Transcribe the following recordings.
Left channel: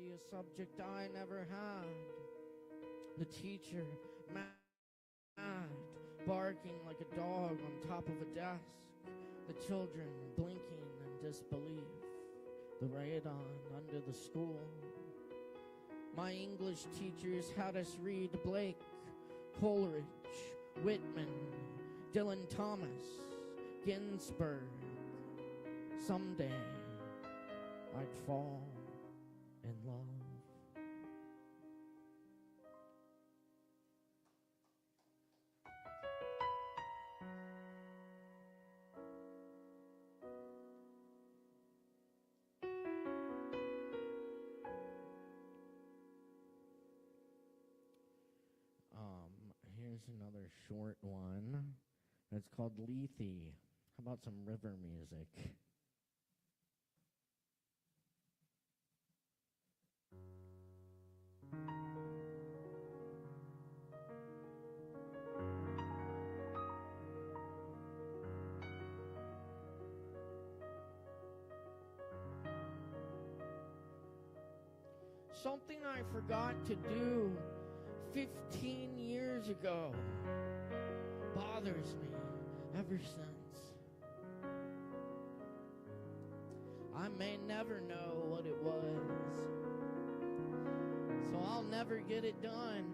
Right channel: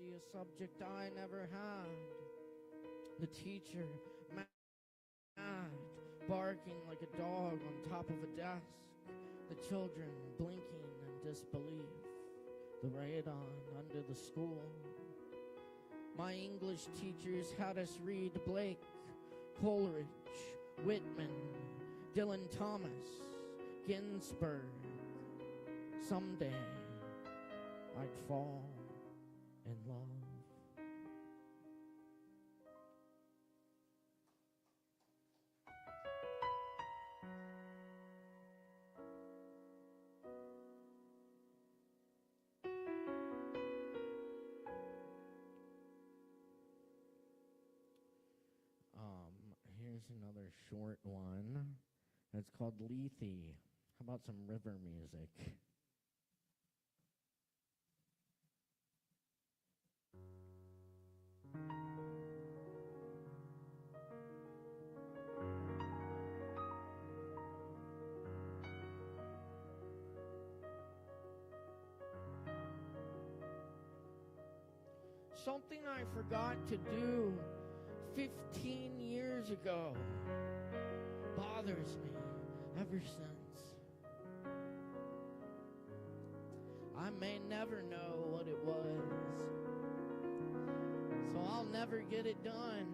biology, a subject I never had. The teacher, mad, barking like a dog on top of a desk. The children blinking in disbelief. The radon under the school. My English teachers had us read Blake, Coleridge, Whitman, Dylan Thomas, Ginsberg. Someday I'd fall in love. Here's another short one. It's called Lethe. How about some river music? Something I forgot to do 15 years ago bothers me ever since. I may never know what it was, so I'll never get it done,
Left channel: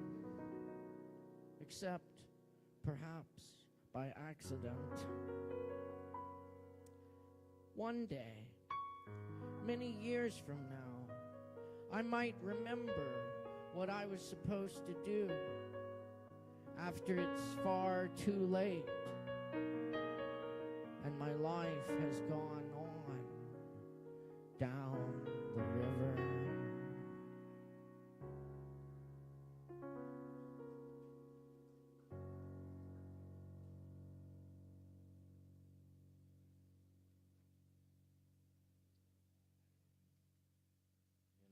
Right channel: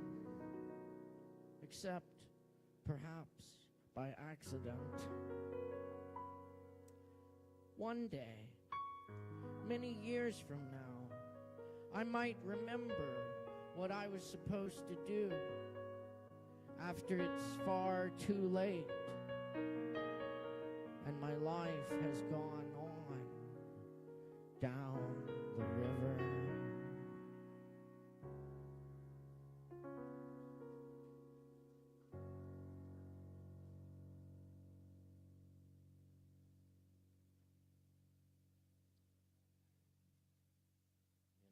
except perhaps by accident. One day, many years from now, I might remember what I was supposed to do after it's far too late and my life has gone on down the river.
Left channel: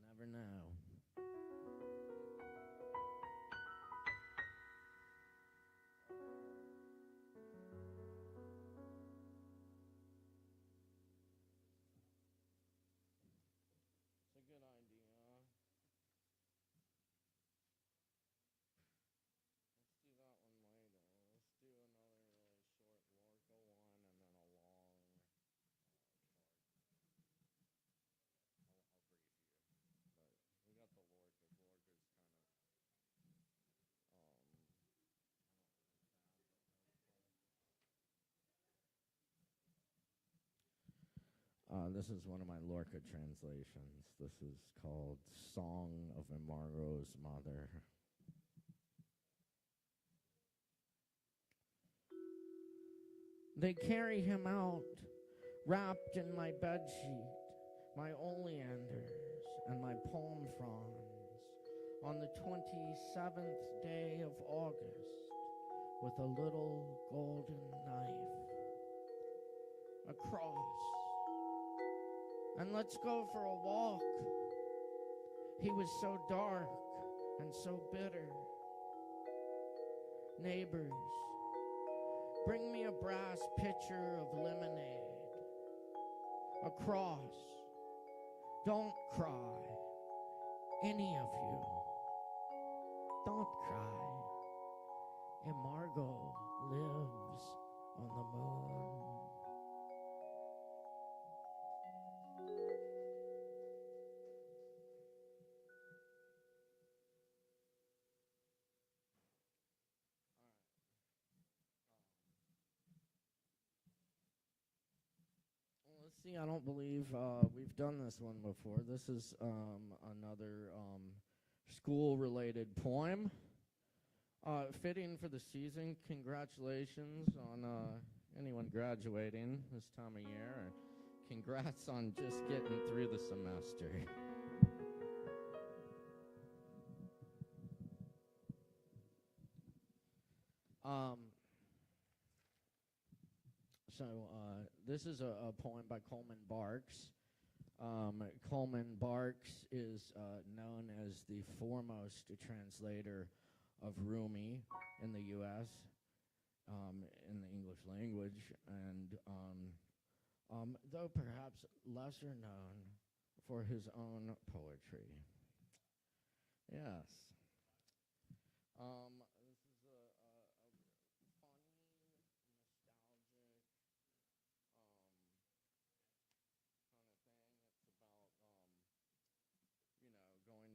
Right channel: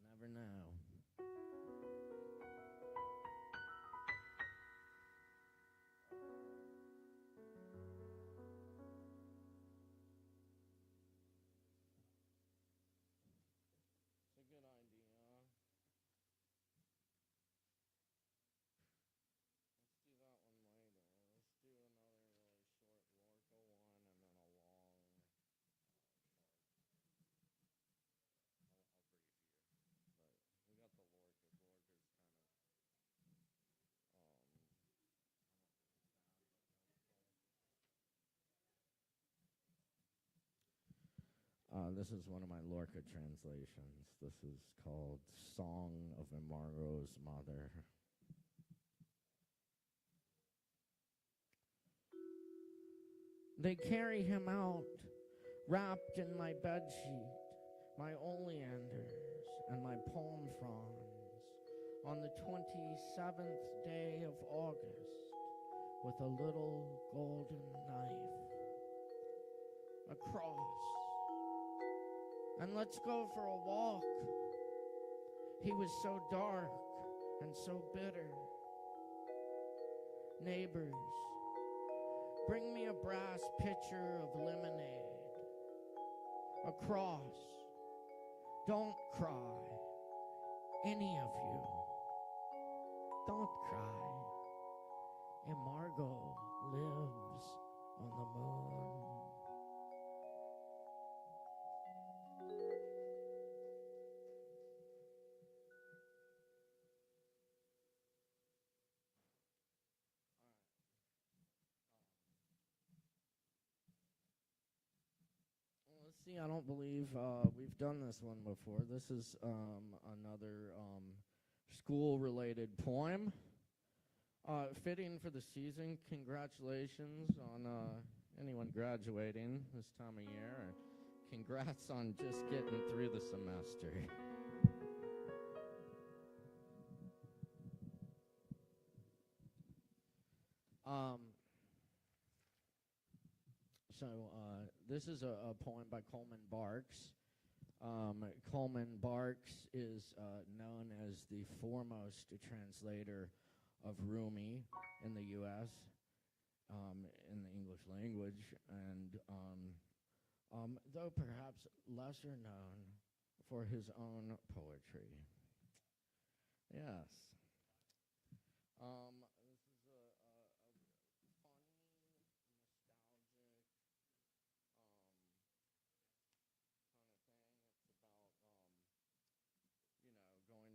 You never know. Good idea. Let's do that one later. Let's do another really short Lorca one and then a long I'll brief you. But we got the Lorca. Lorca's kind of this is one of my Lorca translations. This is called Song of Imargo's Mother. They carry him out, wrapped in my bedsheet, my oleanders, and my palm fronds, on the 27th day of August, with a little golden knife, a cross, and let's go for a walk. He was so dark and so bitter. Neighbors, bring me a brass pitcher of lemonade, a cross. Don't cry, any of you. Don't cry. Imargo lives on the moon. Let's see, I don't believe we've done this one before. This is another school-related poem. Fitting for the season. Congratulations on anyone graduating this time of year. Congrats on just getting through the semester. This is a poem by Coleman Barks. Coleman Barks is known as the foremost translator of Rumi in the U.S. In the English language, and though perhaps lesser known for his own poetry. Yes. This is a funny, nostalgic kind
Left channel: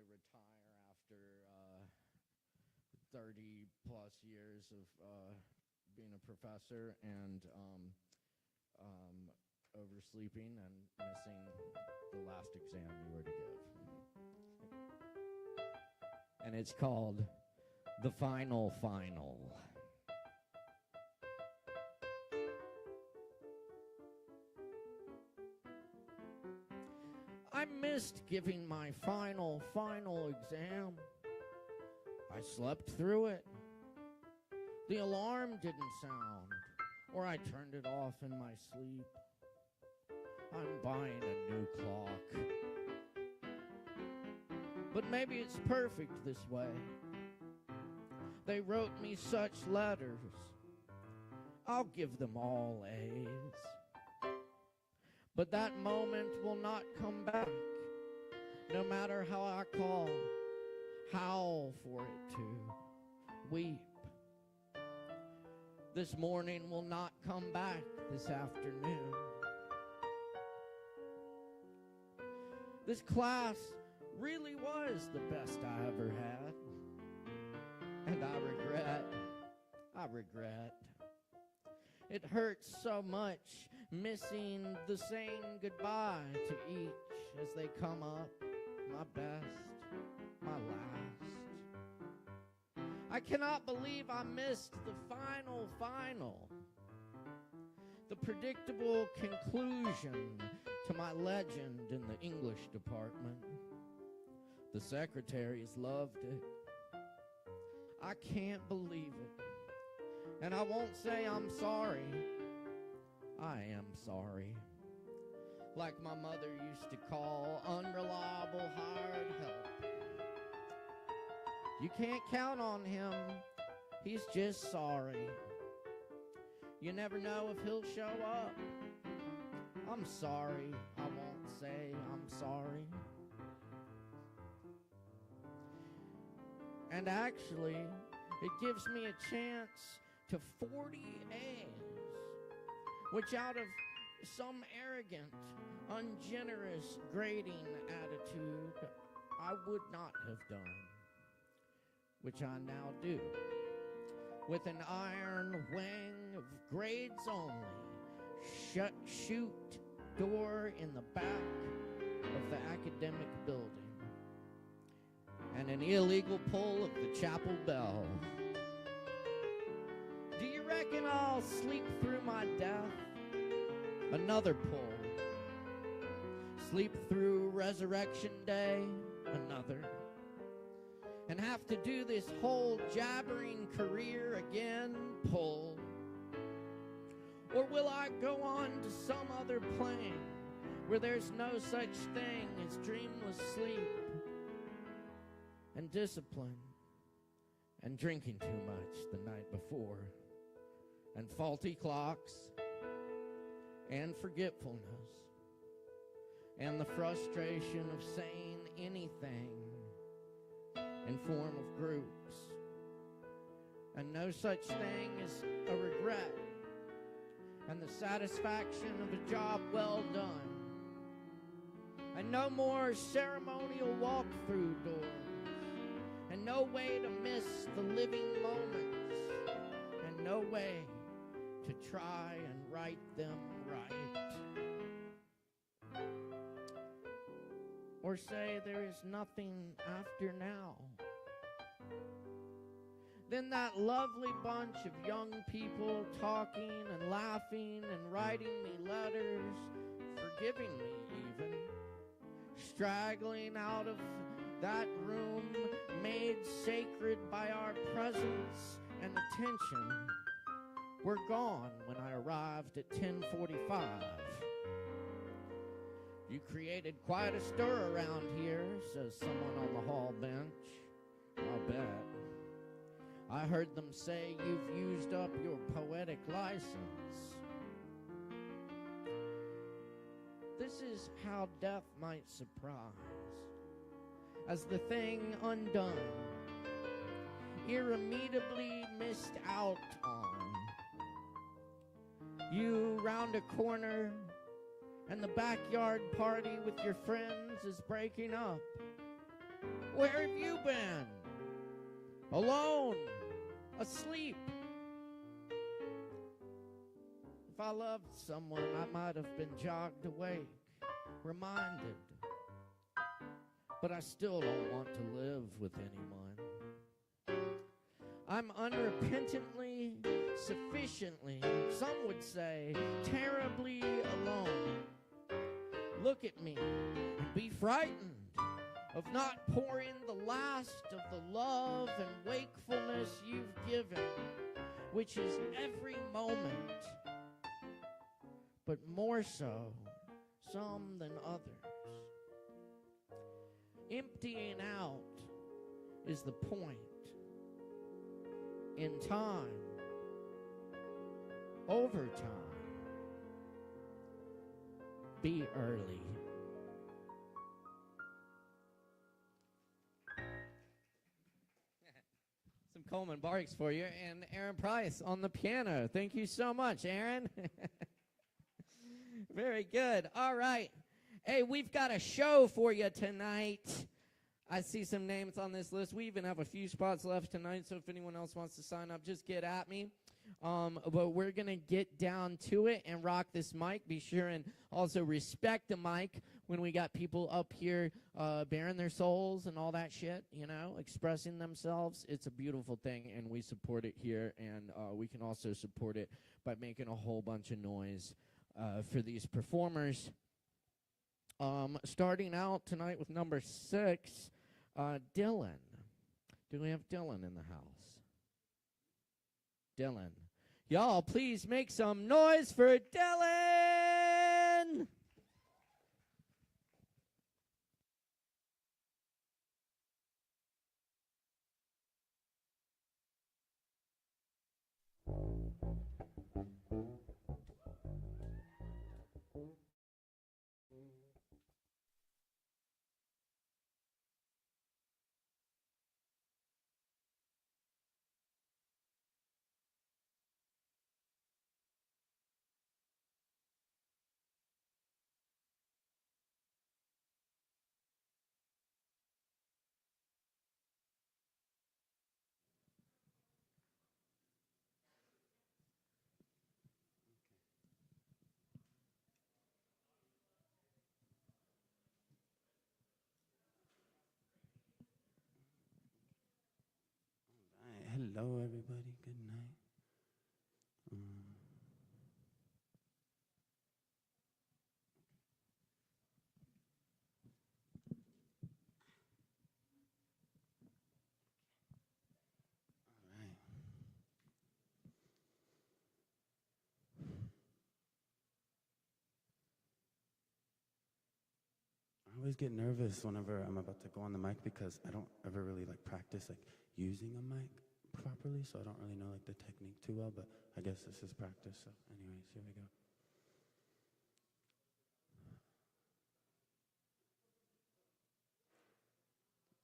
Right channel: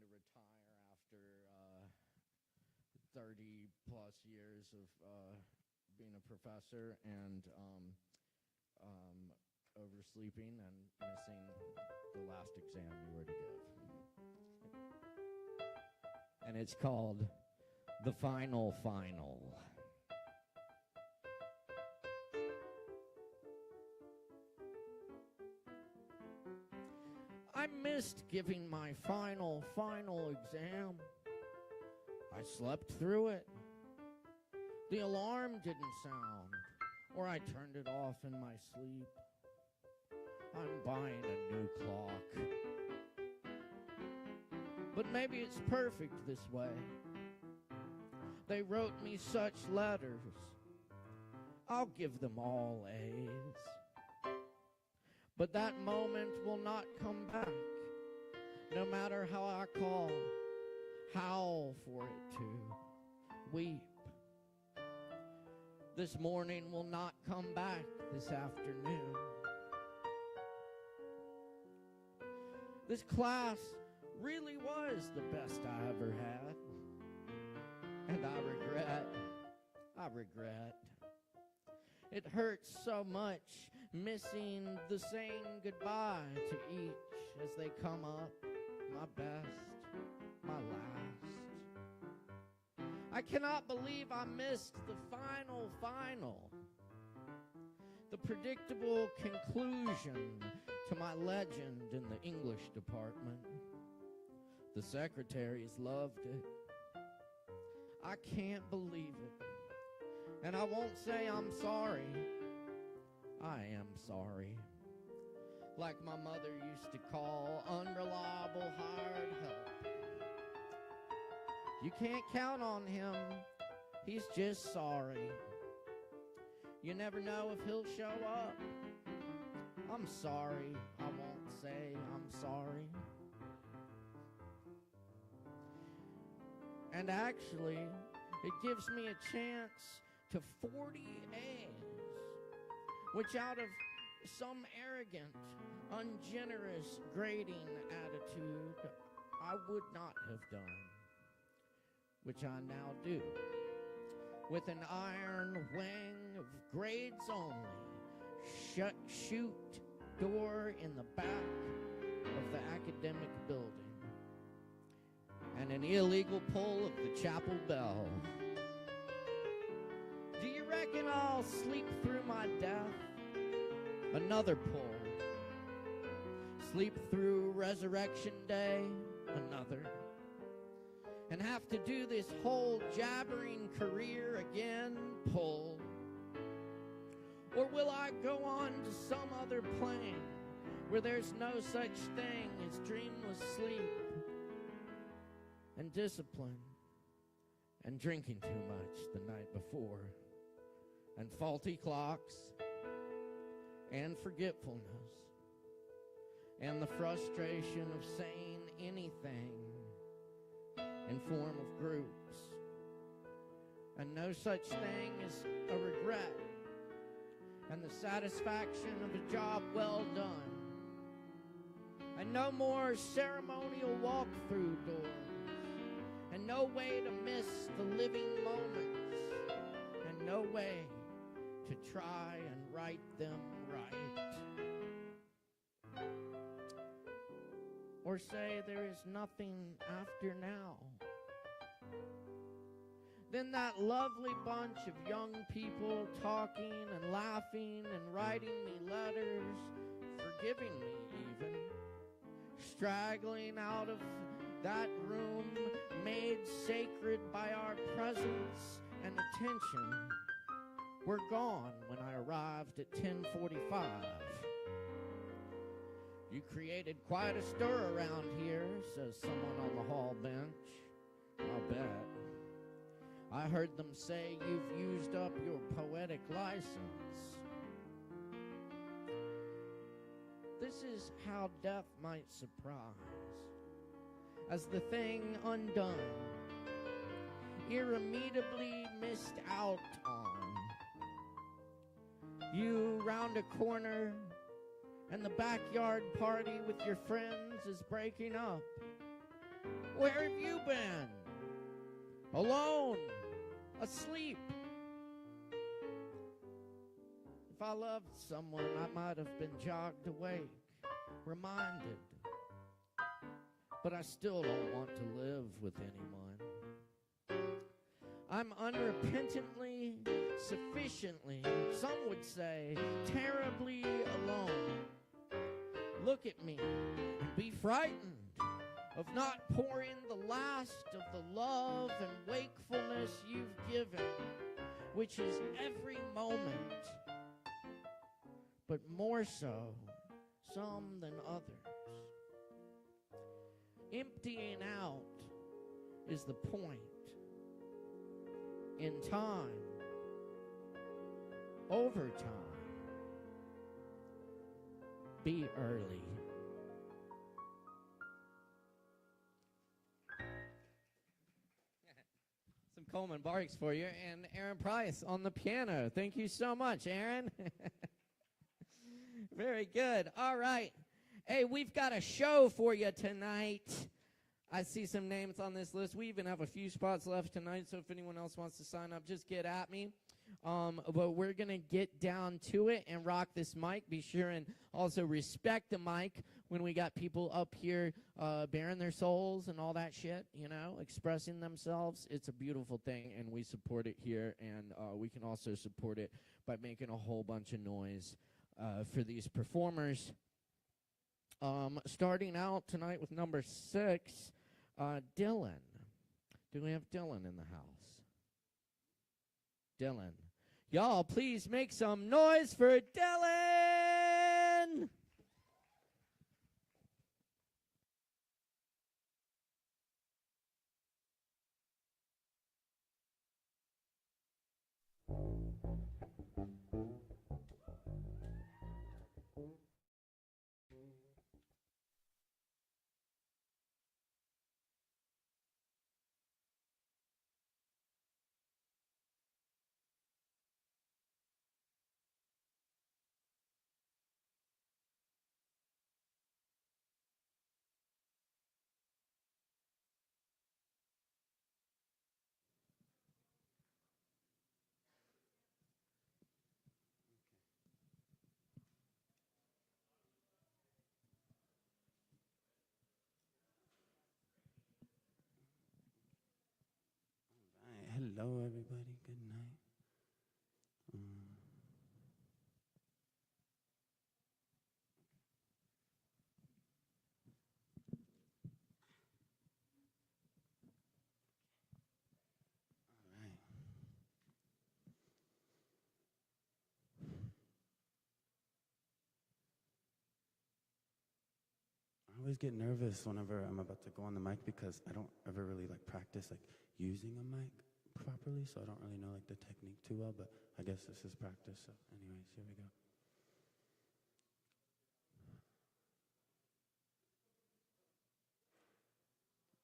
of thing. It's about, going to retire after 30 plus years of being a professor and oversleeping and missing the last exam you were to give. And it's called The Final Final. I missed giving my final exam. I slept through it. The alarm didn't sound, or I turned it off in my sleep. I'm buying a new clock. But maybe it's perfect this way. They wrote me such letters. I'll give them all A's. But that moment will not come back, no matter how I call, howl for it to, weep. This morning will not come back this afternoon. This class really was the best I ever had. And I regret. It hurts so much missing the saying goodbye to each as they come up, my best, my last. I cannot believe I missed the final. The predictable conclusion to my legend in the English department. The secretaries loved it. I can't believe it. And I won't say I'm sorry. I am sorry. Like my mother used to call unreliable hired help. You can't count on him. He's just sorry. You never know if he'll show up. I'm sorry. I won't say I'm sorry. And actually, it gives me a chance to 40 A's, which out of some arrogant, ungenerous grading attitude, I would not have done, which I now do, with an iron wing of grades only, shoot door in the back of the academic building, and an illegal pull of the chapel bell. Do you reckon I'll sleep through my death? Another pull. Sleep through Resurrection Day? Another. And have to do this whole jabbering career again? Pull. Or will I go on to some other plane where there's no such thing as dreamless sleep and discipline and drinking too much the night before and faulty clocks and forgetfulness and the frustration of saying anything in form of groups and no such thing as a regret and the satisfaction of a job well done and no more ceremonial walk-through doors and no way to miss the living moments and no way to try and write them right. Or say there is nothing after now. Then that lovely bunch of young people talking and laughing and writing me letters, forgiving me even, straggling out of that room made sacred by our presence and attention, were gone when I arrived at 10:45. You created quite a stir around here, says someone on the hall bench. I'll bet. I heard them say you've used up your poetic license. This is how death might surprise. as the thing undone, irremediably missed out on. You round a corner, and the backyard party with your friends is breaking up. Where have you been? Alone, asleep. If I loved someone, I might have been jogged awake, reminded. But I still don't want to live with anyone. I'm unrepentantly, sufficiently, some would say, terribly alone. Look at me and be frightened of not pouring the last of the love and wakefulness you've given, which is every moment, but more so some than others. Emptying out is the point. In time, over time, be early. Some Coleman Barks for you, and Aaron Price on the piano. Thank you so much, Aaron. Very good. All right. Hey, we've got a show for you tonight. I see some names on this list. We even have a few spots left tonight, so if anyone else wants to sign up, just get at me. But we're going to get down to it and rock this mic. Be sure and also respect the mic when we got people up here bearing their souls and all that shit, you know, expressing themselves. It's a beautiful thing, and we support it here, and we can also support it by making a whole bunch of noise for these performers. Starting out tonight with number 6, Dylan. Do we have Dylan in the house? Dylan. Y'all, please make some noise for Dylan! Hello, everybody. Good night. All right. I always get nervous whenever I'm about to go on the mic because I don't ever really practice using a mic properly, so I don't really know the technique too well, but I guess this is practice. So anyways, here we go.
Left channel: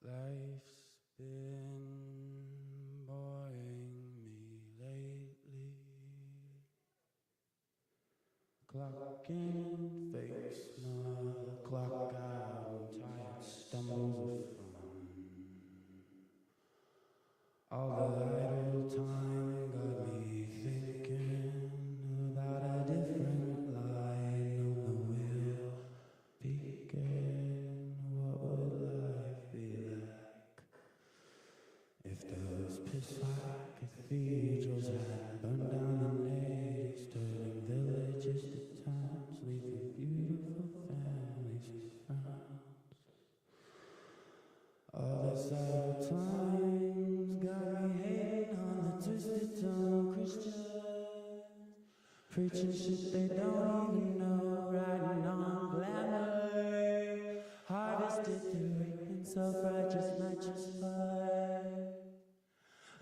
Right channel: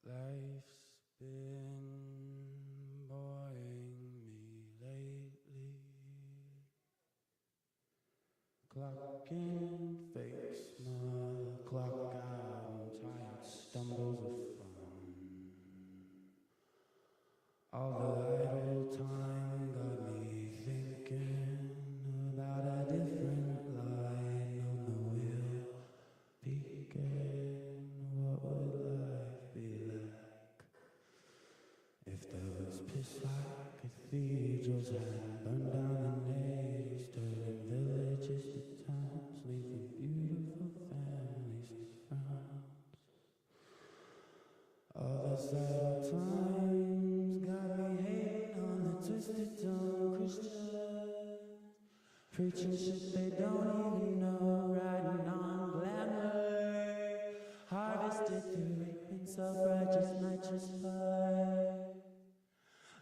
Life's been boring me lately. Clock in, fake smile, clock out, tired stumbles of fun. All the idle time got me thinking about a different light on the wheel. Peeking, what would life be like if those piss-like cathedrals had burned down in 80s, stood in villages to towns, leaving beautiful families with frowns. All this idle time's got me hating on the twisted tongue Christians, preaching shit they don't even know, riding on glamour, harvested through rape and self-righteous nitrous fire.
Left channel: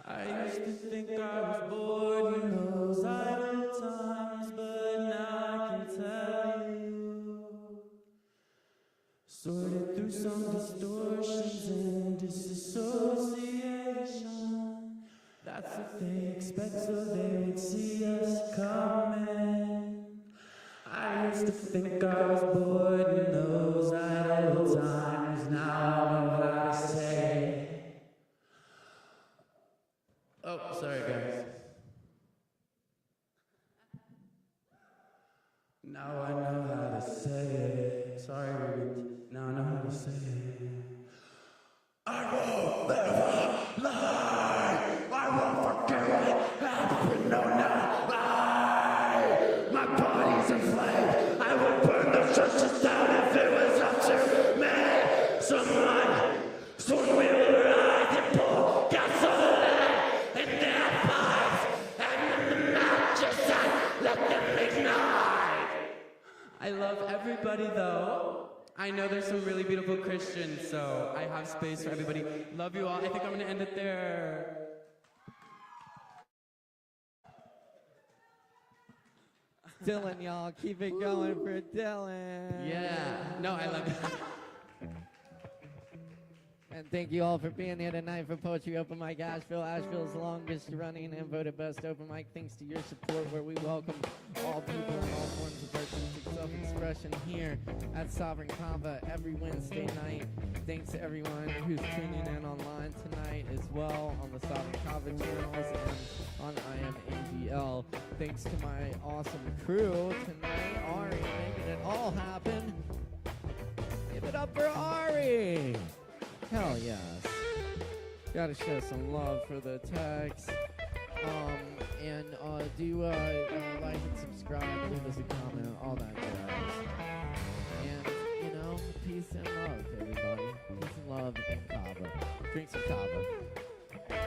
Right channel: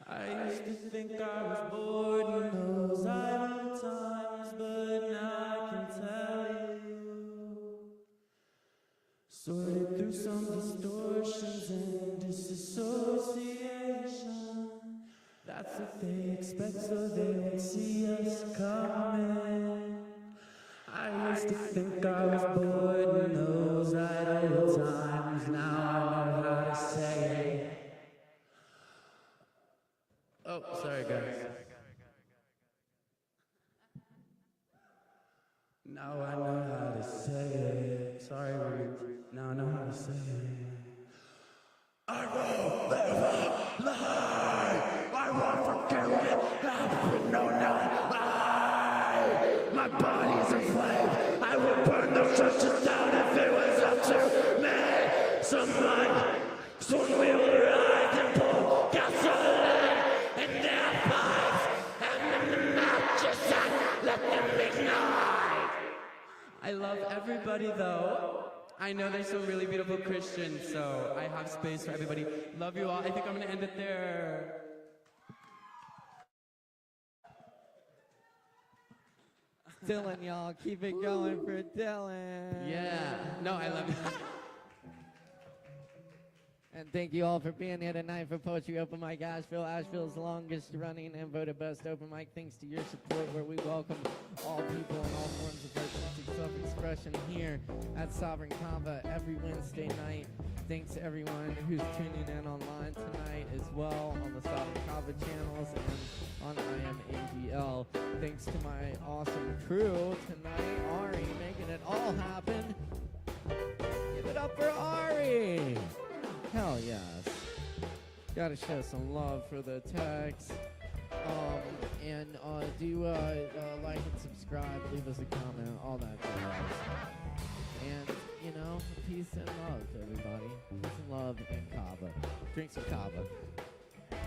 I used to think I was bored in those idle times, but now I can tell you, sorted through some distortions and expect so they would see us coming. I used to think I was bored in those idle times. Now I know how to say. Oh, sorry guys. Now I know how to say it. Sorry, Ruth. Now I know how to say it. I won't live a lie. I won't forget it. I've known that lie. My body's a flame. I would burn those churches down if it was up to me. Someone will rise and pull gasoline in their pipes, and then the matches out, let them ignite. I love everybody though. I know there's some really beautiful Christians, so I have space for everybody. Love you all. I think I'm gonna end it there. Dylan, y'all, keep it going for Dylan. Yeah. No, I love it. And thank you all for being here tonight for Poetry Open Mic Asheville. Asheville's longest running and voted best open mic. Thanks to your support, where we welcome all people and all forms of artistic self-expression here at Sovereign Kava every Wednesday night. Thanks to everyone who's tuning in online tonight as well on the Sovereign Kava channels and on IMAGL. Thanks to my awesome crew tonight, Ari, making it all happen. Give it up for Ari! Hell yes. Gotta show some love for the text. And do like and subscribe, leave us a comment, all that jazz. And, you know, peace and love, everybody. Peace and love and Kava. Drink some Kava.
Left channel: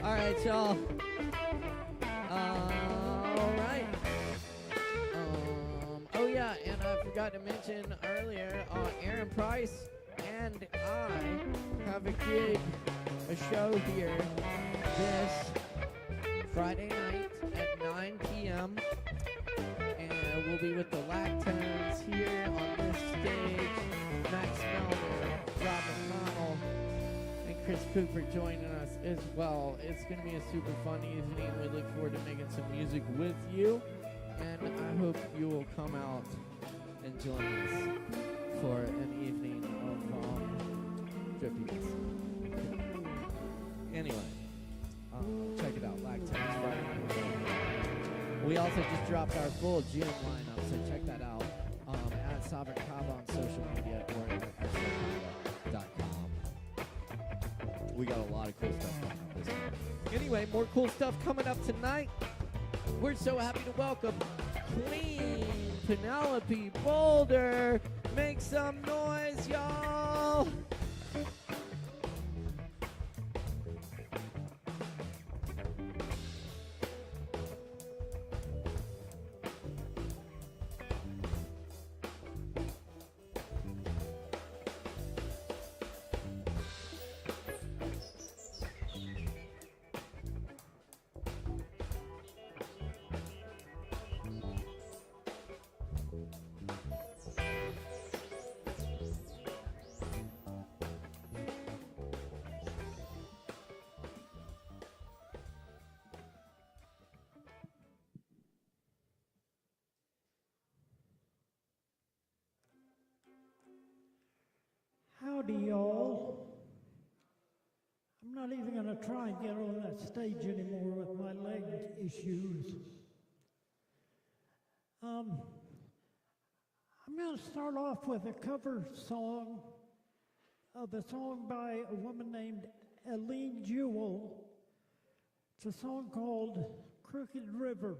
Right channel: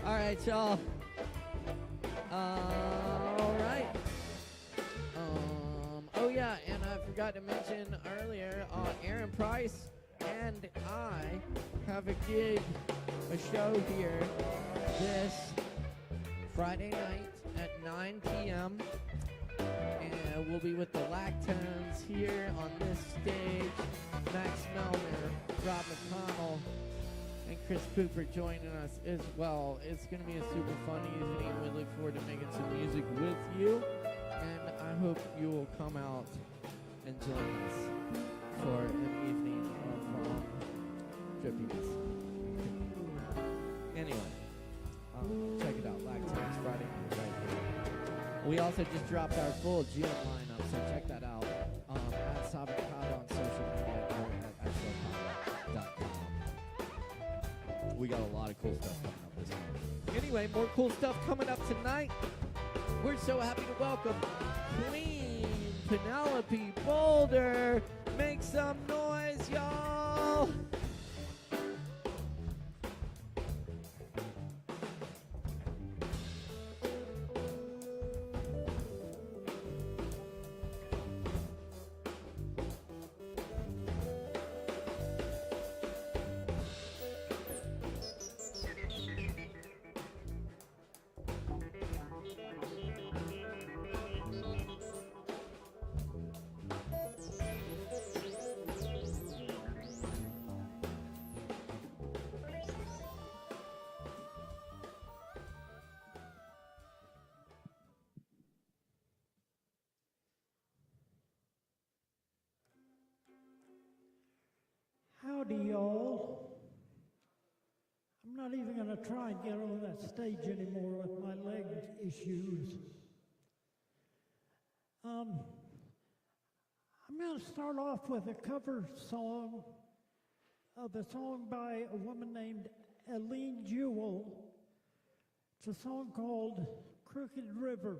Alright, y'all. Alright. Oh yeah, and I forgot to mention earlier, Aaron Price and I have a gig, a show here this Friday night at 9 p.m. And we'll be with the Lactones here on this stage. Max Melner, Robin Connell, and Chris Cooper joining us as well. It's going to be a super fun evening. We look forward to making some music with you. And I hope you will come out and join us for an evening of tributes. Anyway, check it out, Lactones Friday night. We also just dropped our full gym lineup, so check that out at Sovereign Kava on social media or at asheville.com. We got a lot of cool stuff coming up this year. Anyway, more cool stuff coming up tonight. We're so happy to welcome Queen Penelope Boulder. Make some noise, y'all! Howdy, y'all. I'm not even going to try and get on that stage anymore with my leg issues. I'm going to start off with a cover song of a song by a woman named Eileen Jewell. It's a song called Crooked River.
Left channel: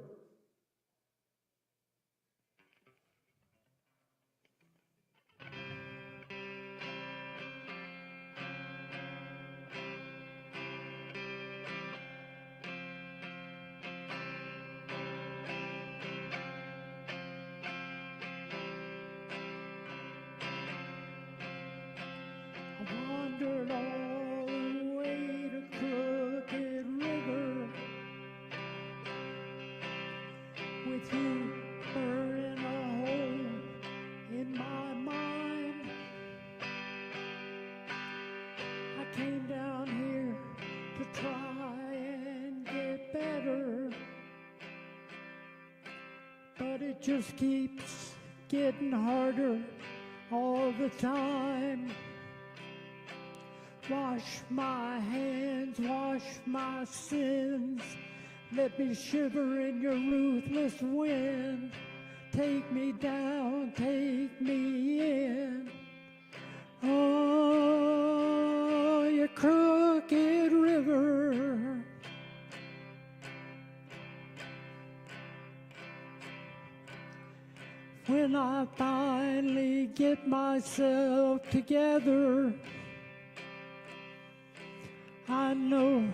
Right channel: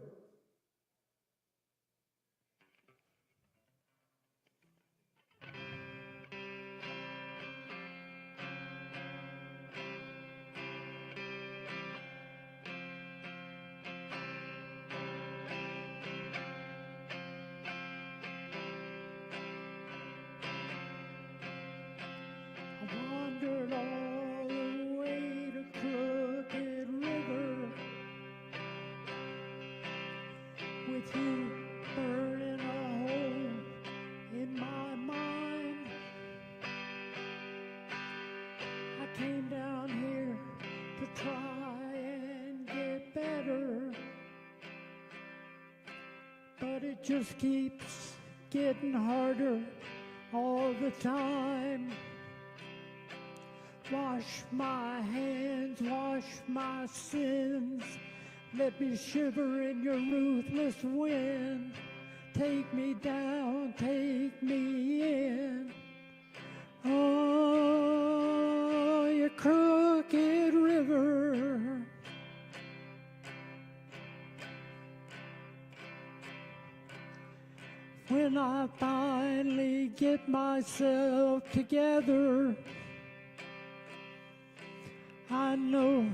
Wandered all the way to Crooked River with you burning a hole in my mind. I came down here to try and get better. just keeps getting harder all the time. Wash my hands, wash my sins. Let me shiver in your ruthless wind. Take me down, take me in. Oh, you crooked river. When I finally get myself together, I know,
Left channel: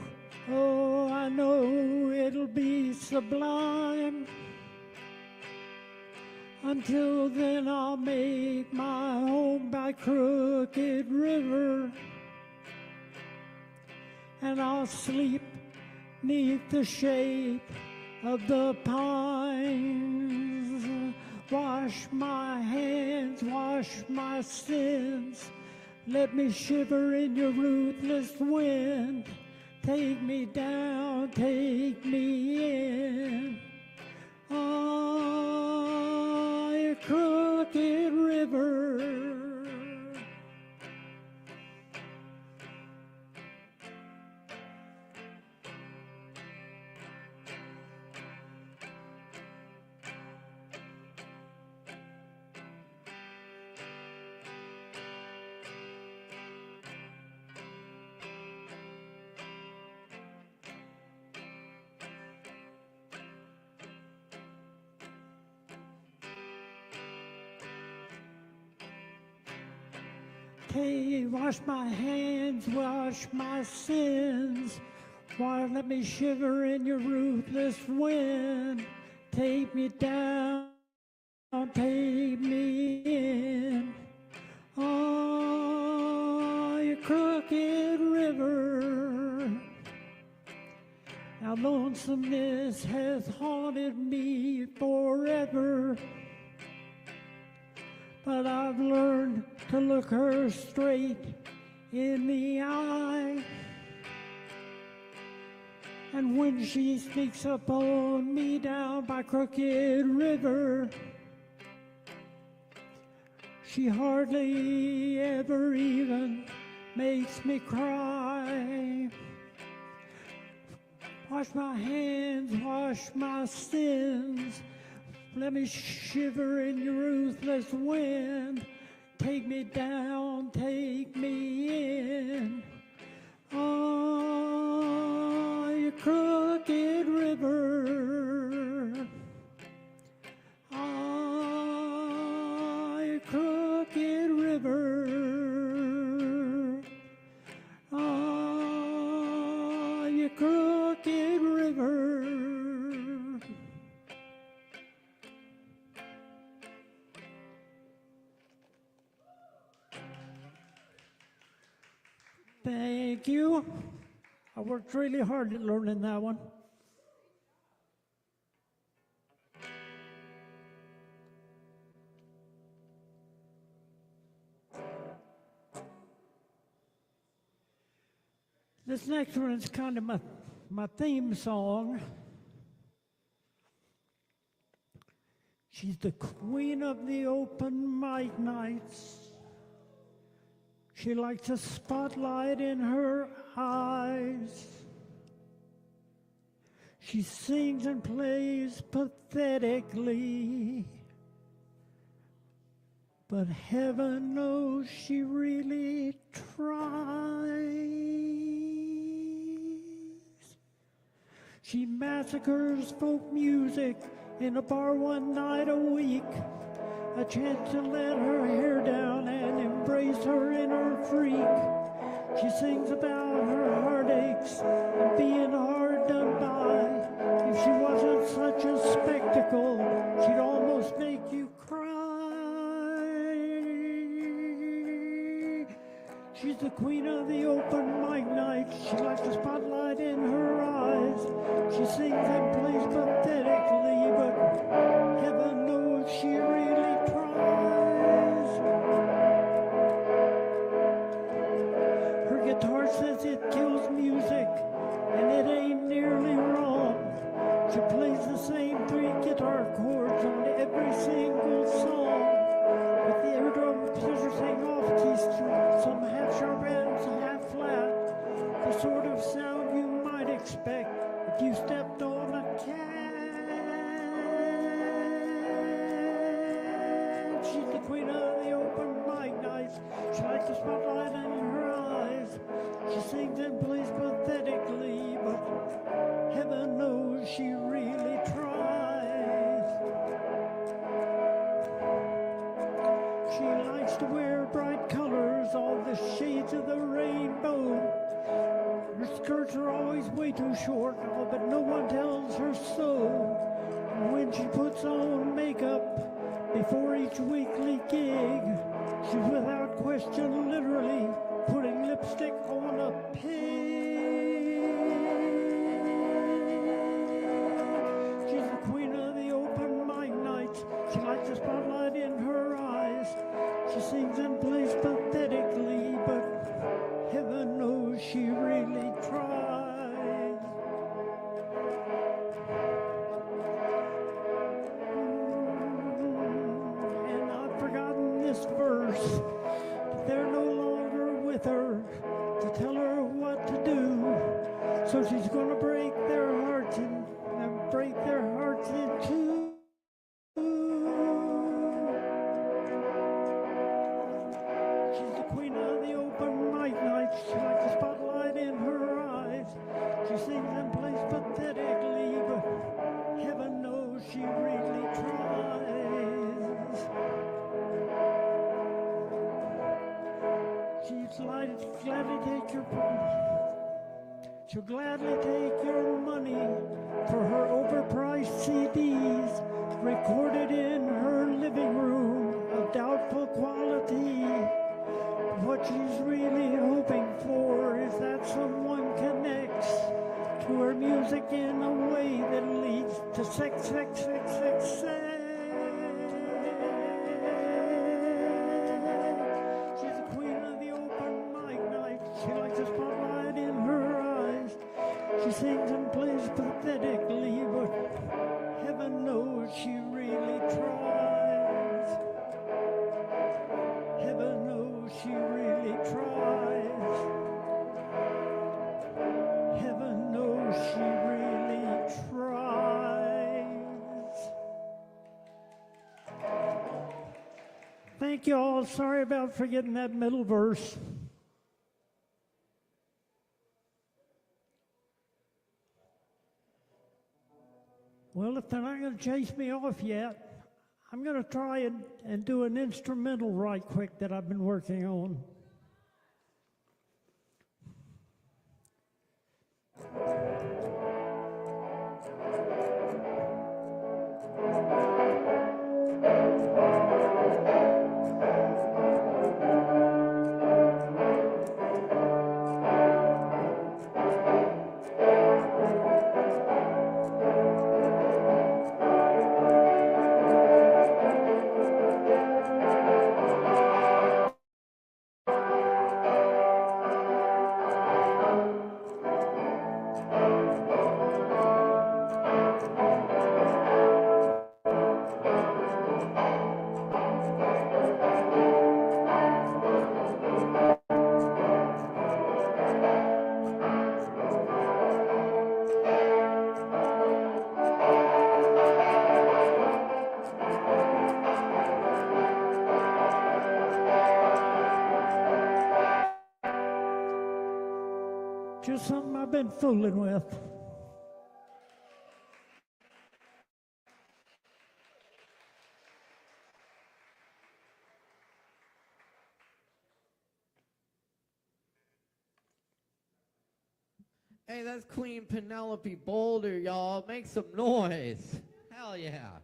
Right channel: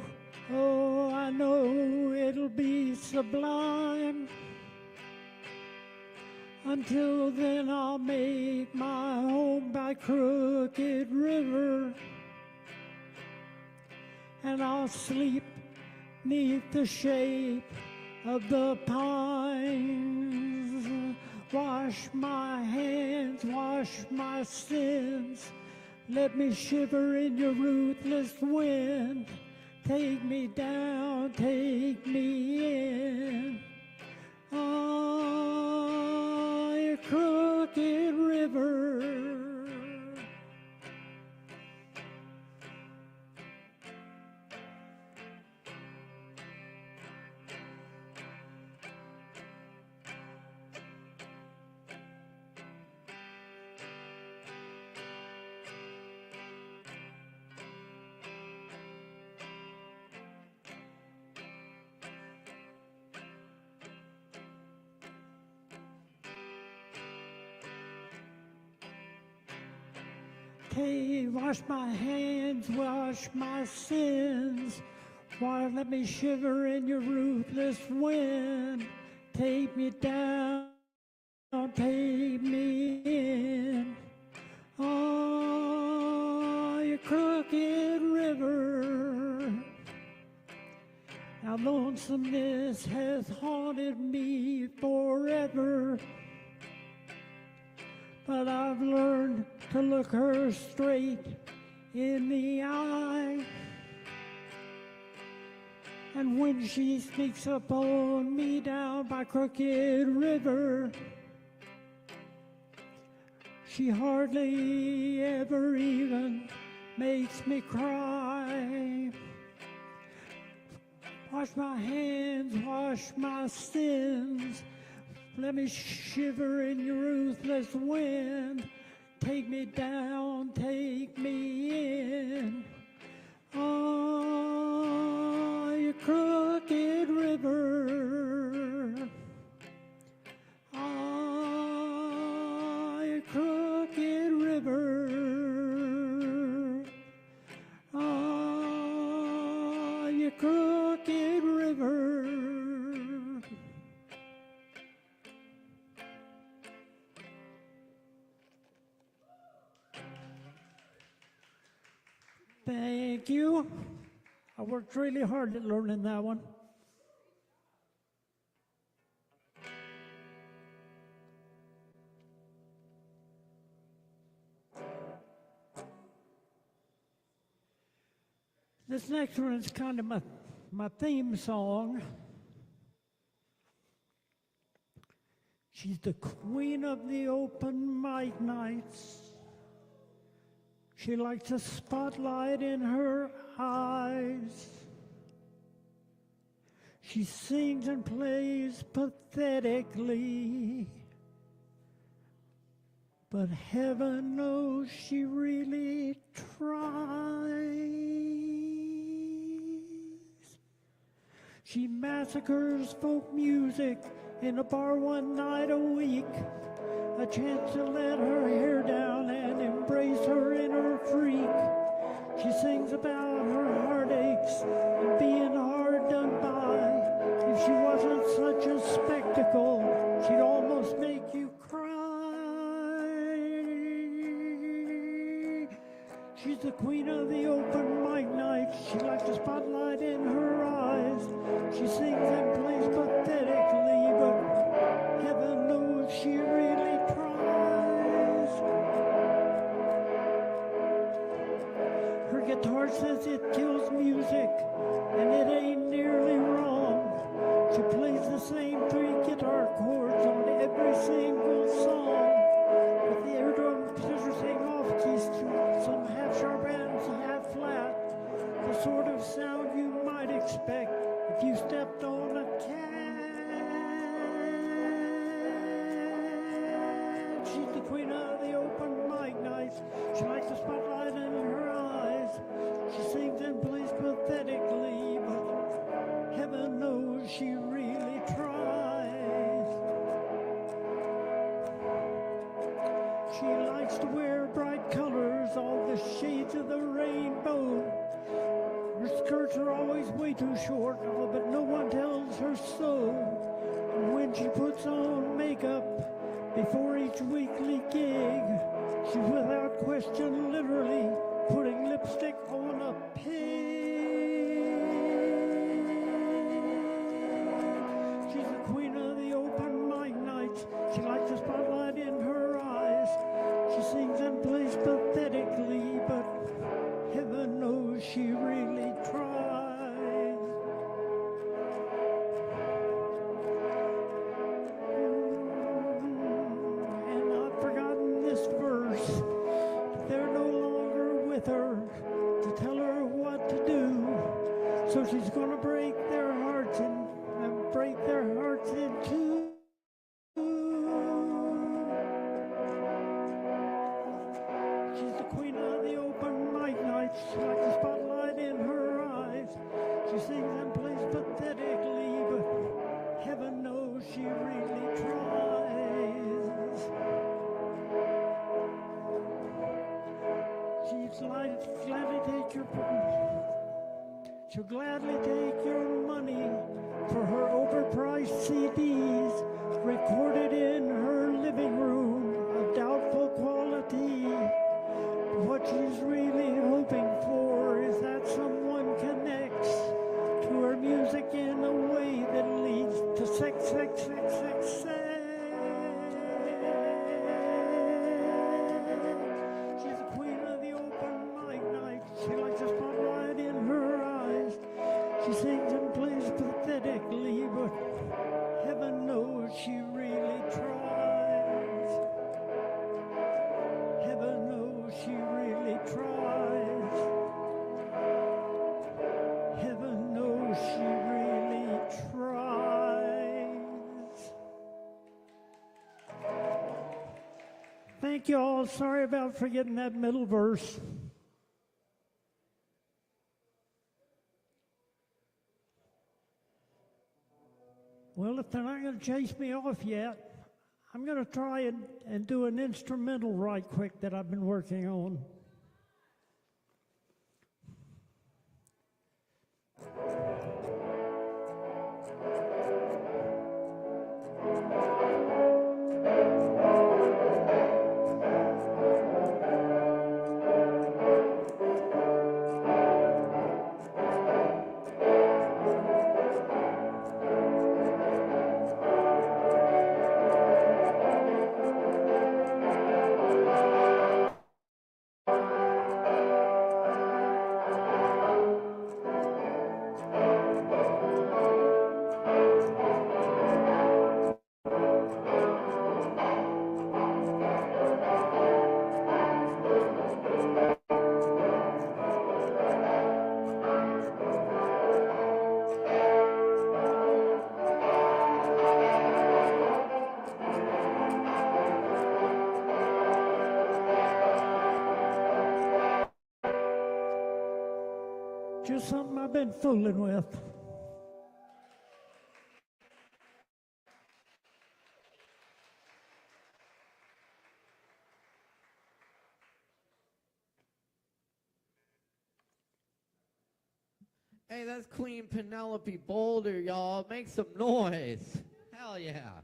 oh, I know it'll be sublime. Until then I'll make my home by Crooked River, and I'll sleep neath the shade of the pines. Wash my hands, wash my sins. Let me shiver in your ruthless wind. Take me down, take me in. Oh, you crooked river. Hey, wash my hands, wash my sins. Why, let me shiver in your ruthless wind. Take me down, take me in. Oh, you crooked river. Now lonesomeness has haunted me forever. But I've learned to look her straight in the eye. And when she sneaks up on me down by Crooked River, she hardly ever even makes me cry. Wash my hands, wash my sins. Let me shiver in your ruthless wind. Take me down, take me in. Oh, you crooked river. Oh, you crooked river. Oh, you crooked river. Thank you. I worked really hard at learning that one. This next one is kind of my theme song. She's the queen of the open mic nights. She likes a spotlight in her eyes. She sings and plays pathetically, but heaven knows she really tries. She massacres folk music in a bar one night a week. A chance to let her hair down and embrace her inner freak. She sings about her heartaches and being hard to buy. If she wasn't such a spectacle, she'd almost make you cry. She's the queen of the open mic night. She likes the spotlight in her eyes. She sings and plays pathetically, but heaven knows she really tries. Her guitar says it kills music, and it ain't nearly wrong. She plays the same three guitar chords on every every single song. With the eardrum pleasures hang off keys, some half sharp and some half flat. The sort of sound you might expect if you stepped on a cat. She's the queen of the open mic nights. She likes the spotlight in her eyes. She sings and plays pathetically, but heaven knows she really tries. She likes to wear bright colors, all the shades of the rainbow. Her skirts are always way too short, but no one tells her so. And when she puts on makeup before each weekly gig, she's without question literally putting lipstick on a pig. She's the queen of the open mic nights. She likes the spotlight in her eyes. She sings and plays pathetically, but heaven knows she really tries. And I've forgotten this verse. They're no longer with her to tell her what to do. So she's gonna break their hearts in two. She's the queen of the open mic nights. She likes the spotlight in her eyes. She sings and plays pathetically, but heaven knows she really tries. She'll gladly take your money for her overpriced CDs, recorded in her living room of doubtful quality. What she's really hoping for is that someone connects to her music in a way that leads to sex, sex, sex, sex, sex. She's the queen of the open mic night. She likes the spotlight in her eyes. She sings and plays pathetically, but heaven knows she really tries. Heaven knows she really tries. Heaven knows she really tries. Thank you all. Sorry about forgetting that middle verse. Well, if they're not going to chase me off yet, I'm going to try and do an instrumental right quick that I've been working on. Just something I've been fooling with. Hey, that's Queen Penelope Boulder, y'all. Make some noise. Hell yeah.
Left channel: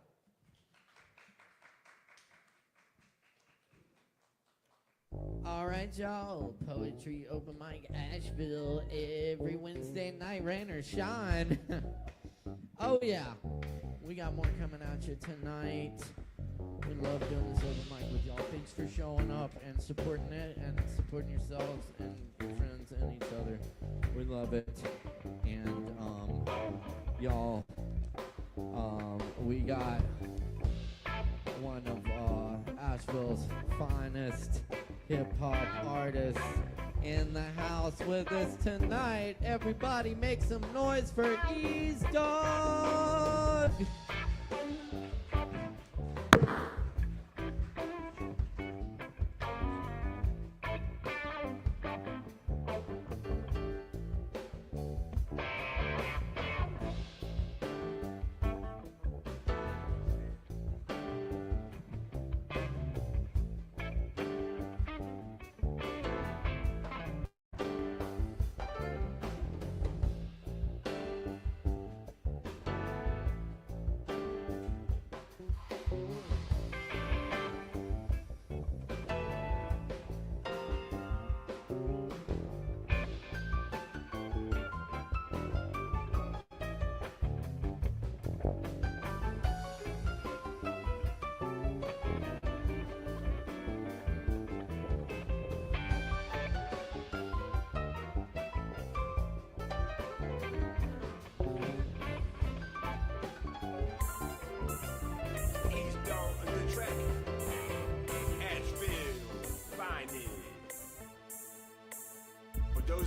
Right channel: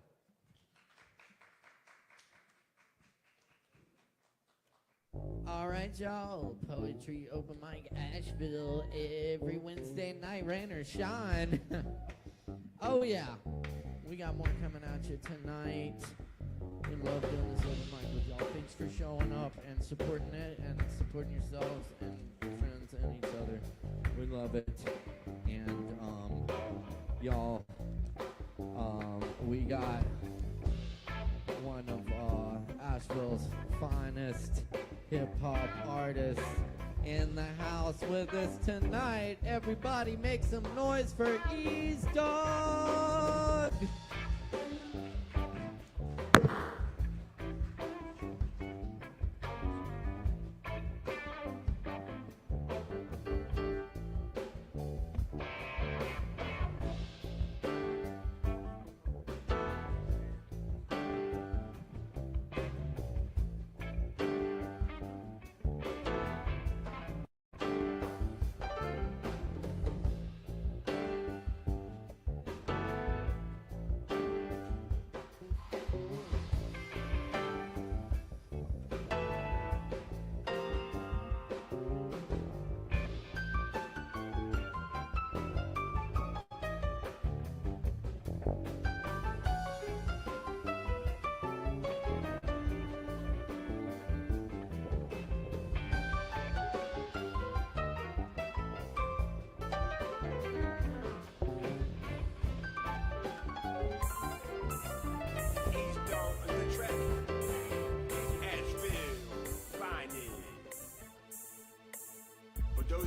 All right, y'all. Poetry Open Mic Asheville every Wednesday night, rain or shine. Oh, yeah. We got more coming at you tonight. We love doing this open mic with y'all. Thanks for showing up and supporting it and supporting yourselves and your friends and each other. We love it. And, y'all, we got finest hip-hop artists in the house with us tonight. Everybody make some noise for Ease Dog!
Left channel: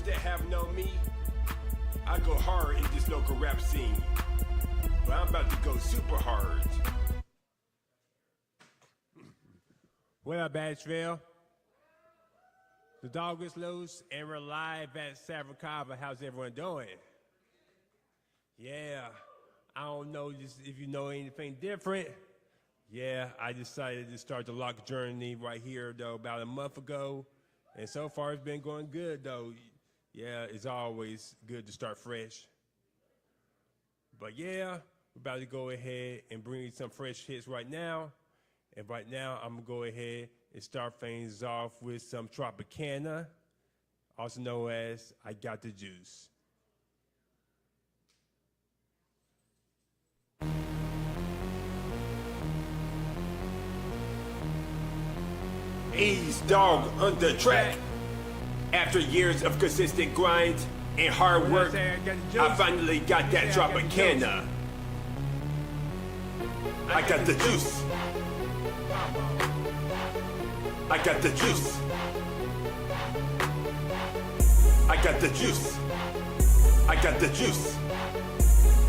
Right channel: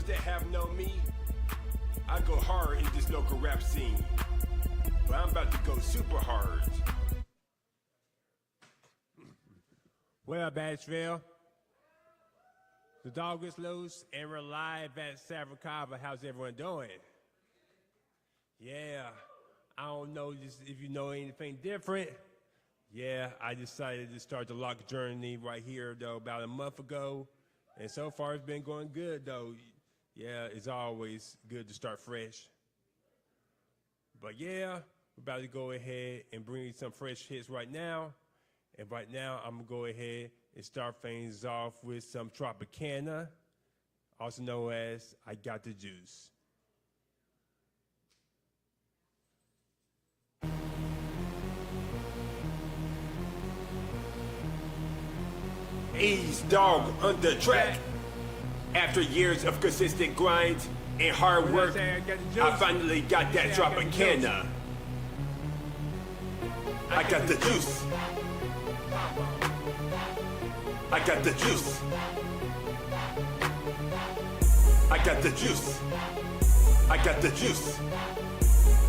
That have known me, I go hard in this local rap scene, but I'm about to go super hard. What up, Asheville? The dog is loose, and we're live at Kava. How's everyone doing? Yeah, I don't know if you know anything different. Yeah, I decided to start the lock journey right here, though, about a month ago, and so far it's been going good, though. Yeah, it's always good to start fresh. But yeah, we're about to go ahead and bring you some fresh hits right now. And right now, I'm gonna go ahead and start things off with some Tropicana, also known as I Got the Juice. Ease Dog on the track. After years of consistent grind and hard work, I finally got that Tropicana. I got the juice. I got the juice. I got the juice. I got the juice.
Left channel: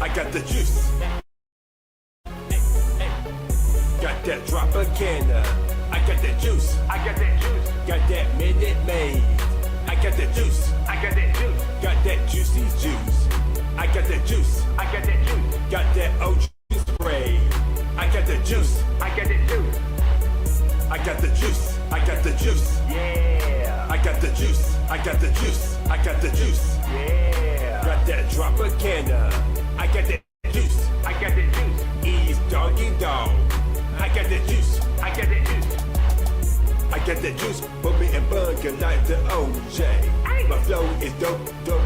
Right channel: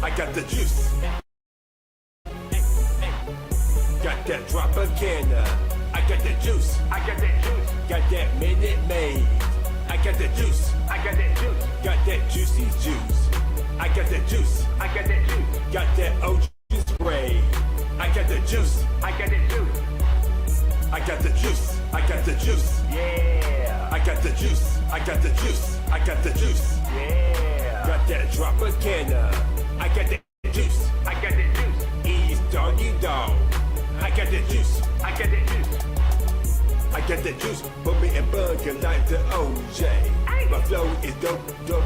I got the juice. Got that Tropicana. I got that juice. I got that juice. Got that Minute Maid. I got the juice. I got that juice. Got that juicy juice. I got the juice. I got that juice. Got that OG spray. I got the juice. I got the juice. I got the juice. I got the juice. Yeah. I got the juice. I got the juice. I got the juice. Yeah. Got that Tropicana. I got the juice. I got the juice. Ease doggy dog. I got the juice. I got the juice. I got the juice, bumping and bugging like the OJ. My flow is dope,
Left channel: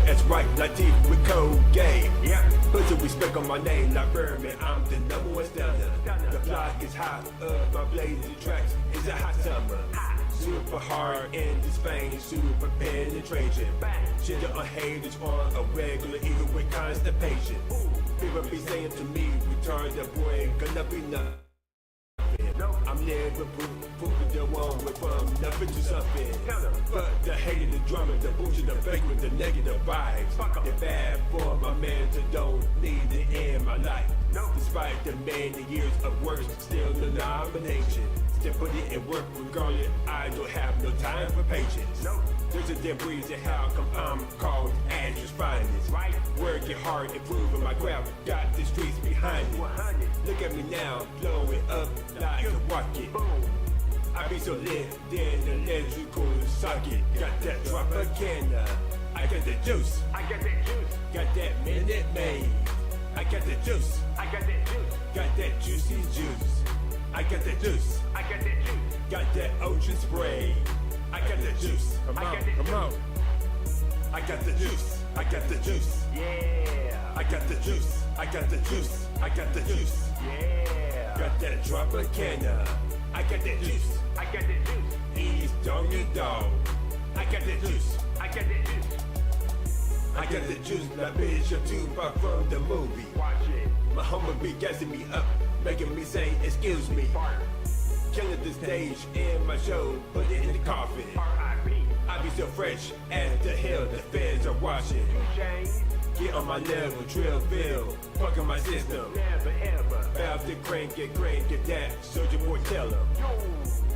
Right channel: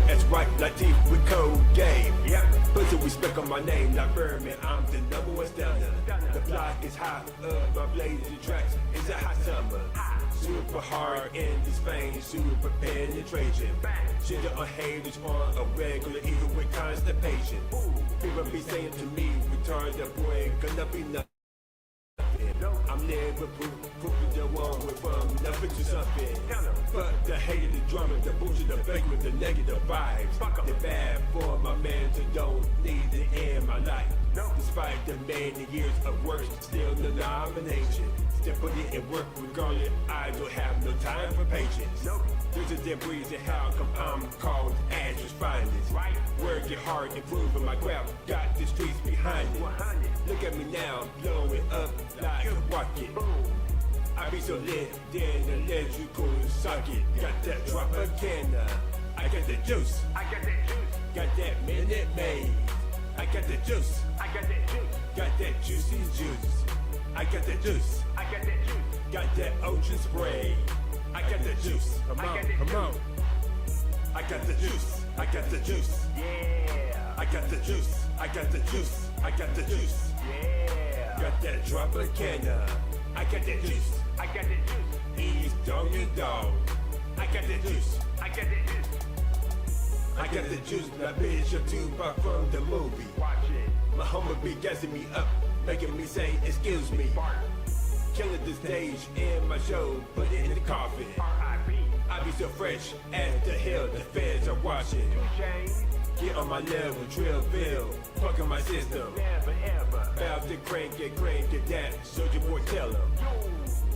that's right, like teeth with Colgate. Yeah, put some respect on my name, like Birdman, I'm the number one stunner. The fly is hot up, my blazing tracks, it's a hot summer. Super hard in this vein, super penetration. Shitting on haters on a regular, even with constipation. People be saying to me, return the boy, gonna be nothing. I'm never proving the one with from nothing to something. But the hate, the drama, the bullshit, the fake with the negative vibes. It's bad for my man to don't need it in my life. Despite the many years of work, still the nomination. Still put it in work regardless, I don't have no time for patience. There's a debris to how come I'm called Ash's finest. Working hard, improving my craft, got the streets behind it. Look at me now, blowing up like a rocket. I be so lit, then the electrical socket. Got that Tropicana, I got the juice. I got that juice. Got that Minute Maid. I got the juice. I got that juice. Got that juicy juice. I got the juice. I got that juice. Got that ocean spray. I got the juice. Come on, come on. I got the juice. I got the juice. Yeah. I got the juice. I got the juice. I got the juice. Yeah. Got that Tropicana. I got that juice. I got the juice. Ease doggy dog. I got the juice. I got the juice. I got the juice. Now bitch, you're too far from the movie. Watch it. My homie be gassing me up, making me say excuse me. Killing the stage in my show, put it in the coffin. R.I.P. I be so fresh as the hell, the fans are watching. Get on my level, drill bill, fucking my system. Never ever have to crank it that. Soldier boy, tell them.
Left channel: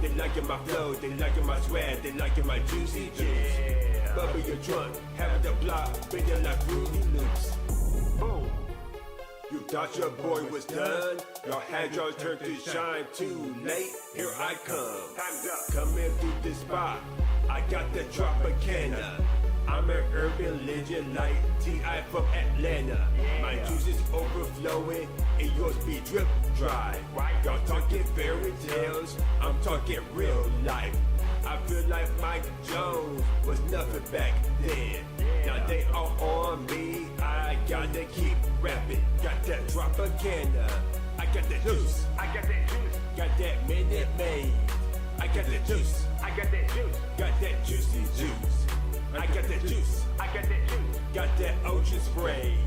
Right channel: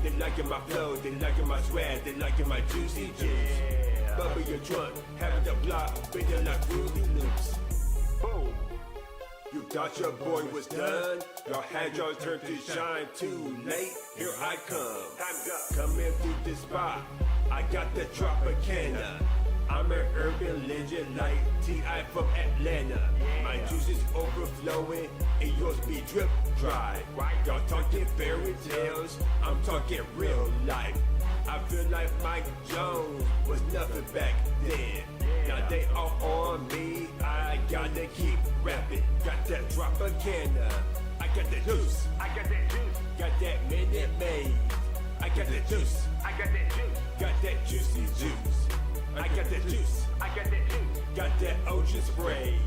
They liking my flow, they liking my swag, they liking my juicy juice. Yeah. Bubble your trunk, have the block, bring down that Fruity Loops. Boom. You thought your boy was done? Your had your turn to shine too late. Here I come. Time's up. Coming through the spot. I got the Tropicana. I'm an urban legend like T.I. from Atlanta. Yeah. My juice is overflowing and yours be drip dry. Right. Y'all talking fairy tales, I'm talking real life. I feel like Mike Jones was nothing back then. Yeah. Now they all on me, I gotta keep rapping. Got that Tropicana, I got the juice, I got that juice. Got that Minute Maid, I got the juice, I got that juice. Got that juicy juice, I got the juice, I got that juice. Got that ocean spray,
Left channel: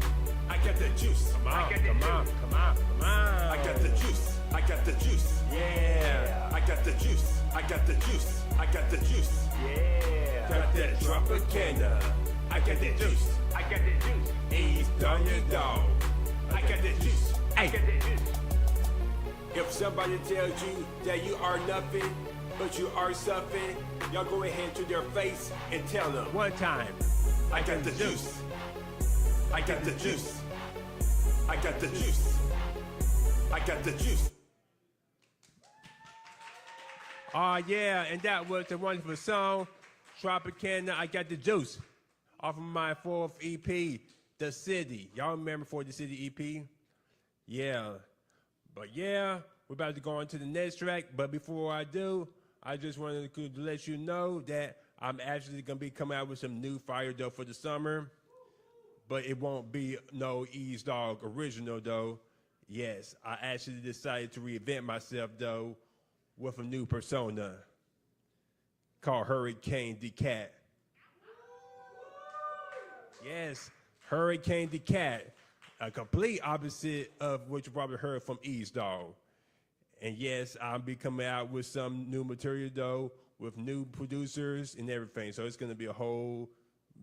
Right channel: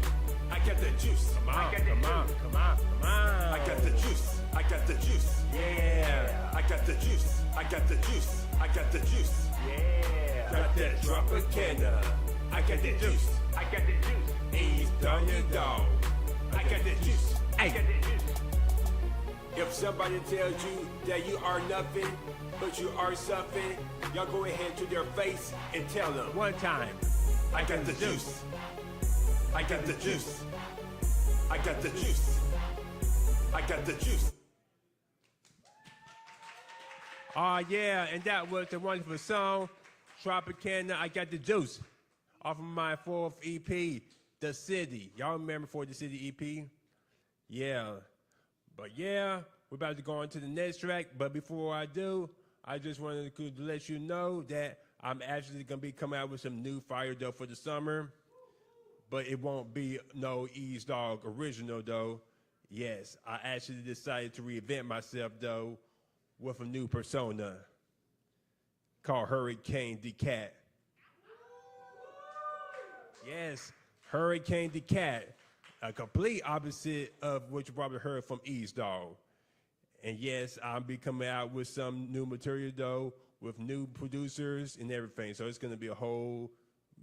I got the juice. Come on, come on, come on, come on. I got the juice, I got the juice. Yeah, I got the juice, I got the juice, I got the juice. Yeah, got that Tropicana, I got that juice, I got that juice. East on your dog, I got that juice, I got that juice. If somebody tells you that you are nothing, but you are something, y'all go ahead to their face and tell them one time, I got the juice, I got the juice, I got the juice, I got the juice. Oh yeah, and that was the wonderful song, Tropicana, I Got the Juice, off of my 4th EP, The City. Y'all remember For the City EP? Yeah. But yeah, we're about to go on to the next track. But before I do, I just wanted to let you know that I'm actually going to be coming out with some new fire dough for the summer. But it won't be no East Dog original though. Yes, I actually decided to reinvent myself though with a new persona called Hurricane the Cat. Yes, Hurricane the Cat. A complete opposite of what you probably heard from East Dog. And yes, I'll be coming out with some new material though, with new producers and everything. So it's gonna be a whole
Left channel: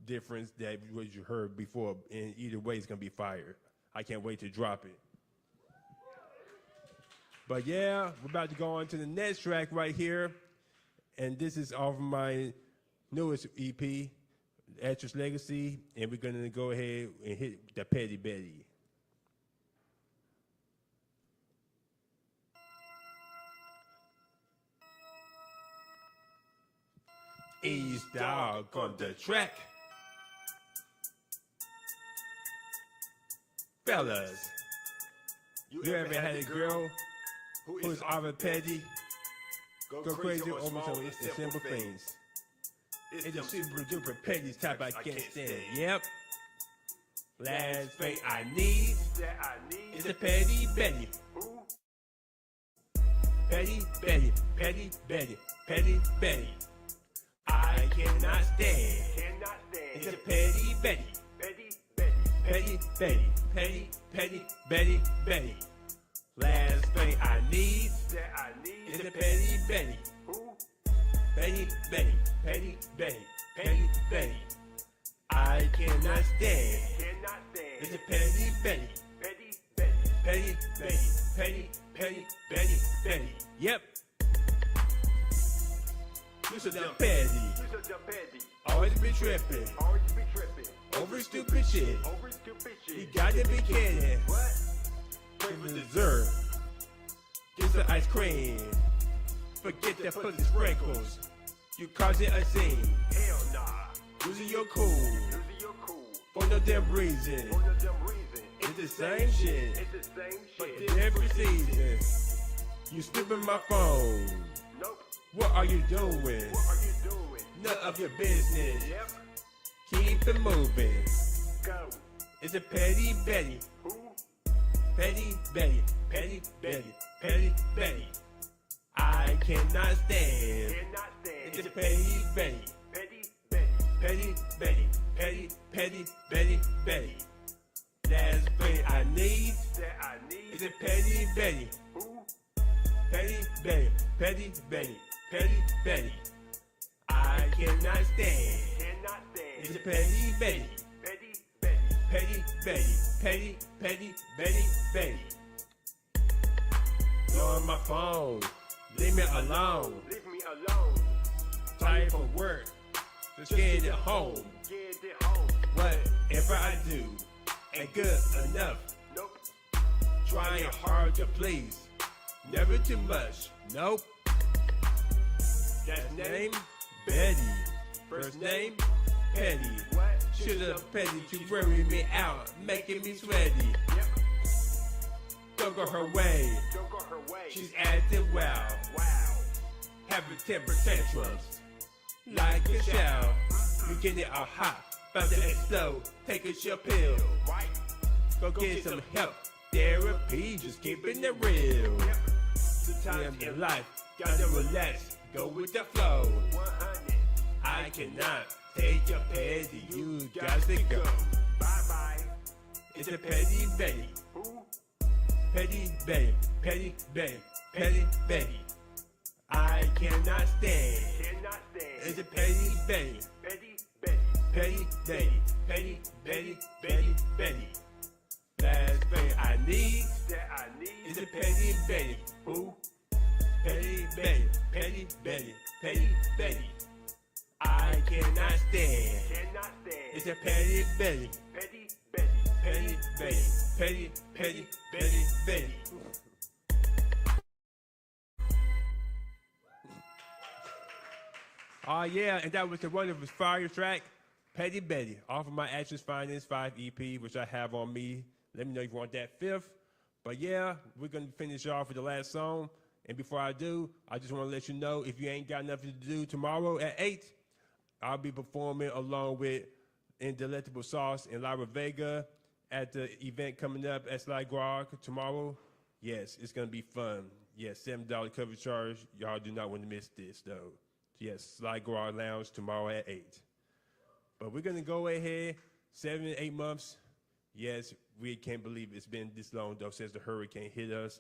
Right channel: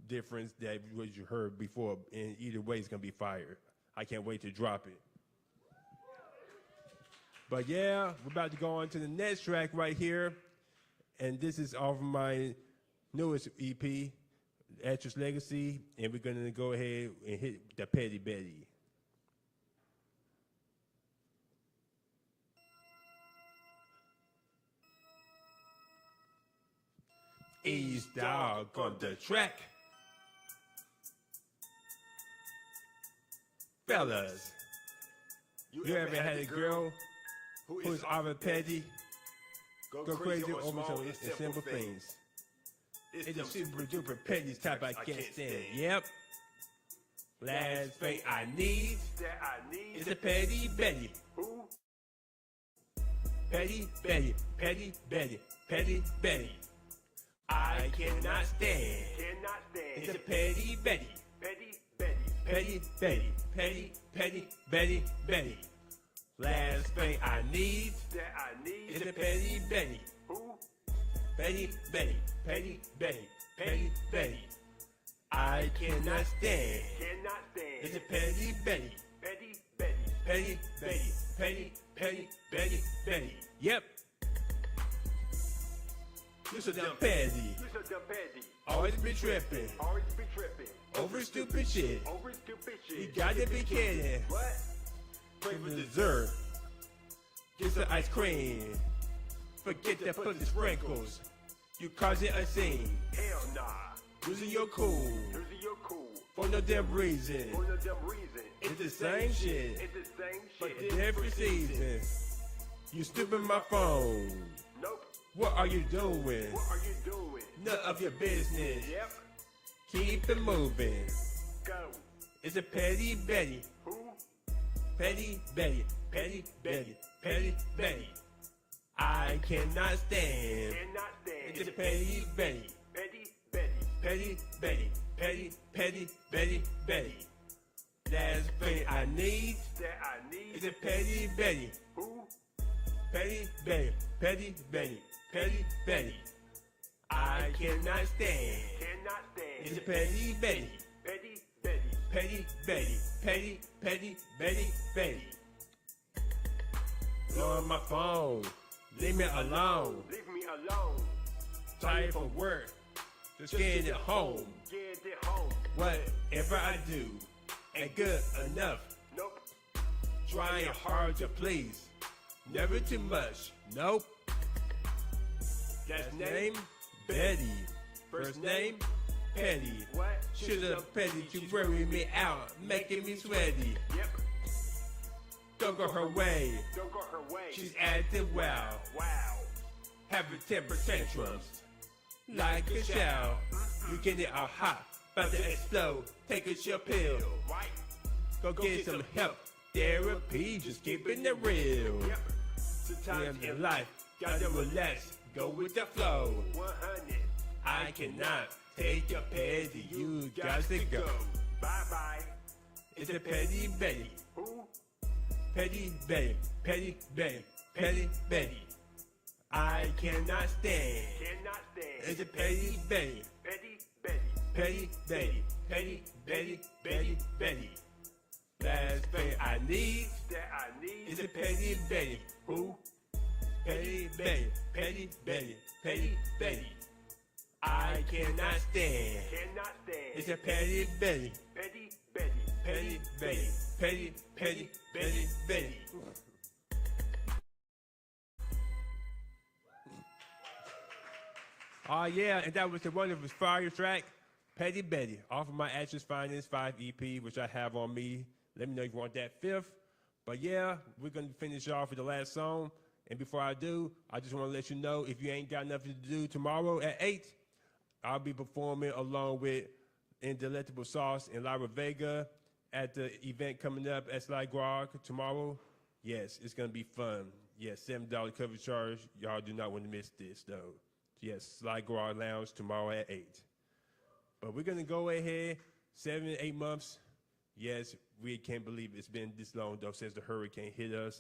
difference that what you heard before. And either way, it's gonna be fire. I can't wait to drop it. But yeah, we're about to go on to the next track right here. And this is off of my newest EP, Actress Legacy. And we're gonna go ahead and hit the Petty Betty. East Dog on the track. Fellas, you ever had a girl who's over petty? Go crazy over some simple things. It's a super duper petty type I can't stand. Yep. Last thing I need is a petty Betty. Petty Betty, petty Betty, petty Betty. I cannot stand. It's a petty Betty. Petty Betty, petty, petty Betty, Betty. Last thing I need is a petty Betty. Petty Betty, petty Betty, petty Betty. I cannot stand. It's a petty Betty. Petty Betty, petty, petty Betty, Betty. Yep. You so damn petty. Always be tripping. Over stupid shit. You gotta be kidding. What? Pray for dessert. Get some ice cream. Forget the fuzzy sprinkles. You cause it a scene. Hell nah. Losing your cool. For no damn reason. It's the same shit. But in every season. You snooping my phone. Nope. What are you doing? None of your business. Yep. Keep it moving. Go. It's a petty Betty. Who? Petty Betty. Petty Betty. Petty Betty. I cannot stand. It's a petty Betty. Petty Betty. Petty, petty Betty, Betty. Last thing I need is a petty Betty. Who? Petty Betty. Petty Betty, Petty Betty. I cannot stand. It's a Petty Betty. Petty Betty, Petty Betty, Betty. Go on my phone. Leave me alone. Tired from work. Scared at home. Whatever I do ain't good enough. Trying hard to please. Never too much. Nope. That's name Betty. First name Petty. Should've Petty to worry me out, making me sweaty. Don't go her way. She's acting wild. Having temper tantrums. Like a child. You get it all hot, about to explode. Take a chill pill. Go get some help. Therapy, just keeping it real. Live your life, gotta relax, go with the flow. I cannot take your petty, you got to go. Bye. It's a Petty Betty. Petty Betty, Petty Betty, Petty Betty. I cannot stand. It's a Petty Betty. Petty Betty, Petty Betty, Betty Betty. Last thing I need is a Petty Betty. Who? Petty Betty, Petty Betty, Petty Betty. I cannot stand. It's a Petty Betty. Petty Betty, Petty Betty, Betty. Oh yeah, and that was the wonderful fire track, Petty Betty, off of my Actions Finance 5 EP, which I have on me. Let me know if you want that fifth. But yeah, we're going to finish off with the last song. And before I do, I just want to let you know, if you ain't got nothing to do, tomorrow at 8, I'll be performing along with Indelectable Sauce and Lara Vega at the event coming up at Sly Grog tomorrow. Yes, it's going to be fun. Yes, $7 cover charge. Y'all do not want to miss this, though. Yes, Sly Grog Lounge tomorrow at 8. But we're going to go ahead, 7 to 8 months. Yes, we can't believe it's been this long, though, since the hurricane hit us.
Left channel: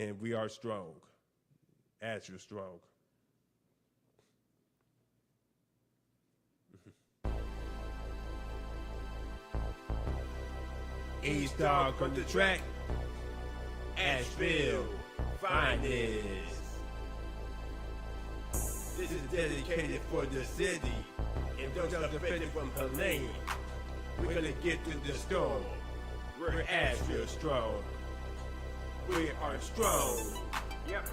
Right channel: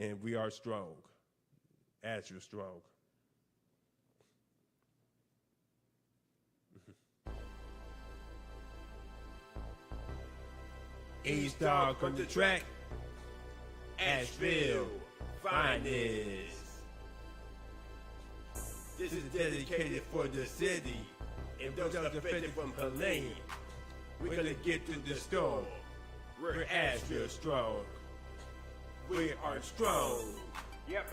And we are strong. As you're strong. A-Star on the track. Asheville, finest. This is dedicated for the city. And those are defended from her lane. We're gonna get to the storm. We're Asheville strong. We are strong. Yep.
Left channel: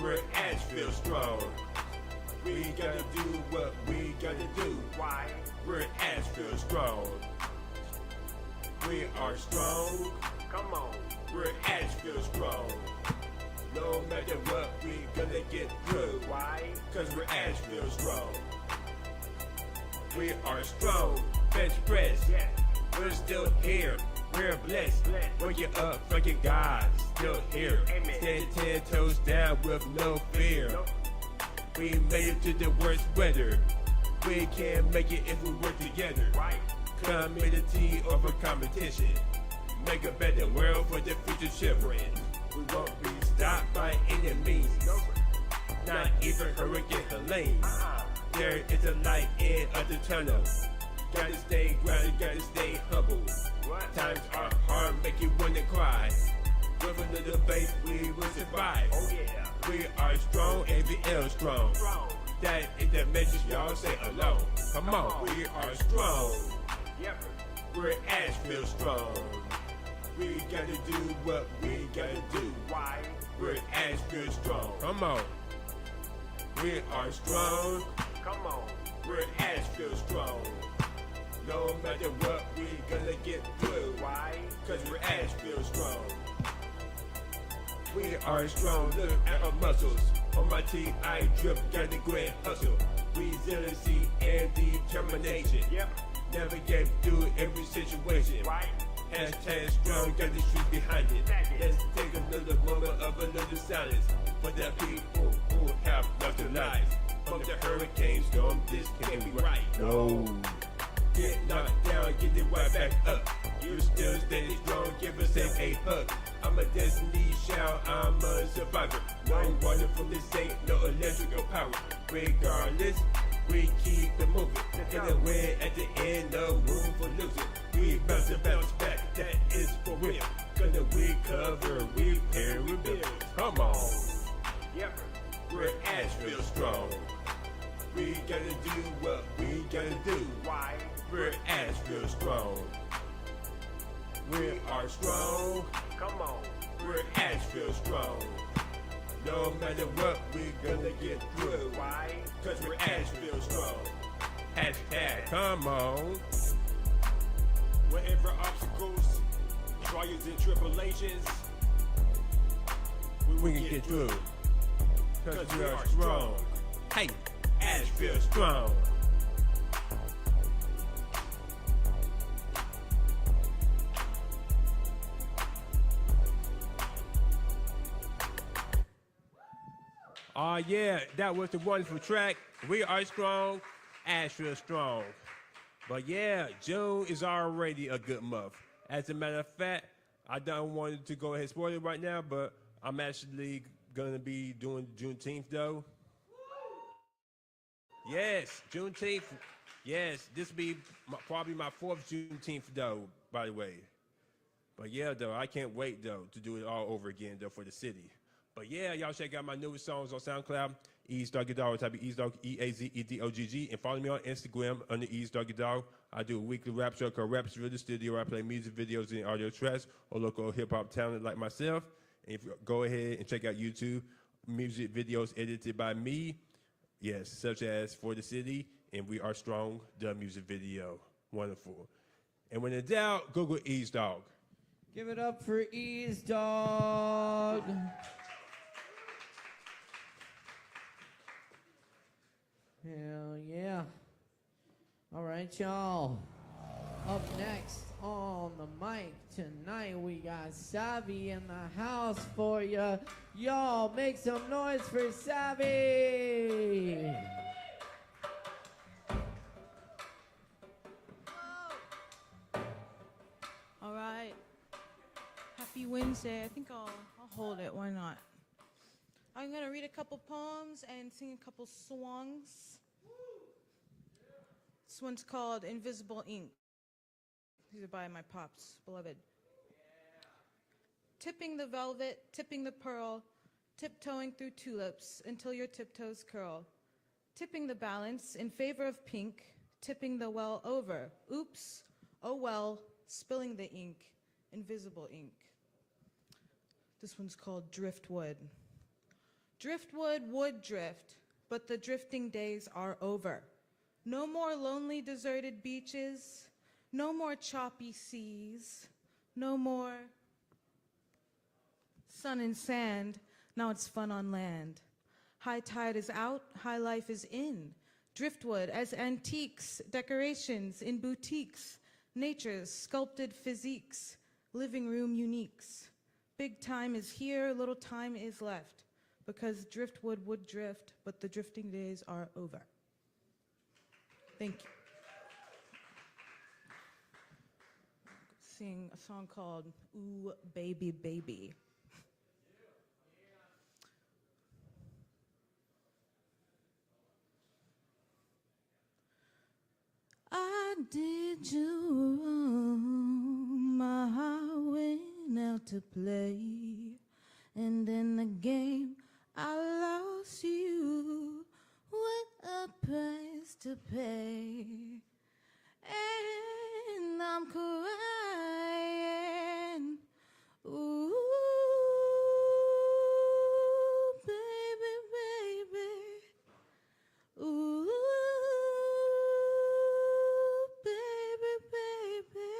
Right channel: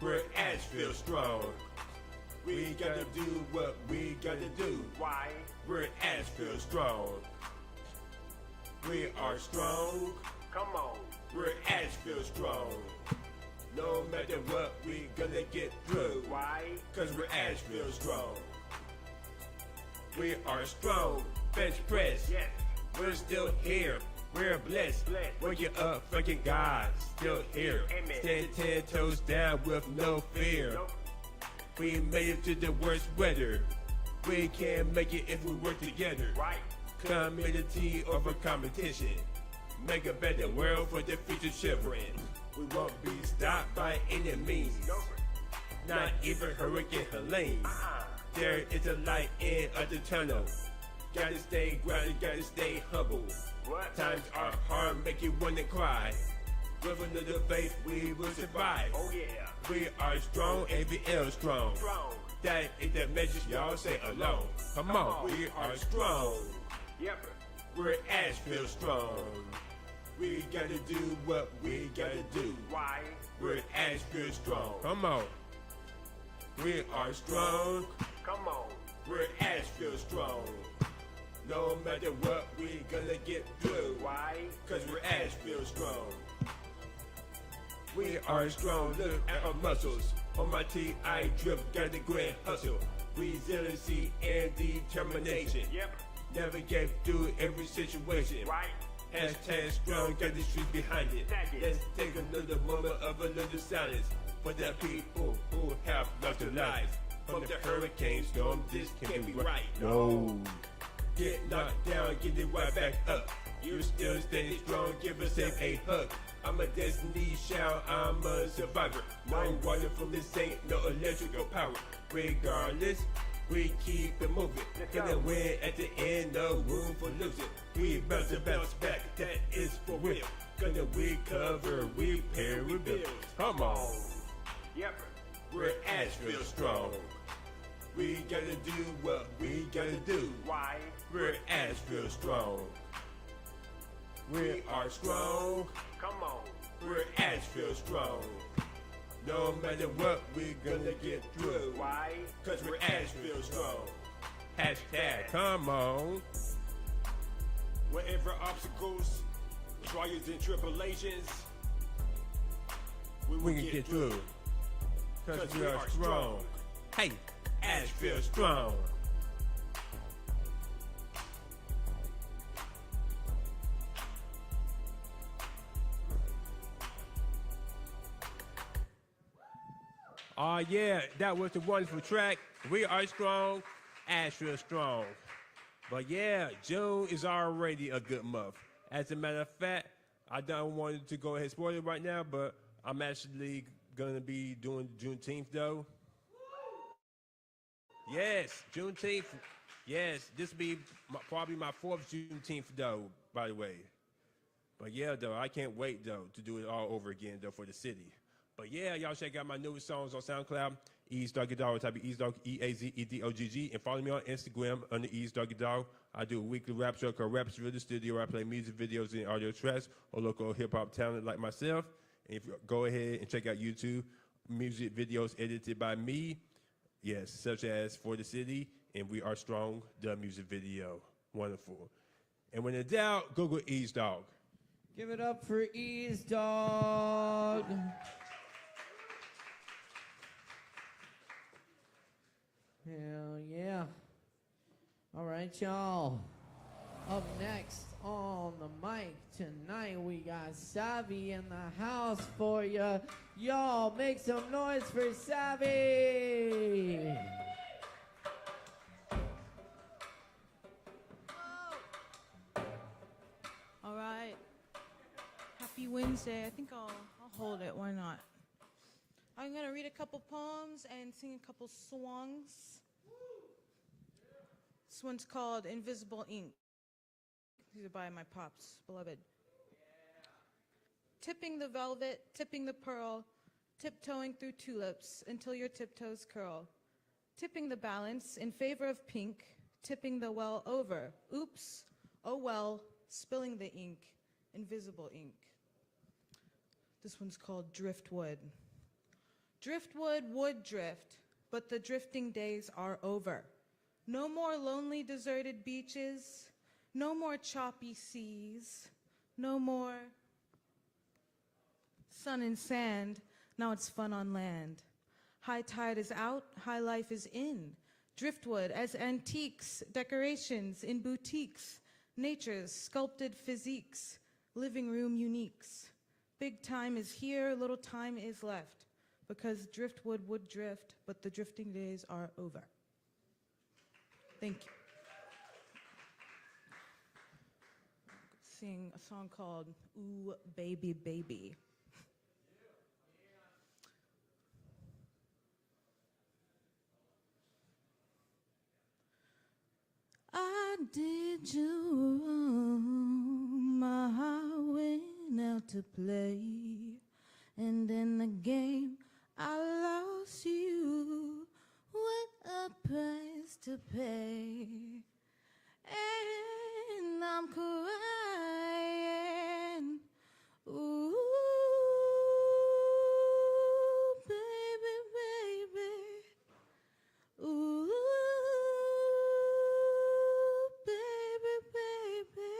We're Asheville strong. We gotta do what we gotta do. Why? We're Asheville strong. We are strong. Come on. We're Asheville strong. No matter what, we gonna get through. Why? Cause we're Asheville strong. We are strong. Bench press. Yeah. We're still here. We're blessed. Working up, fucking God. Still here. Stand 10 toes down with no fear. We made it to the worst weather. We can't make it if we work together. Right. Community over competition. Make a better world for the future children. We won't be stopped by any means. Not even Hurricane Helene. There is a light in the tunnel. Gotta stay grounded, gotta stay humble. Times are hard, make you wanna cry. With a little faith, we will survive. Oh yeah. We are strong and we are strong. That is the message y'all say alone. Come on, we are strong. Yep. We're Asheville strong. We gotta do what we gotta do. Why? We're Asheville strong. Come on. We are strong. Come on. We're Asheville strong. No matter what, we gonna get through. Why? Cause we're Asheville strong. We are strong, look at our muscles. On my team, I drip, got the great hustle. Resiliency and determination. Yep. Navigate through every situation. Right. Hashtag strong, got the street behind it. Let's take another moment of a little silence for the people who have lost their lives. From the hurricane storm, this can't be right. No. Get knocked down, get it right back up. You're still steady strong, give us a hug. I'm a destiny child, I'm a survivor. I'm water from the same Asheville strong. We gotta do what we gotta do. Why? We're Asheville strong. We are strong. Come on. We're Asheville strong. No matter what, we're gonna get through. Why? Cause we're Asheville strong. Hashtag, come on. Whatever obstacles, trials and tribulations, we can get through. Cause we are strong. Hey, Asheville strong. Oh yeah, that was the wonderful track. We are strong, Asheville strong. But yeah, June is already a good month. As a matter of fact, I don't want to go ahead and spoil it right now, but I'm actually gonna be doing Juneteenth though. Yes, Juneteenth. Yes, this will be probably my 4th Juneteenth though, by the way. But yeah, though, I can't wait though to do it all over again though for the city. But yeah, y'all check out my newest songs on SoundCloud. EazeDoggyDog, type of EazeDog, EAZEDOGG, and follow me on Instagram under EazeDoggyDog. I do a weekly rap show called Raps Real the Studio where I play music videos and audio tracks or local hip hop talent like myself. And if you go ahead and check out YouTube, music videos edited by me, yes, such as For the City and We Are Strong, the music video. Wonderful. And when in doubt, Google EazeDog. Give it up for EazeDog. Hell yeah. All right, y'all. Up next on the mic tonight, we got Savvy in the house for ya. Y'all make some noise for Savvy. All right. Happy Wednesday. I think I'll hold it. Why not? I'm going to read a couple poems and sing a couple songs. This one's called Invisible Ink. These are by my pops, beloved. Tipping the velvet, tipping the pearl, tiptoeing through tulips until your tiptoes curl. Tipping the balance in favor of pink, tipping the well over. Oops, oh well, spilling the ink, invisible ink. This one's called Driftwood. Driftwood would drift, but the drifting days are over. No more lonely deserted beaches, no more choppy seas, no more sun and sand, now it's fun on land. High tide is out, high life is in. Driftwood as antiques, decorations in boutiques, nature's sculpted physiques, living room uniques. Big time is here, little time is left, because driftwood would drift, but the drifting days are over. Thank you. Sing a song called Ooh, Baby, Baby. I did you wrong, my heart went out to play, and in the game I lost you. What a price to pay. And I'm crying. Ooh, baby, baby. Ooh, baby, baby.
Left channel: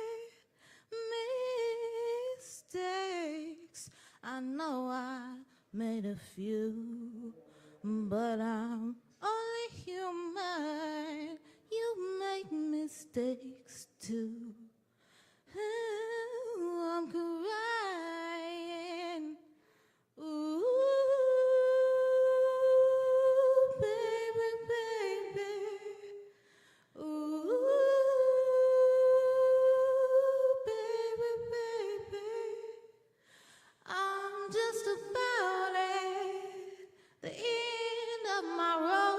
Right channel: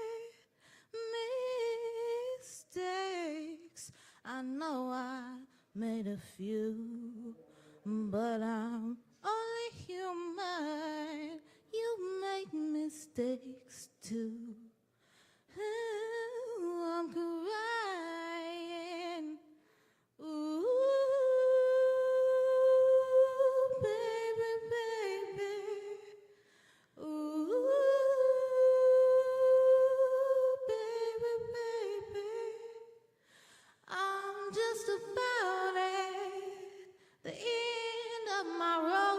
Mistakes. I know I made a few, but I'm only human. You make mistakes too. Oh, I'm crying. Ooh, baby, baby. Ooh, baby, baby. I'm just about at the end of my road.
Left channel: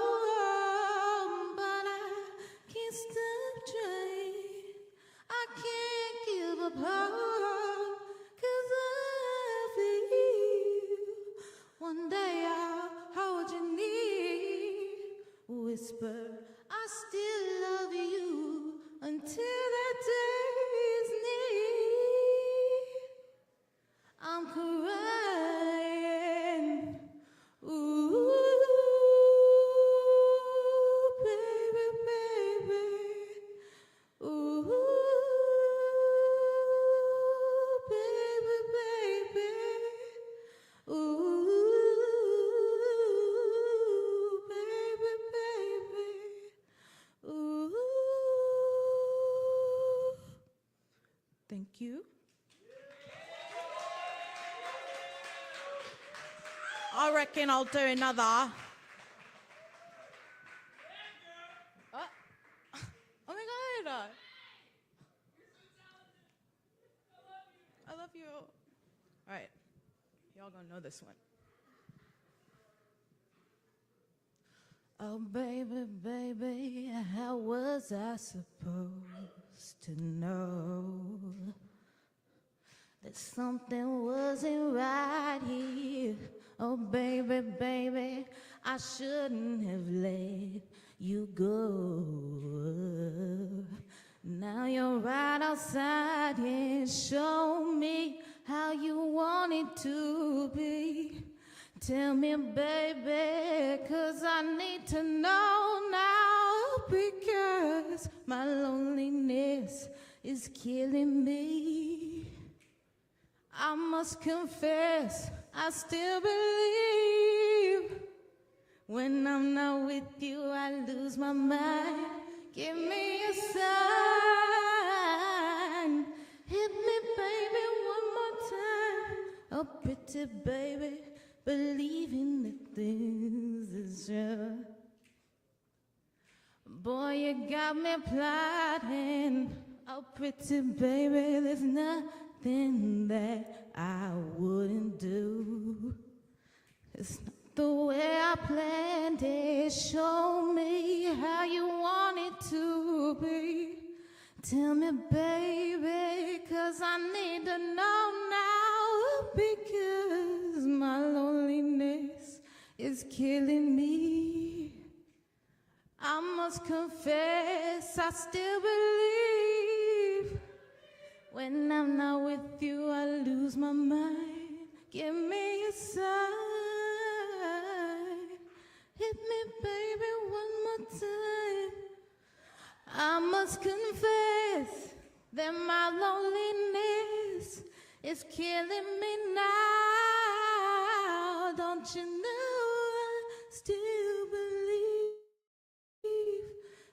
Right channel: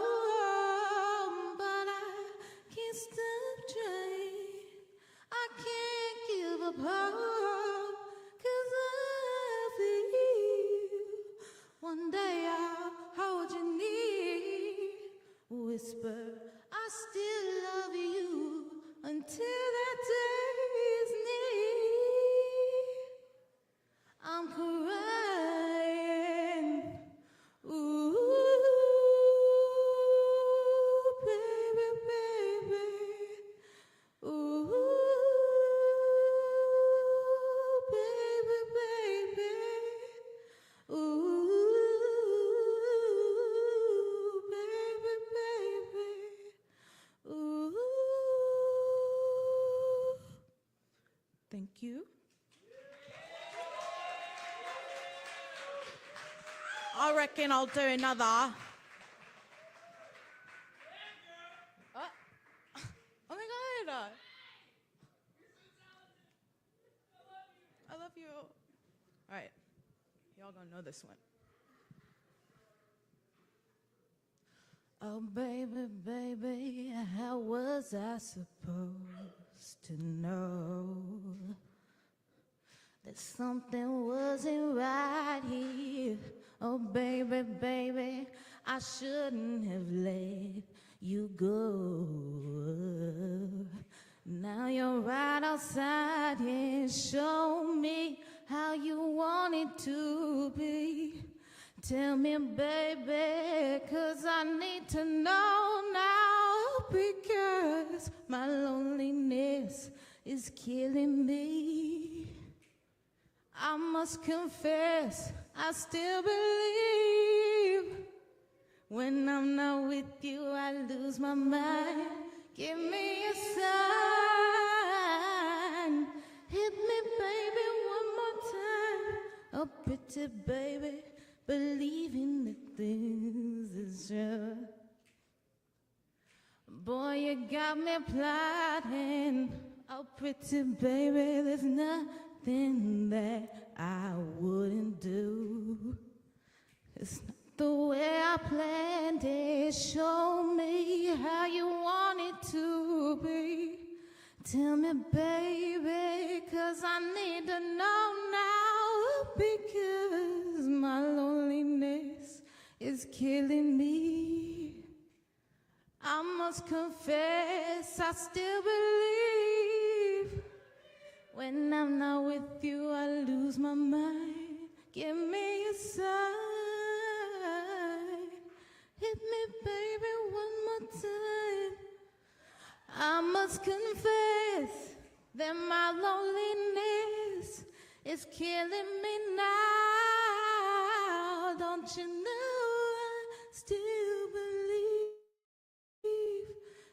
I reckon I'll do another. Oh my God. I love you. All right. Y'all gonna know this one. Oh, baby, baby, how was I supposed to know that something wasn't right here? Oh, baby, baby, I shouldn't have let you go. Now you're right outside and show me how you want it to be. Tell me, baby, 'cause I need to know now, because my loneliness is killing me. I must confess, I still believe when I'm not with you, I lose my mind. Give me a sign. Hit me, baby, one more time. Oh, pretty baby, believing that things is true. Boy, you got me plotting. Oh, pretty baby, there's nothing that I wouldn't do. It's not the way I planned it. Show me how you want it to be. Tell me, baby, 'cause I need to know now, because my loneliness is killing me. I must confess, I still believe when I'm not with you, I lose my mind. Give me a sign. Hit me, baby, one more time. I must confess that my loneliness is killing me now. Don't you know I still believe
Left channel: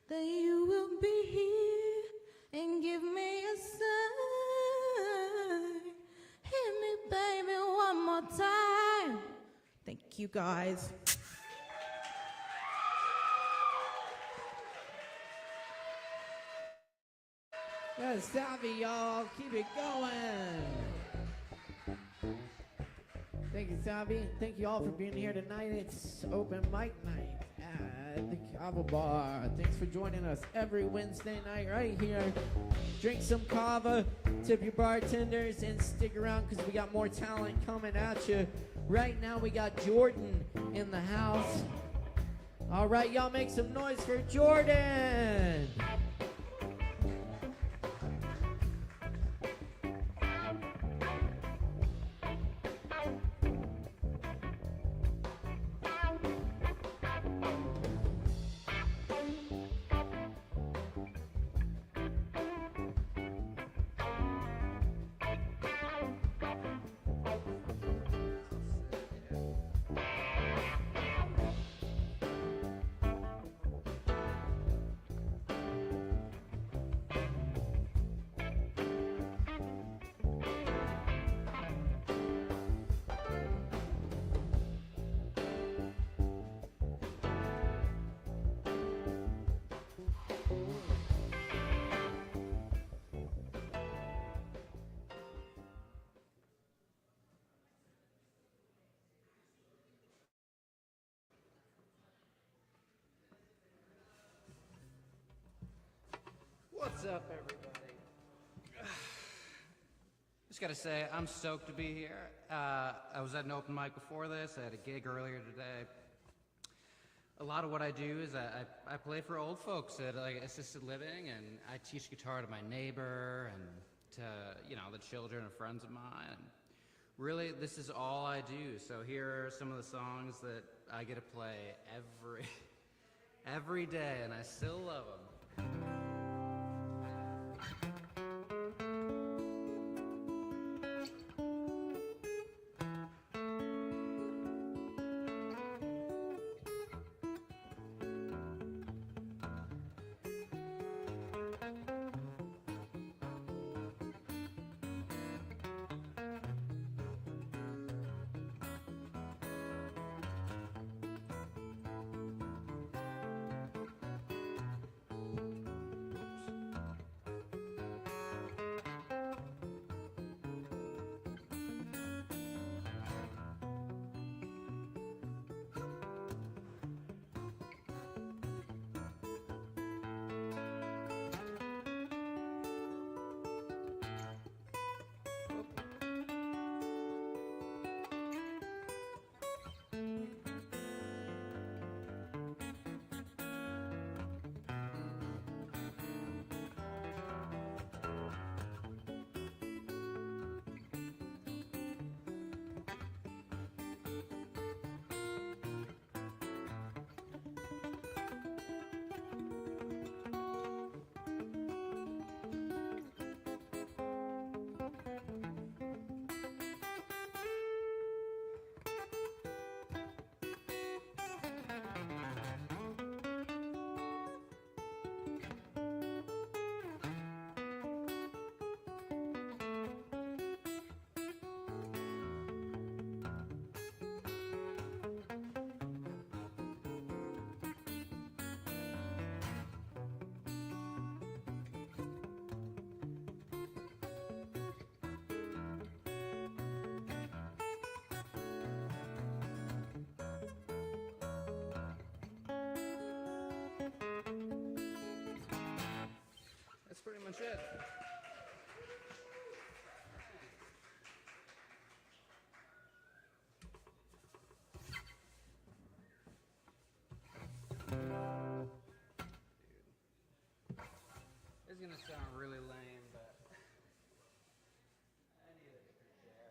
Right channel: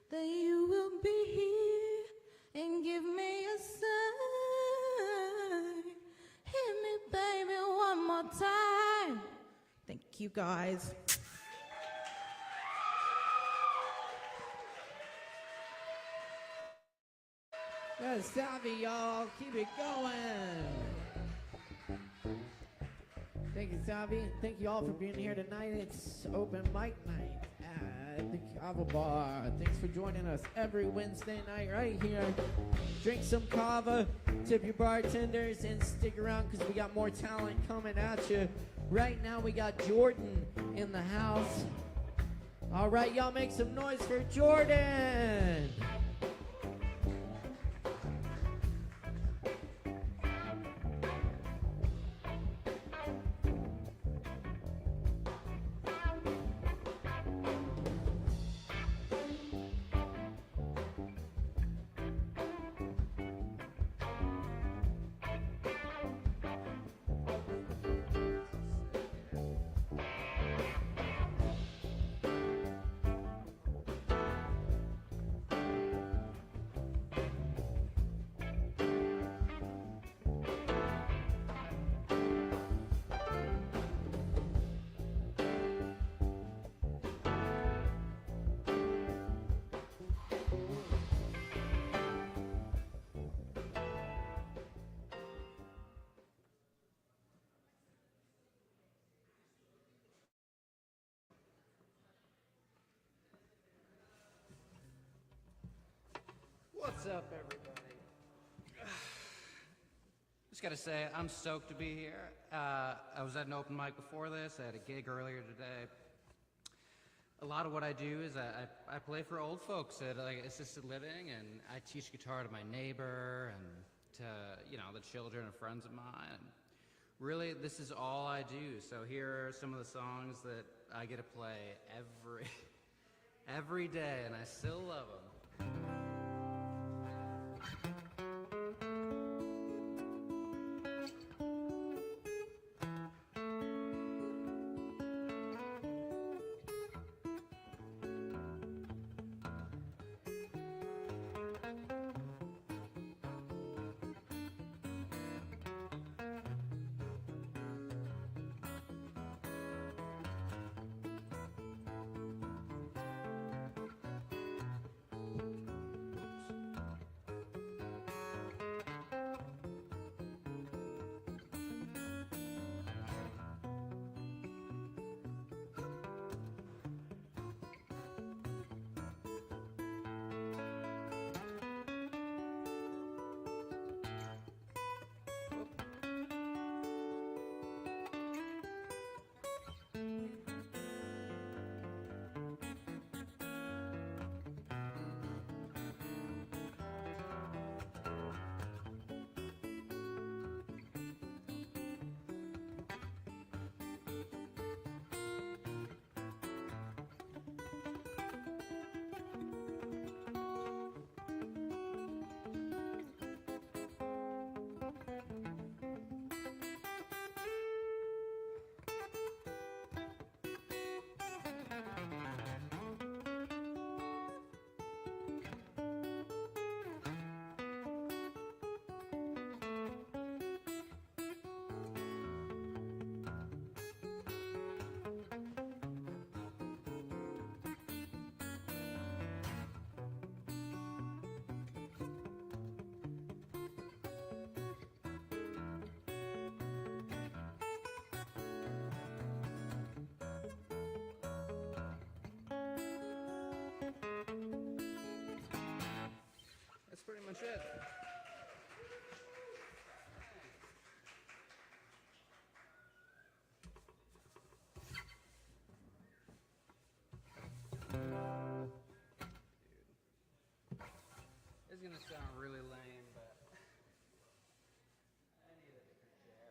that you will be here and give me a sign. Hit me, baby, one more time. Thank you, guys. Good Savvy, y'all. Keep it going. Thank you, Savvy. And thank you all for being here tonight. It's open mic night at the Kava Bar. Thanks for joining us every Wednesday night right here. Drink some Kava, tip your bartenders, and stick around because we got more talent coming at you. Right now we got Jordan in the house. All right, y'all make some noise for Jordan. What's up, everybody? Just gotta say, I'm stoked to be here. I was at an open mic before this. I had a gig earlier today. A lot of what I do is I play for old folks at like assisted living, and I teach guitar to my neighbor and to the children of friends of mine. Really, this is all I do. So here are some of the songs that I get to play every day, and I still love them. really lame, but I need a different chair.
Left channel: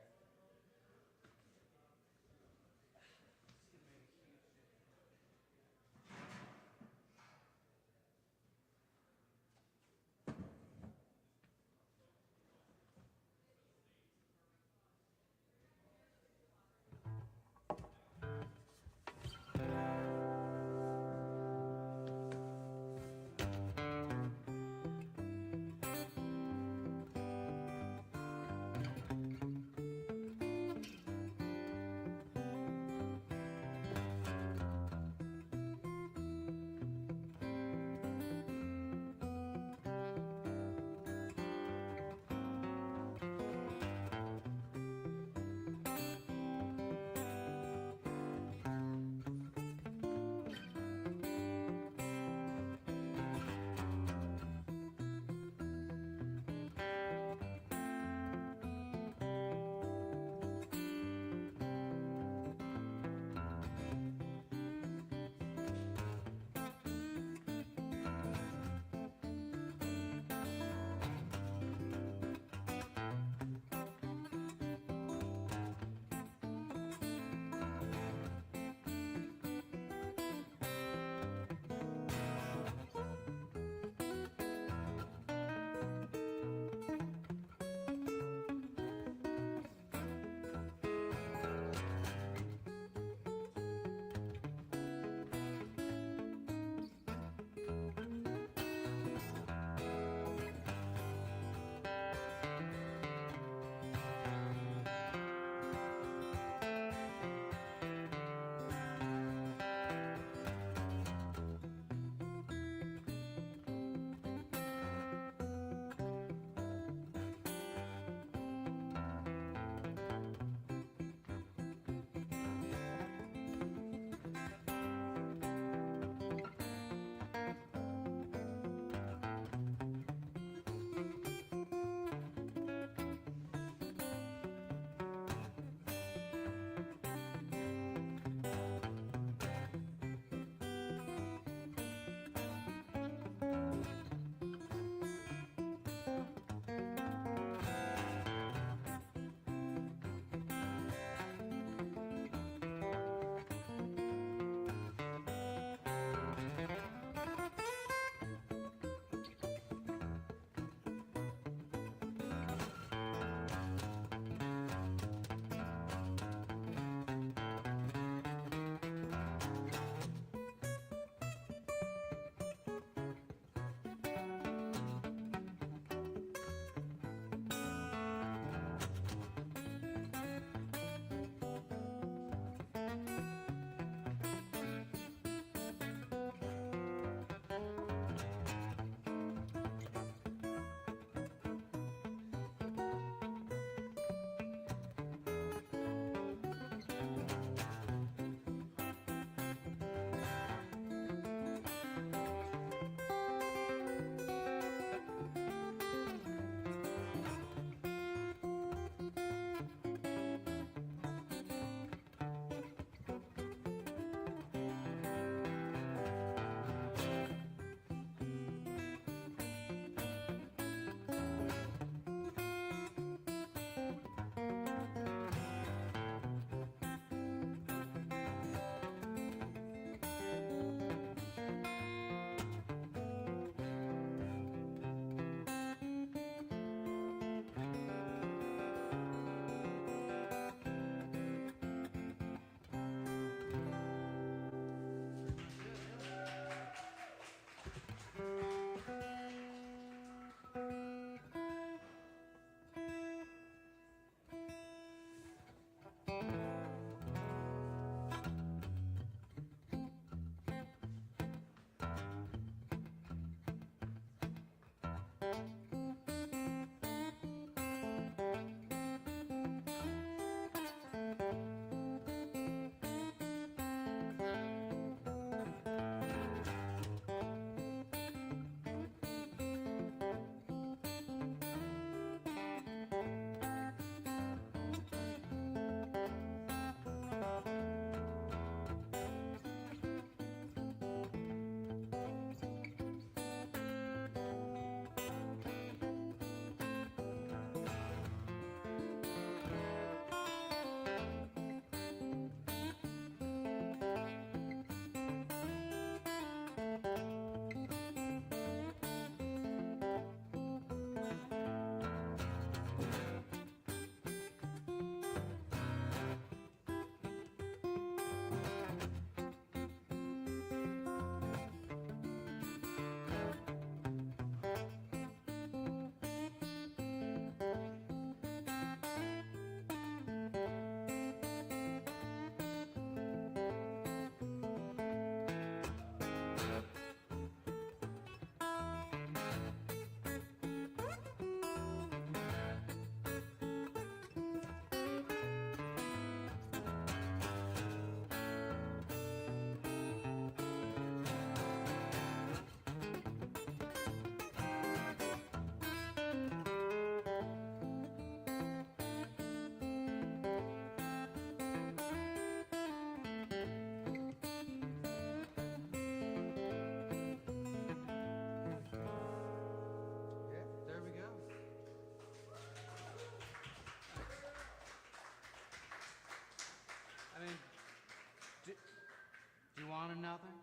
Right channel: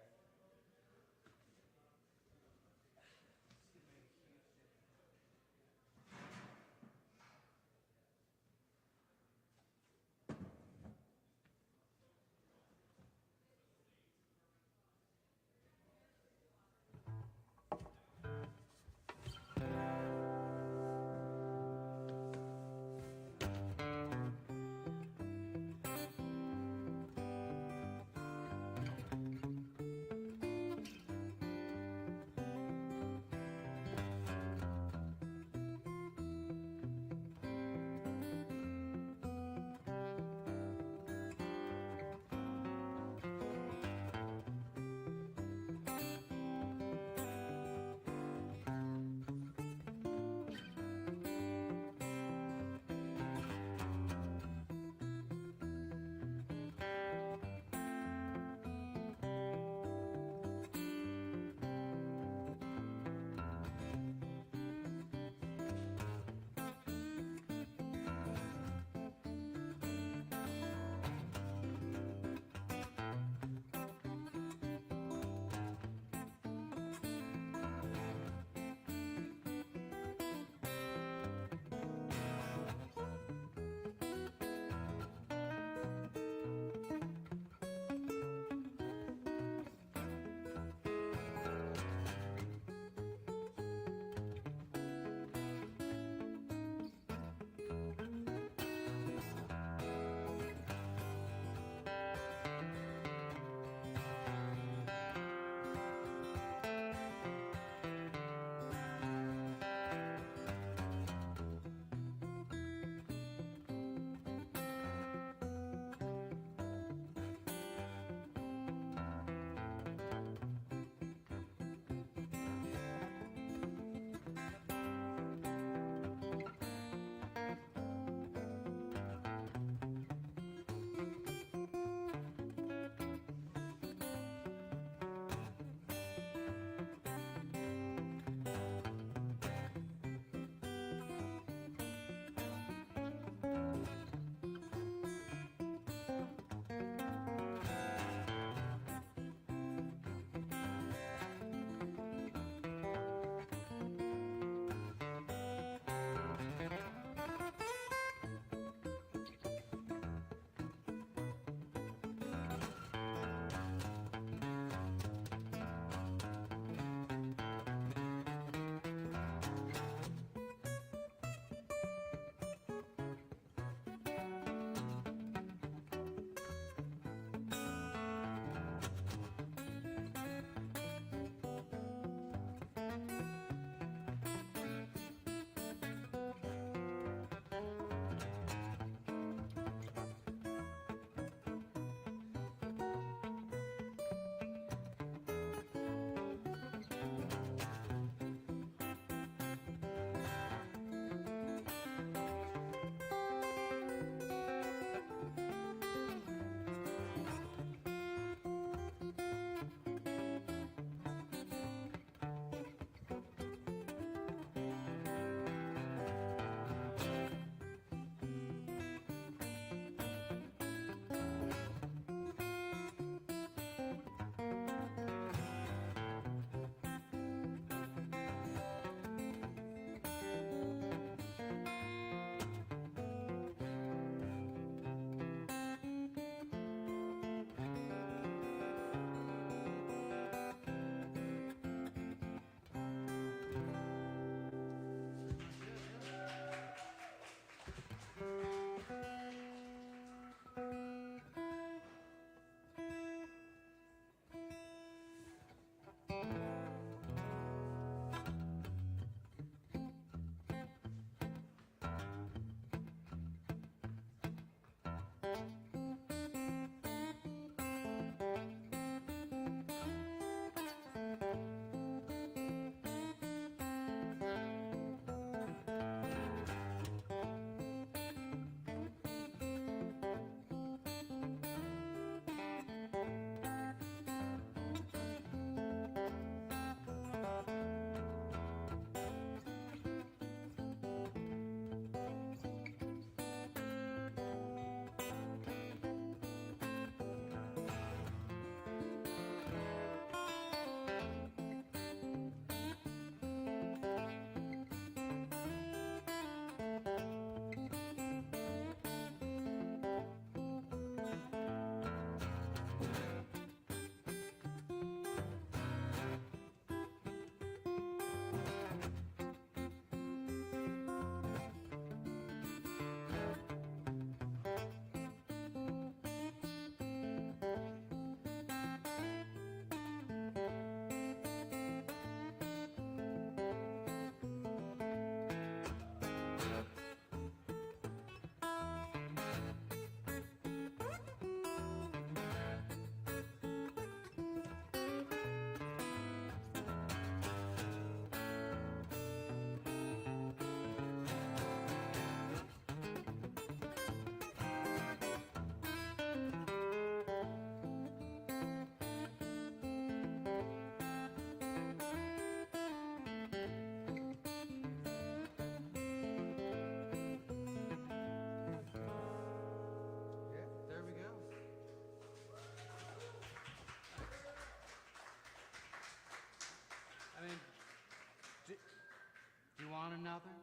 want another?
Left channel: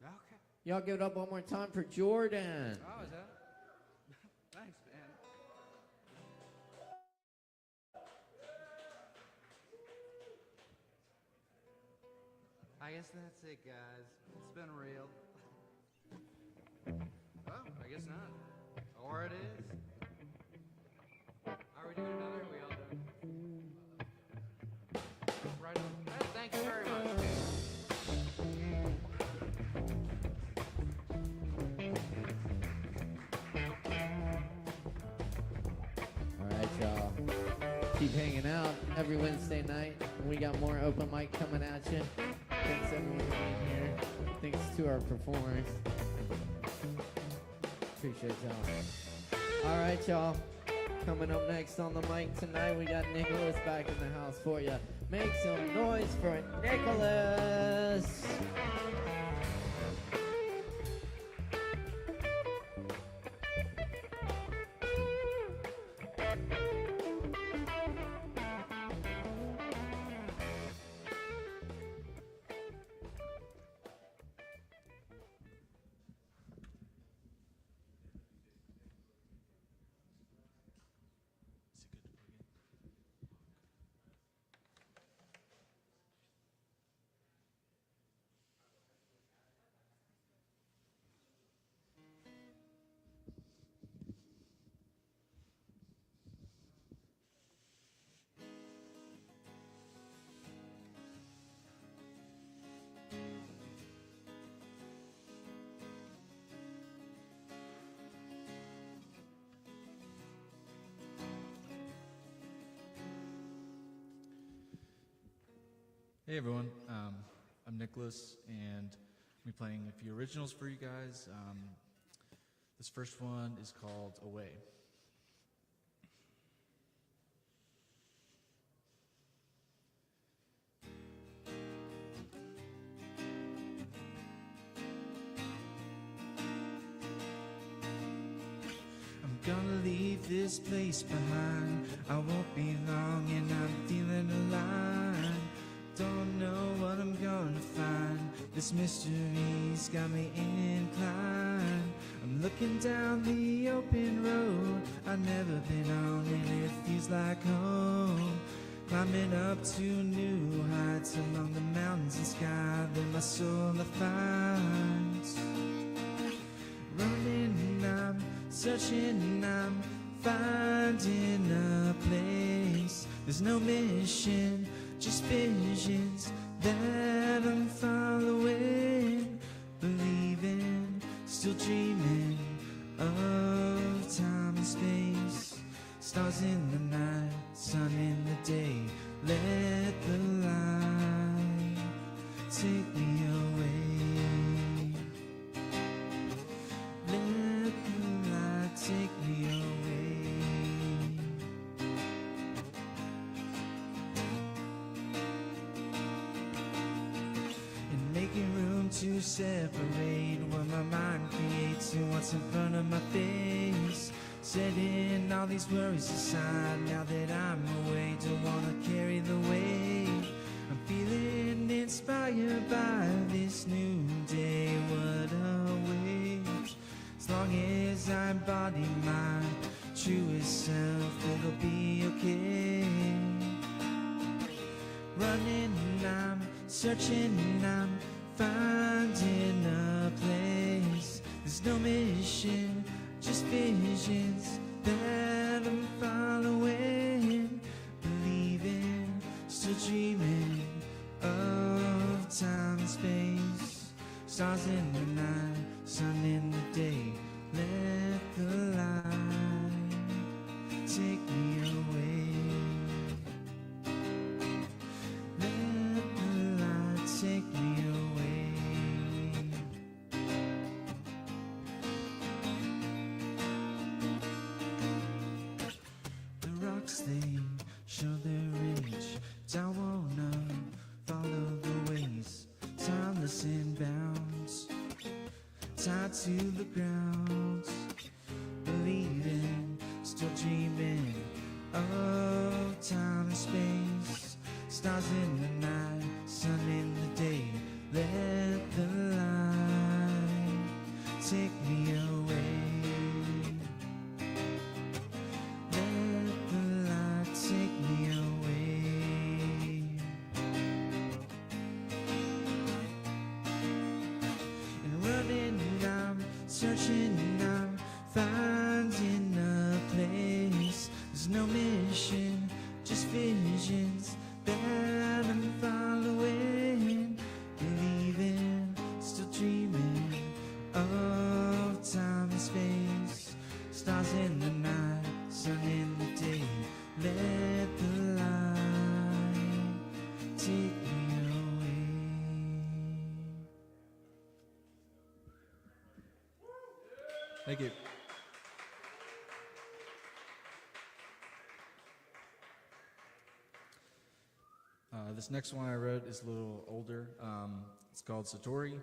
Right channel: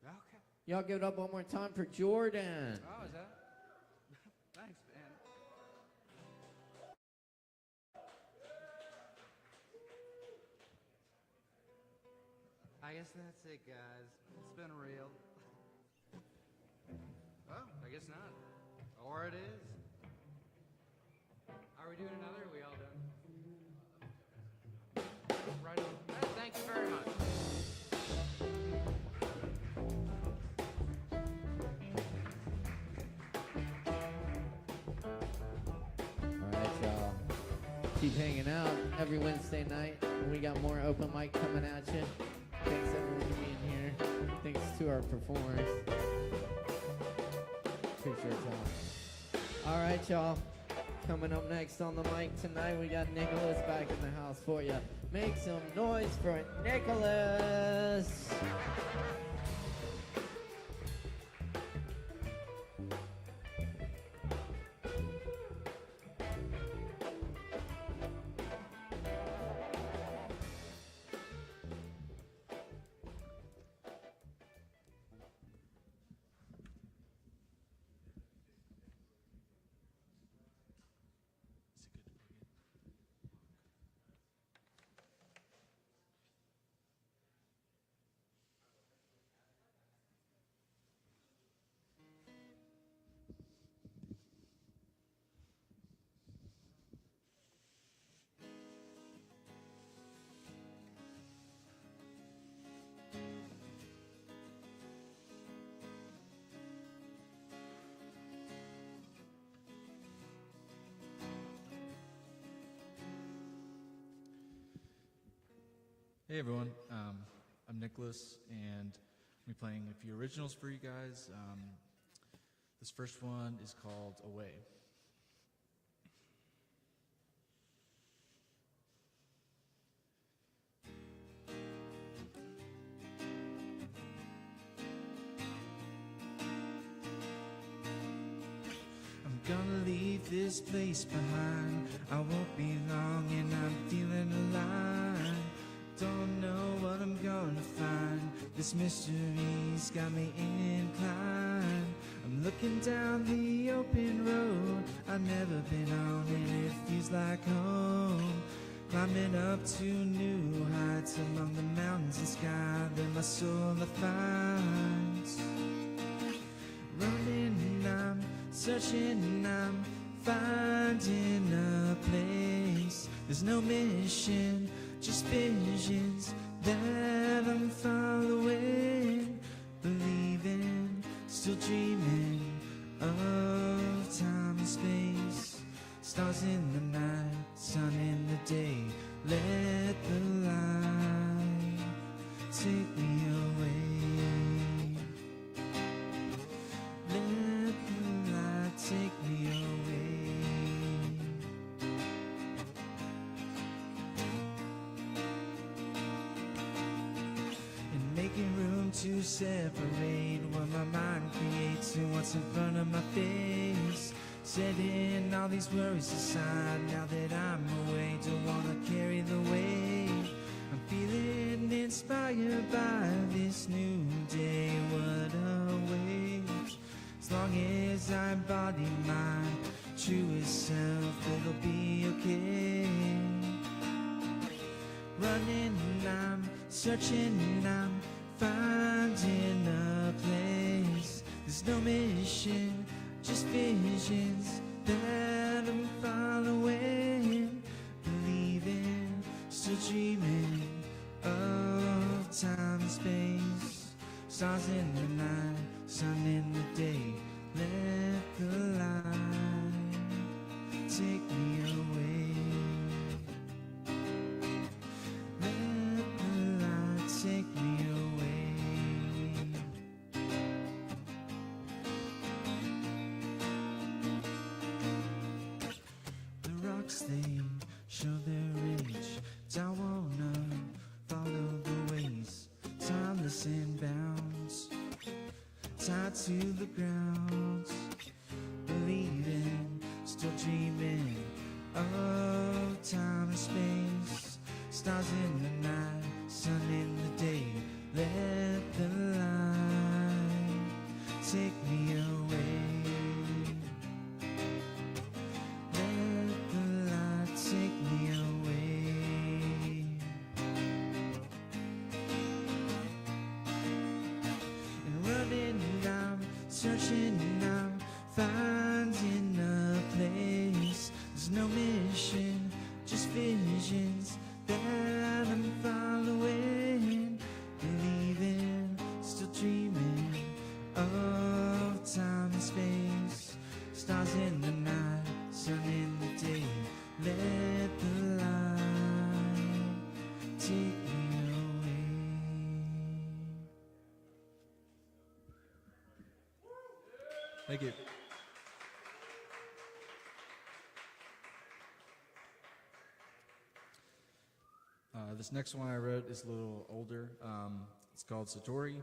Okay. Y'all give it up one more time for Jordan. Oh, is that? Thanks, man. I guess that's it, guys. It's been real. Well, I guess not. Or it is. Are we doing another? Are we all done? Right on. Thank you very much. Alright, y'all. Keep hanging out every Wednesday night. We got more open mic coming at you. Thanks everyone being here. Thanks to our performers. Appreciate y'all. Alright, y'all. Coming up next on the mic tonight, we got Nicholas back in the house for you. Make some noise for Nicholas! Hey everyone, I'm Nicholas, and I'm playing a few originals for you guys. This first one is called Away. I'm gonna leave this place behind. I won't be long and I'm feeling alive. Don't know what I'm gonna find. This mystery's got me inclined. I'm looking down the open road I've never been on, and it feels like home. Climbing up to new heights along the mountains and sky that my soul finds. Running, I'm searching, I'm finding a place. There's no mission, just visions that I'm following, believing, still dreaming of time and space. Stars in the night, sun in the day, let the light take me away. Let the light take me away. To separate what my mind creates and what's in front of my face. Setting all these worries aside now that I'm away. Don't wanna carry the weight. I'm feeling inspired by this new day. What a way. As long as I embody my truest self, it'll be okay. Running, I'm searching, I'm finding a place. There's no mission, just visions that I'm following, believing, still dreaming of time and space. Stars in the night, sun in the day, let the light take me away. Let the light take me away. The rocks, they show their age. Down wanna follow the ways, timeless and bounds, tied to the ground, believing, still dreaming of time and space. Stars in the night, sun in the day, let searching now, finding a place. There's no mission, just visions that I'm following, believing, still dreaming of time and space. Stars in the night, sun in the day. Let the light take me away. Thank you. This next one I wrote is a little older. It's called Satori,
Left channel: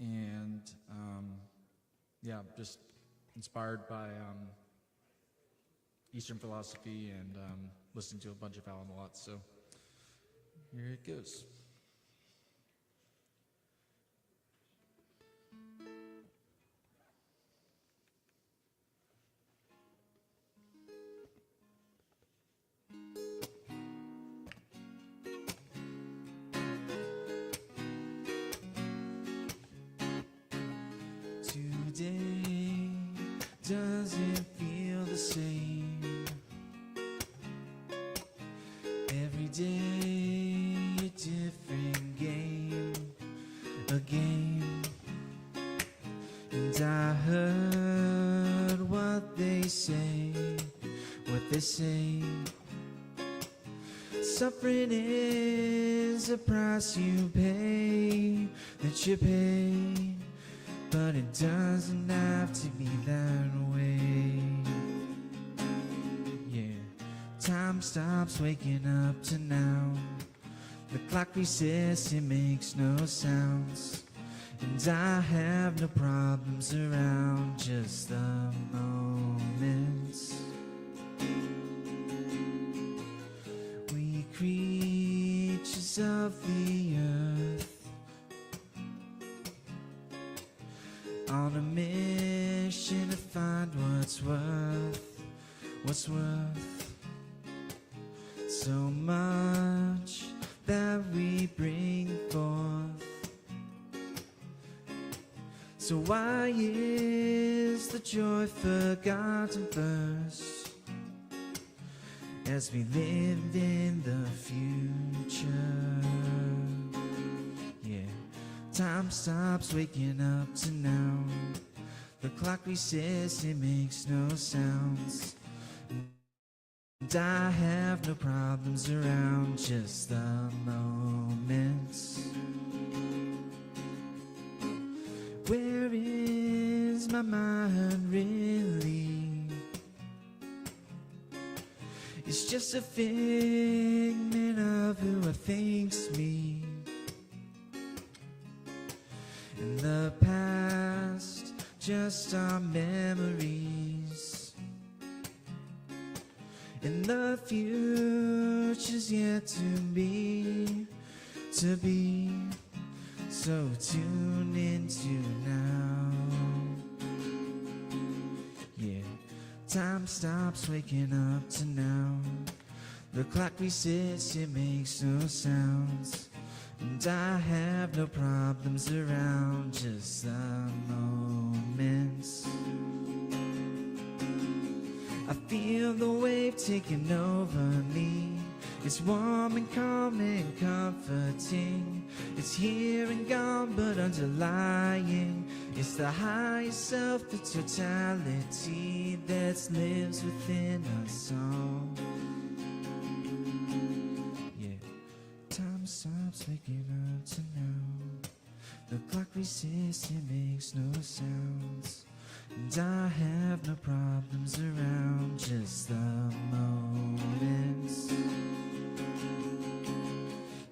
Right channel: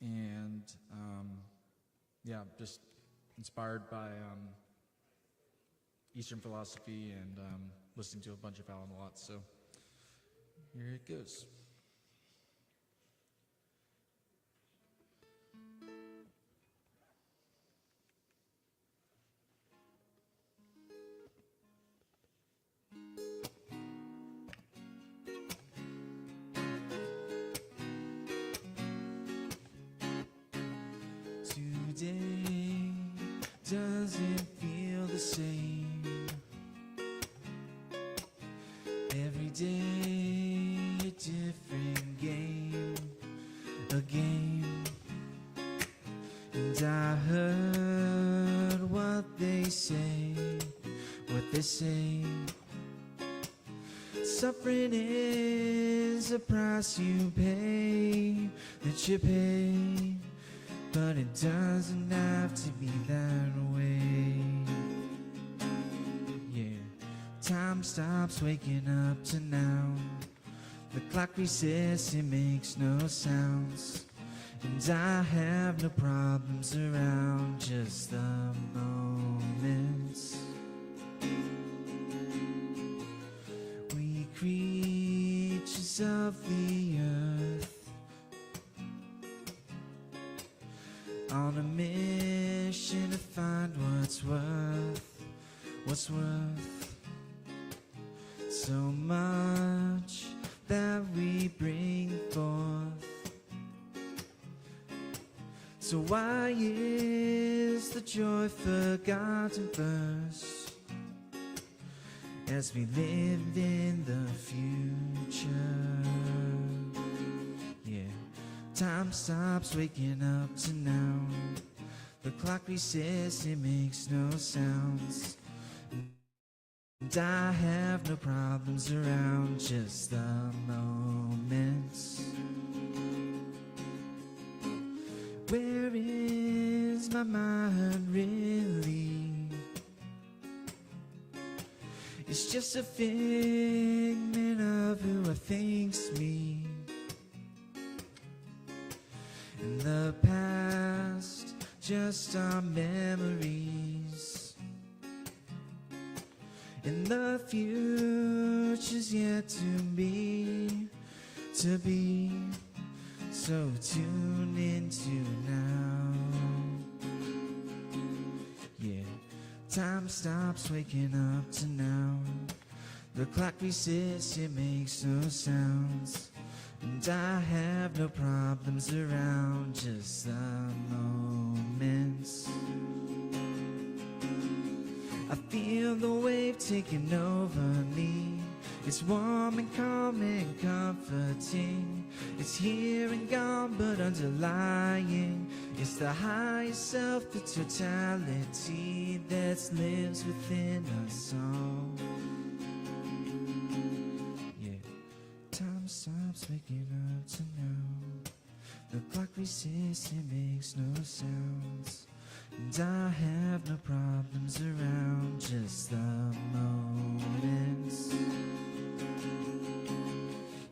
and yeah, just inspired by Eastern philosophy and listening to a bunch of Alan Watts. So here it goes. Today doesn't feel the same. Every day a different game, a game. And I heard what they say, Suffering is a price you pay, that you pay. But it doesn't have to be that way. Yeah, time stops waking up to now. The clock resets, it makes no sounds. And I have no problems around, just the moments. We creatures of the earth, on a mission to find what's worth so much that we bring forth. So why is the joy forgotten first, as we live in the future? Time stops waking up to now. The clock resets, it makes no sounds. And I have no problems around, just the moments. Where is my mind really? It's just a figment of who I think's me. In the past, just our memories. In the future's yet to be. So tune into now. Yeah, time stops waking up to now. The clock resets, it makes no sounds. And I have no problems around, just the moments. I feel the wave taking over me. It's warm and calm and comforting. It's here and gone, but underlying, it's the higher self, the totality that lives within us all. Time stops waking up to now. The clock resets, it makes no sounds. And I have no problems around, just the moments.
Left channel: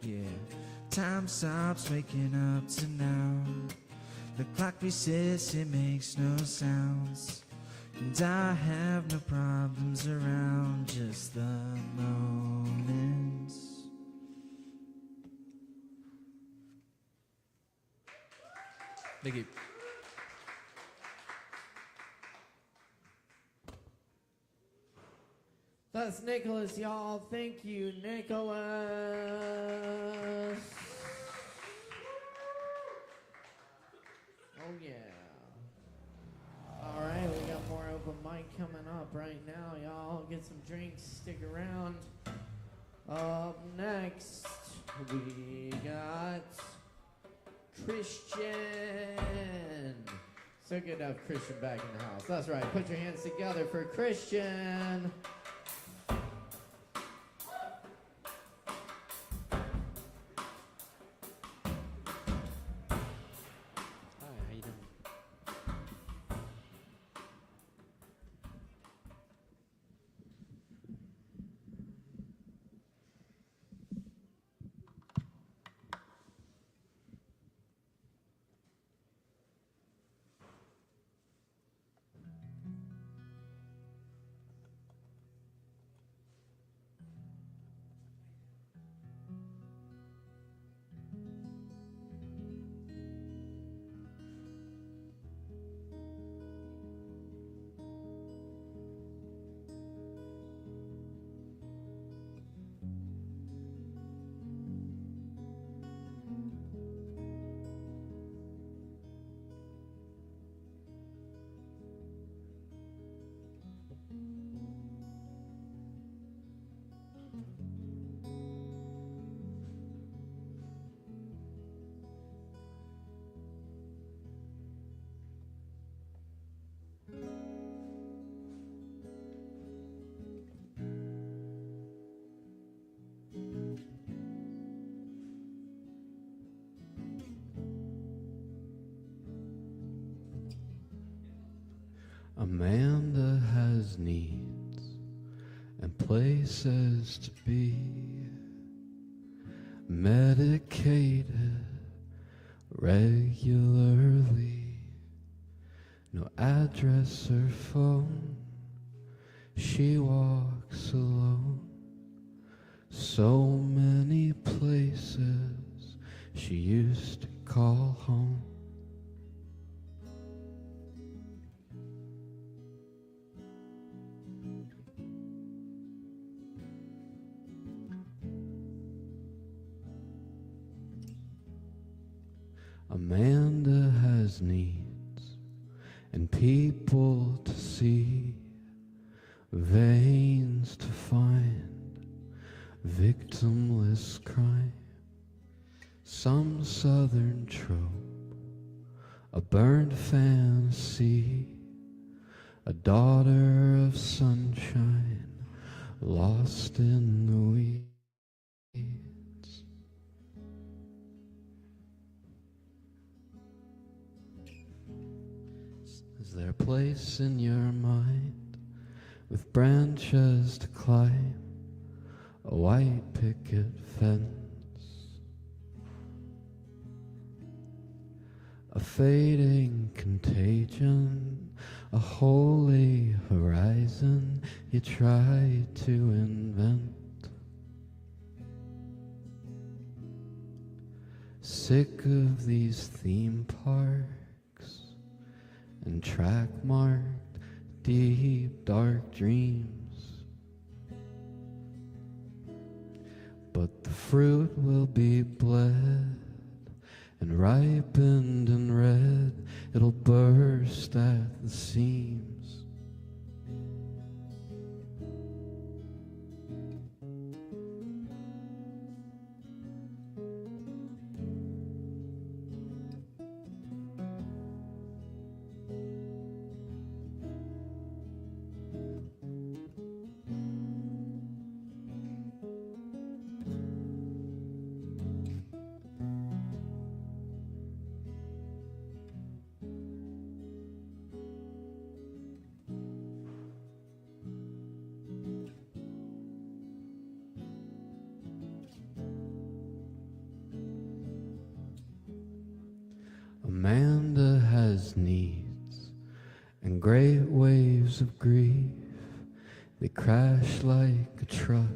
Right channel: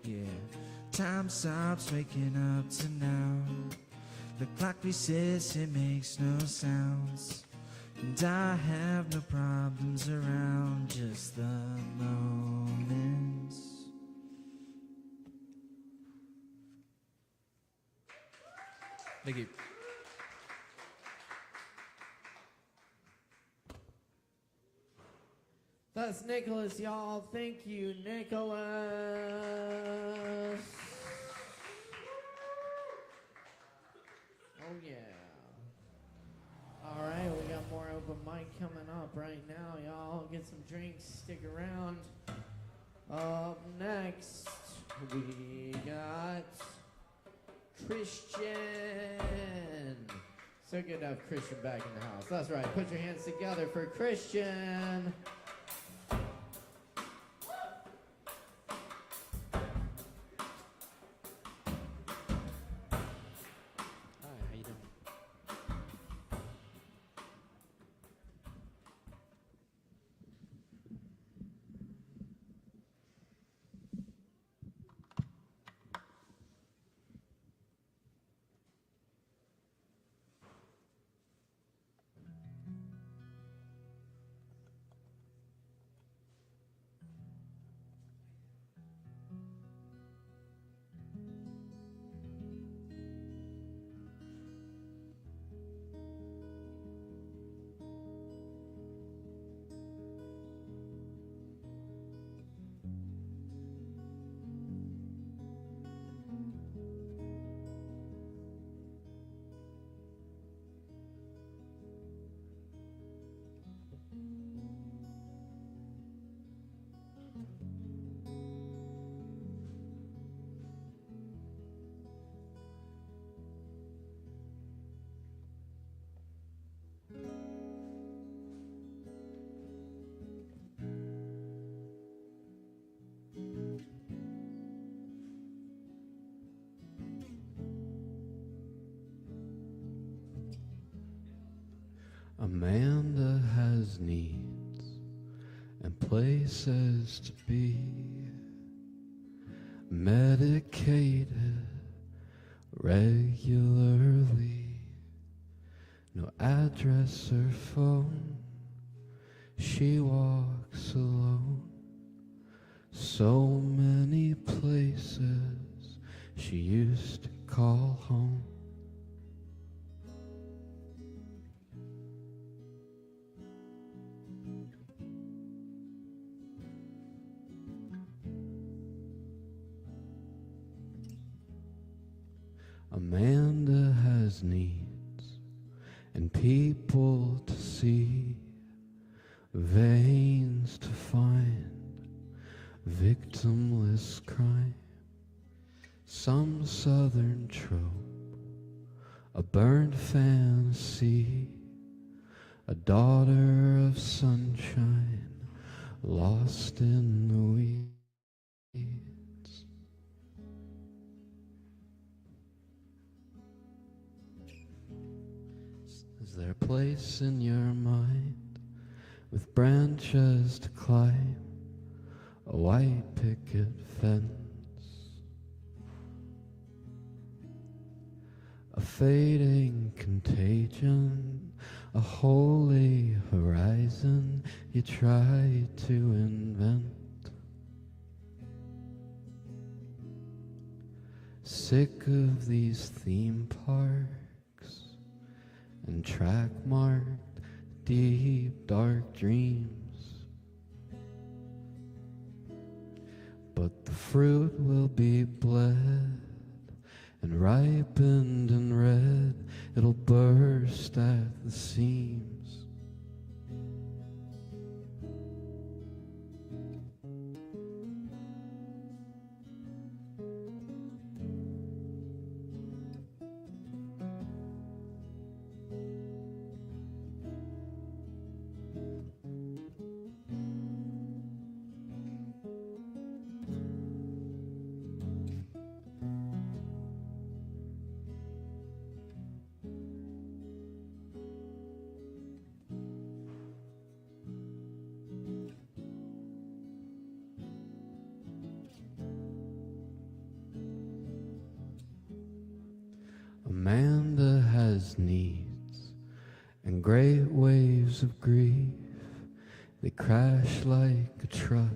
Yeah, time stops waking up to now. The clock resets, it makes no sounds. And I have no problems around, just the moments. Thank you. That's Nicholas, y'all. Thank you, Nicholas. Oh, yeah. All right, we got more open mic coming up right now, y'all. Get some drinks, stick around. Up next, we got Christian. So good to have Christian back in the house. That's right. Put your hands together for Christian. Amanda has needs and places to be, medicated regularly, no address or phone, she walks alone, so many places she used to call home. Amanda has needs and people to see, veins to find, victimless crime, some southern trope, a burned fantasy, a daughter of sunshine, lost in the weeds. Is there a place in your mind with branches to climb, a white picket fence, a fading contagion, a holy horizon you try to invent? Sick of these theme parks and track-marked deep dark dreams, but the fruit will be bled and ripened and red, it'll burst at the seams. Amanda has needs and great waves of grief. They crash like a truck,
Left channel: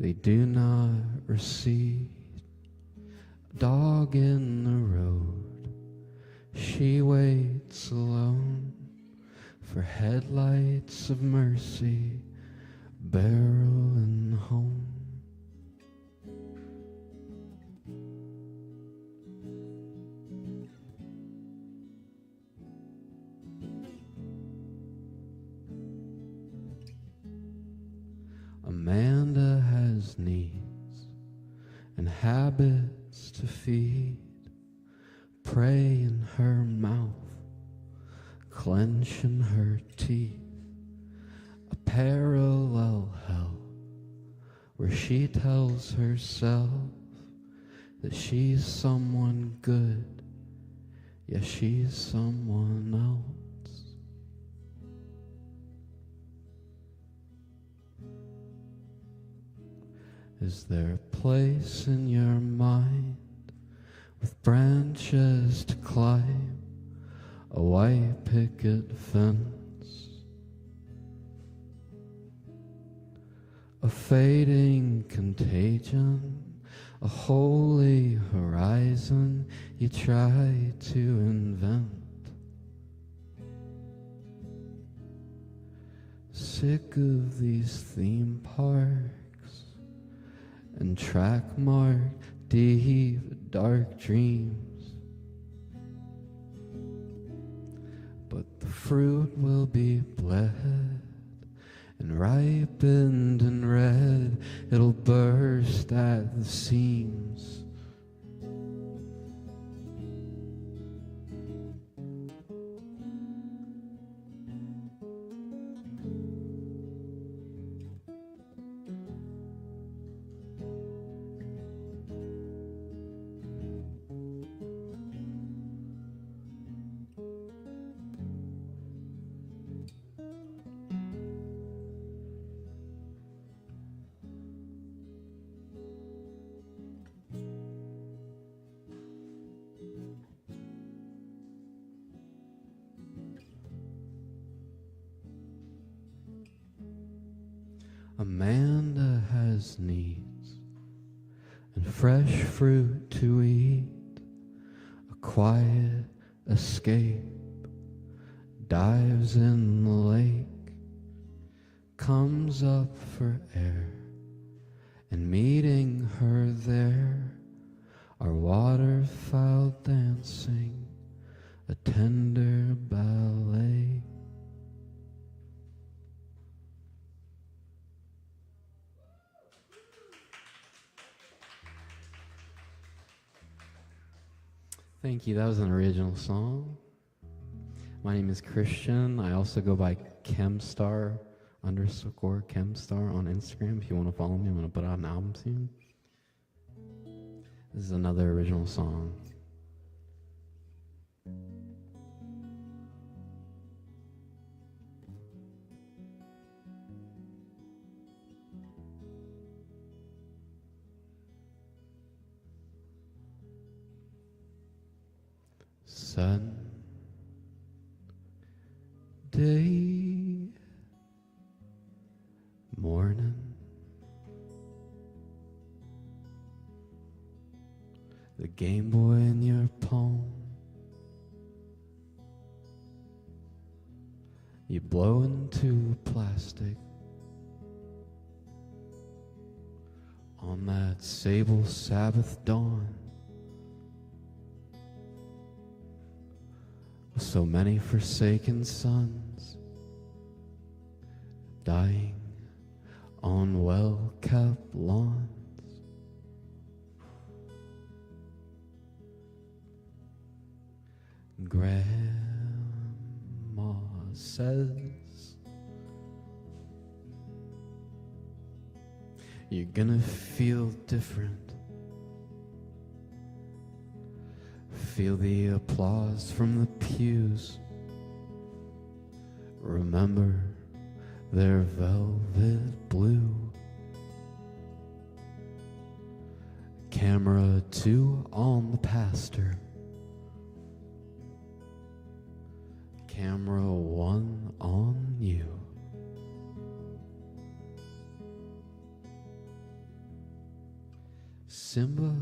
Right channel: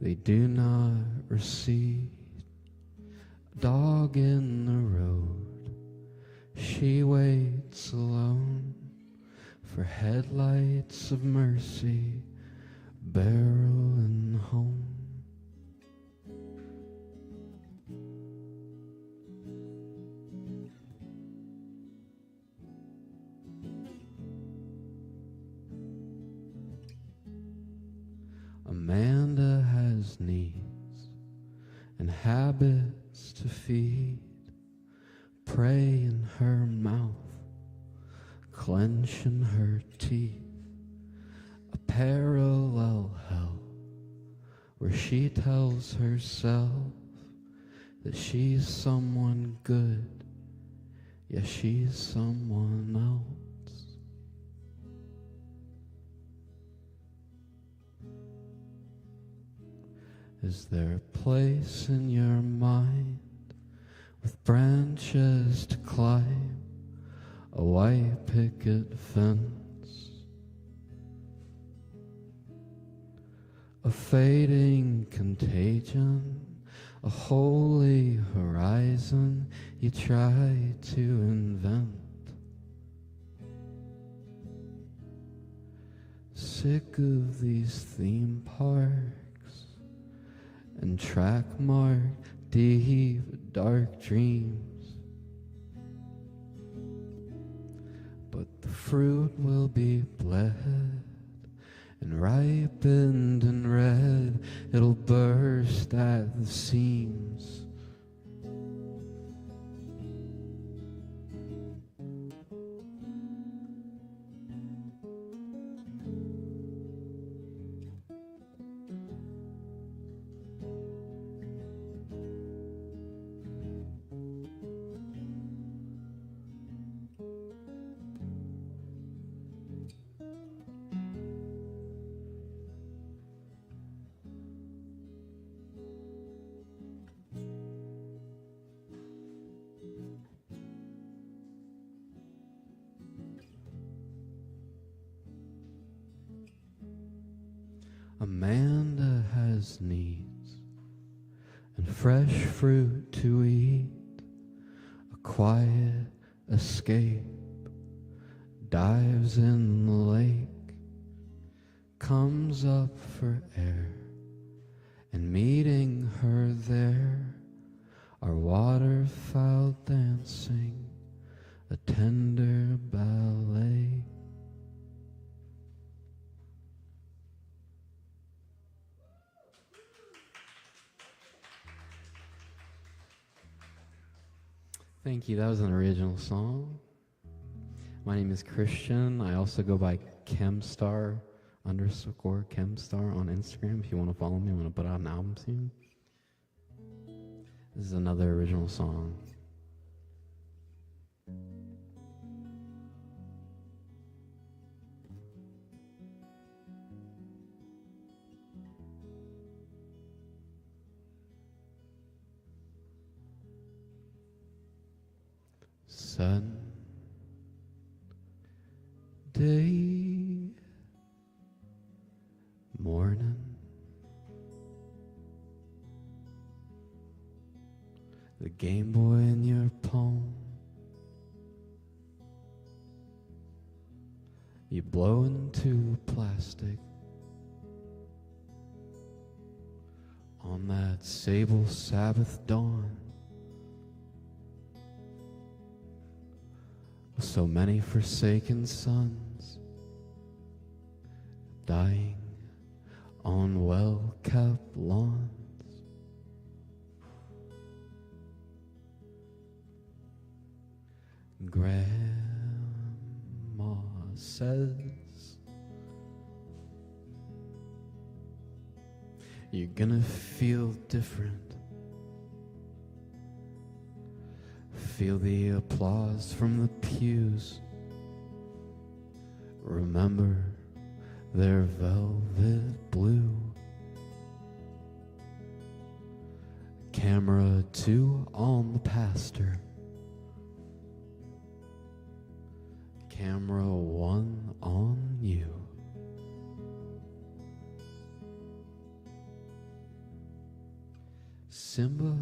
they do not recede. A dog in the road, she waits alone for headlights of mercy, barreling home. prey in her mouth, clenching her teeth, a parallel hell where she tells herself that she's someone good, yeah, she's someone else. Is there a place in your mind with branches to climb, a white picket fence, a fading contagion, a holy horizon you try to invent? Sick of these theme parks and track-marked deep dark dreams, but the fruit will be bled and ripened and red, it'll burst at the seams. Amanda has needs and fresh fruit to eat, a quiet escape, dives in the lake, comes up for air, and meeting her there are waterfowl dancing a tender ballet. Thank you. That was an original song. My name is Christian. I also go by Chemstar _Chemstar on Instagram. If you want to follow me, I'm going to put out an album soon. This is another original song. Sunday morning, the Game Boy in your palm, you blow into plastic on that sable Sabbath dawn. So many forsaken sons dying on well-kept lawns. Grandma says you're gonna feel different. Feel the applause from the pews. Remember their velvet blue. Camera 2 on the pastor. Camera 1 on you. Simba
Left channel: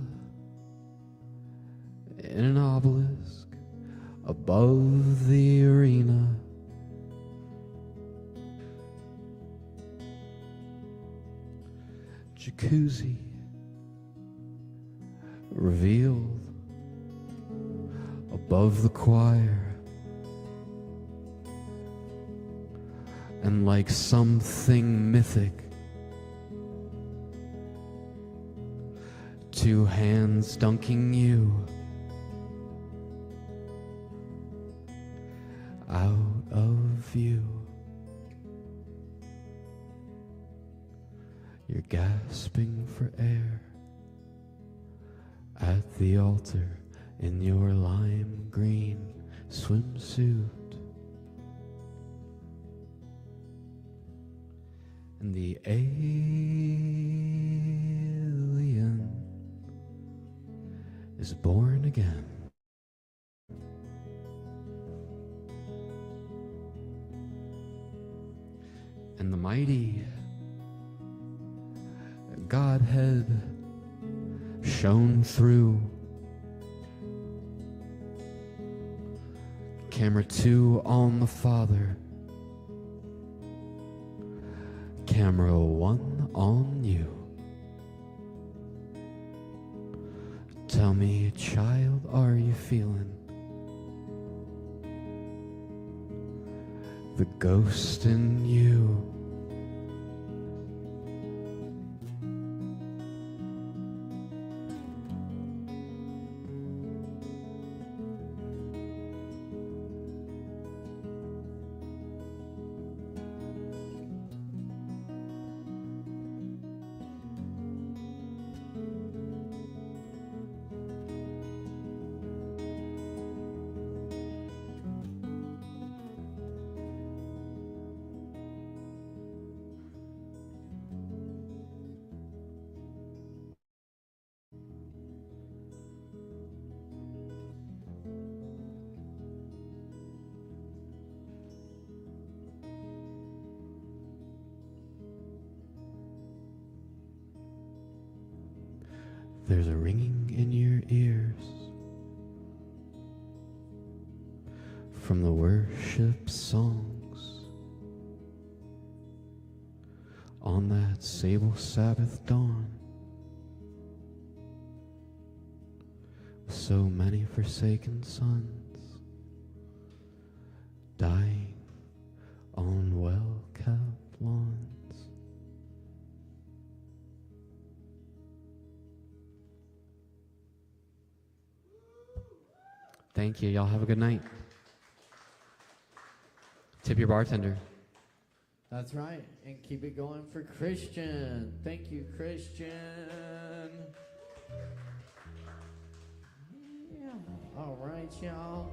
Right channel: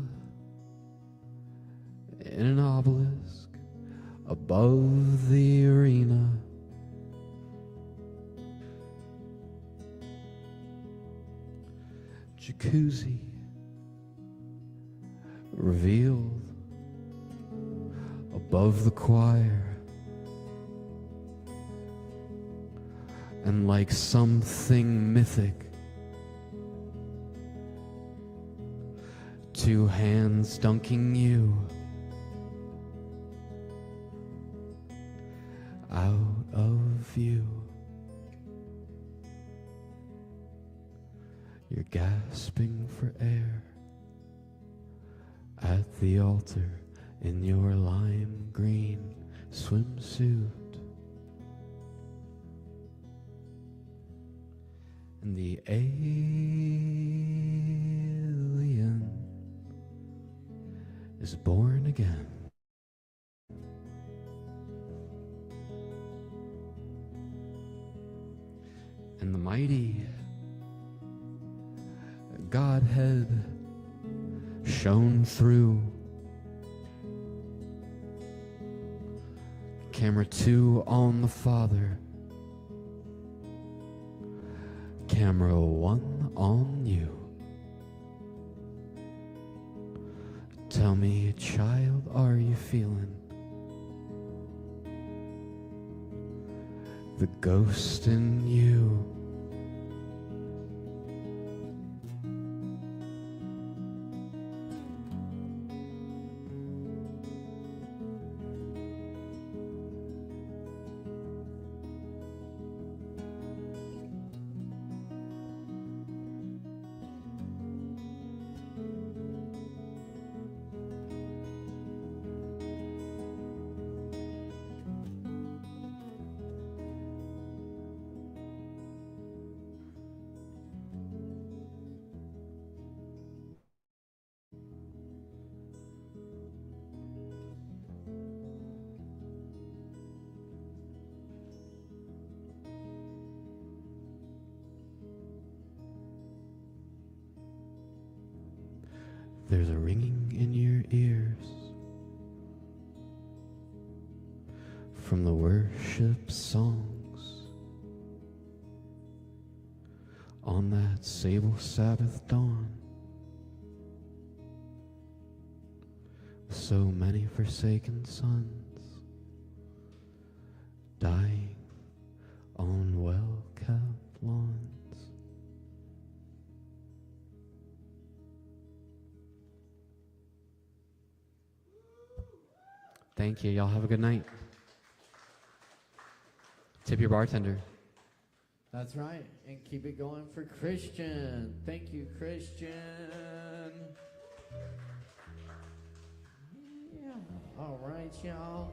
in an obelisk above the arena. Jacuzzi revealed above the choir. And like something mythic, 2 hands dunking you out of view. You're gasping for air at the altar in your lime green swimsuit. And the alien is born again. And the mighty Godhead shone through. Camera 2 on the Father. Camera 1 on you. Tell me, child, are you feeling the ghost in you? There's a ringing in your ears from the worship songs on that sable Sabbath dawn. So many forsaken sons dying on well-kept lawns. Thank you. Y'all have a good night. Tip your bartender. That's right. And keep it going for Christian. Thank you, Christian. Yeah. All right, y'all.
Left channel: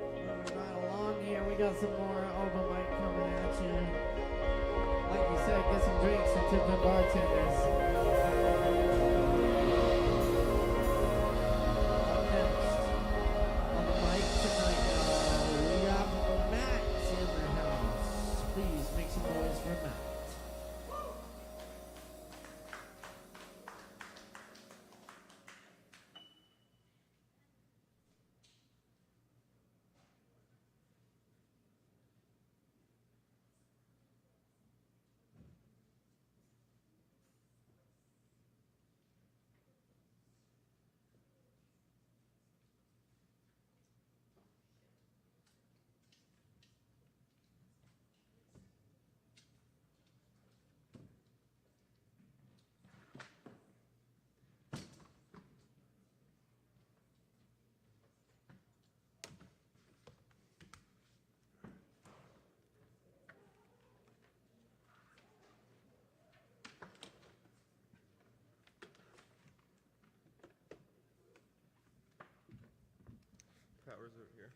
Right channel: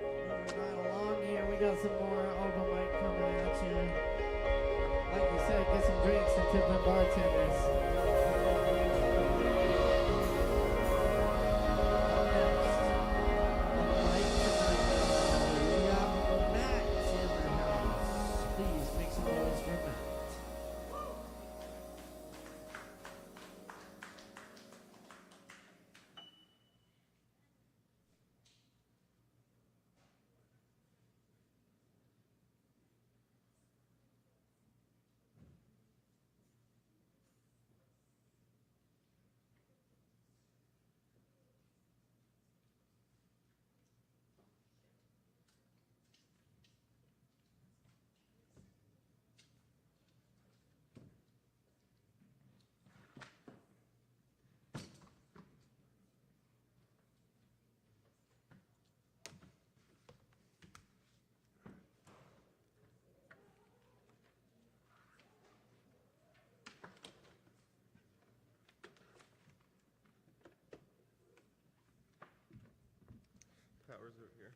Moving right along here. We got some more open mic coming at you. Like you said, get some drinks and tip your bartenders. Power's over here.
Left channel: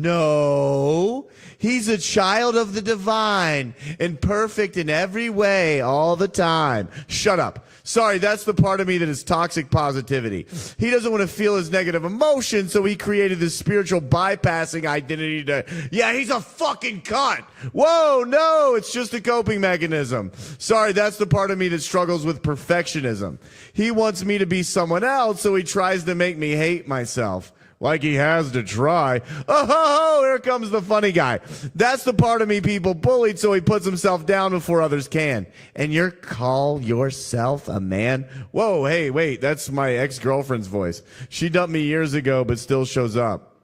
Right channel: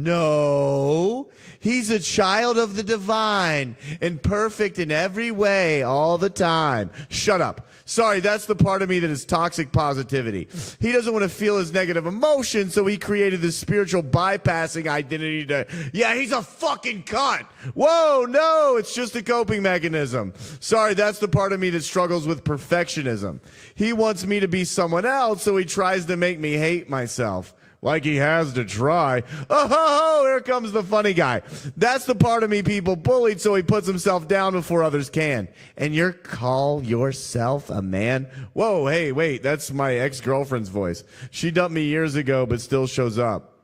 No, he's a child of the divine and perfect in every way all the time. Shut up. Sorry, that's the part of me that is toxic positivity. He doesn't want to feel his negative emotions, so he created this spiritual bypassing identity to, yeah, he's a fucking cunt. Whoa, no, it's just a coping mechanism. Sorry, that's the part of me that struggles with perfectionism. He wants me to be someone else, so he tries to make me hate myself. Like he has to try. Oh, here comes the funny guy. That's the part of me people bullied, so he puts himself down before others can. And you call yourself a man? Whoa, hey, wait, that's my ex-girlfriend's voice. She dumped me years ago, but still shows up.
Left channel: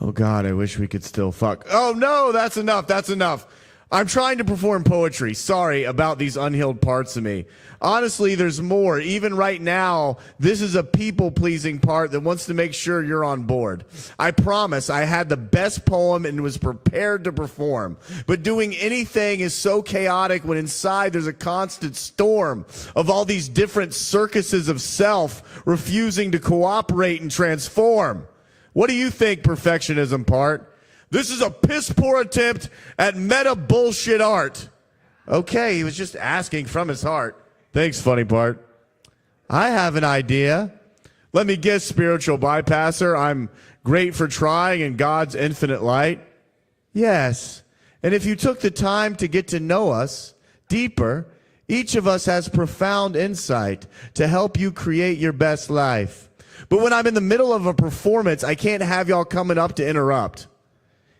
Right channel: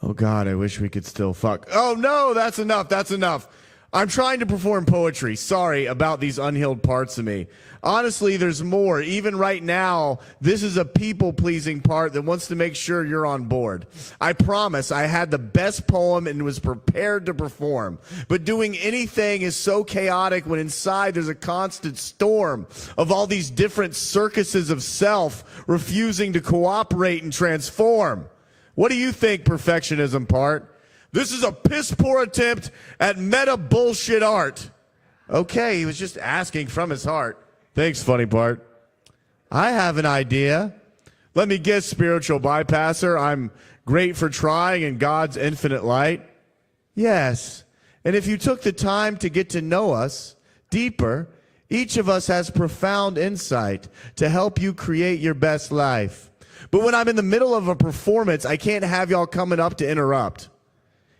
Oh, God, I wish we could still fuck. Oh, no, that's enough, that's enough. I'm trying to perform poetry. Sorry about these unhealed parts of me. Honestly, there's more. Even right now, this is a people-pleasing part that wants to make sure you're on board. I promise I had the best poem and was prepared to perform. But doing anything is so chaotic when inside there's a constant storm of all these different circuses of self refusing to cooperate and transform. What do you think, perfectionism part? This is a piss-poor attempt at meta bullshit art. Okay, he was just asking from his heart. Thanks, funny part. I have an idea. Let me guess, spiritual bypasser. I'm great for trying in God's infinite light. Yes, and if you took the time to get to know us deeper, each of us has profound insight to help you create your best life. But when I'm in the middle of a performance, I can't have y'all coming up to interrupt.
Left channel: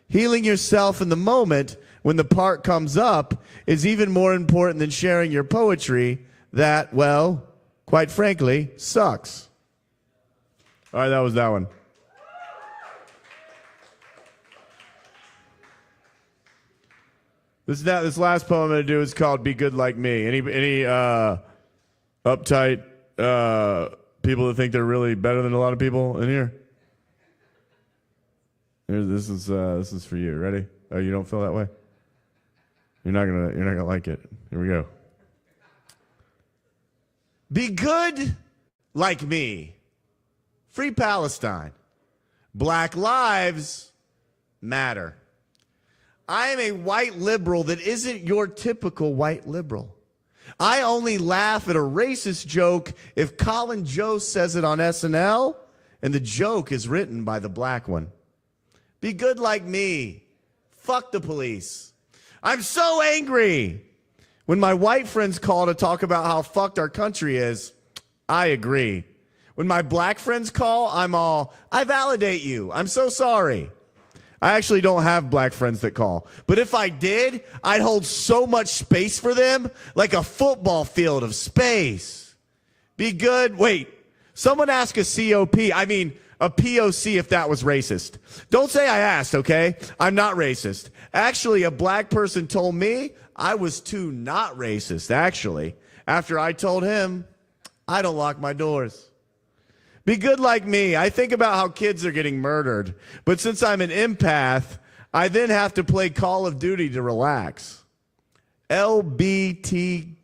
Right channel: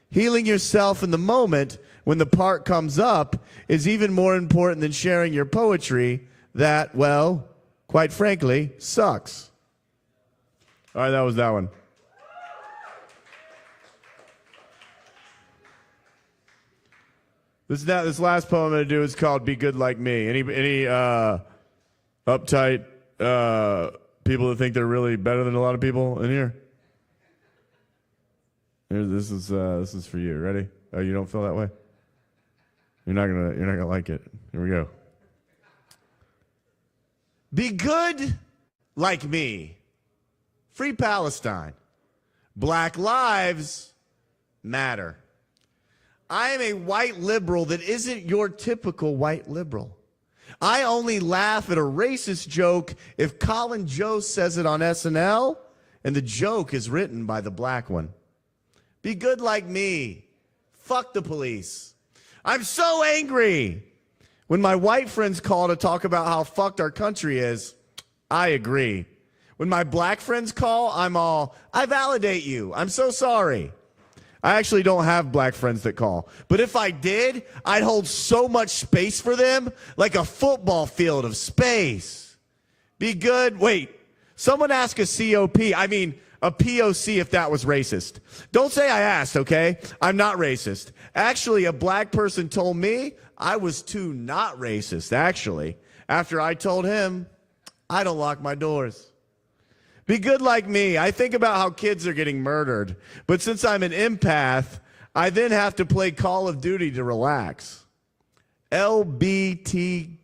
Healing yourself in the moment when the part comes up is even more important than sharing your poetry that, well, quite frankly, sucks. All right, that was that one. This last poem I'm going to do is called Be Good Like Me. Any uptight people that think they're really better than a lot of people in here? This is for you. Ready? Oh, you don't feel that way? You're not gonna like it. Here we go. Be good like me. Free Palestine. Black lives matter. I am a white liberal that isn't your typical white liberal. I only laugh at a racist joke if Colin Jost says it on SNL and the joke is written by the black one. Be good like me. Fuck the police. I'm so angry. When my white friends call to talk about how fucked our country is, I agree. When my black friends call, I'm all, I validate you. I'm so sorry. I actually don't have black friends that call. But if I did, I'd hold so much space for them, like a football field of space. Be good. Wait, someone ask a a POC if that was racist. Don't say I asked, okay? I'm not racist. Actually, a black person told me I was too not racist, actually. After I told him, I don't lock my doors. Be good like me. I think about how kids are getting murdered. But since I'm an empath, I then have to play Call of Duty to relax. LBGTQ.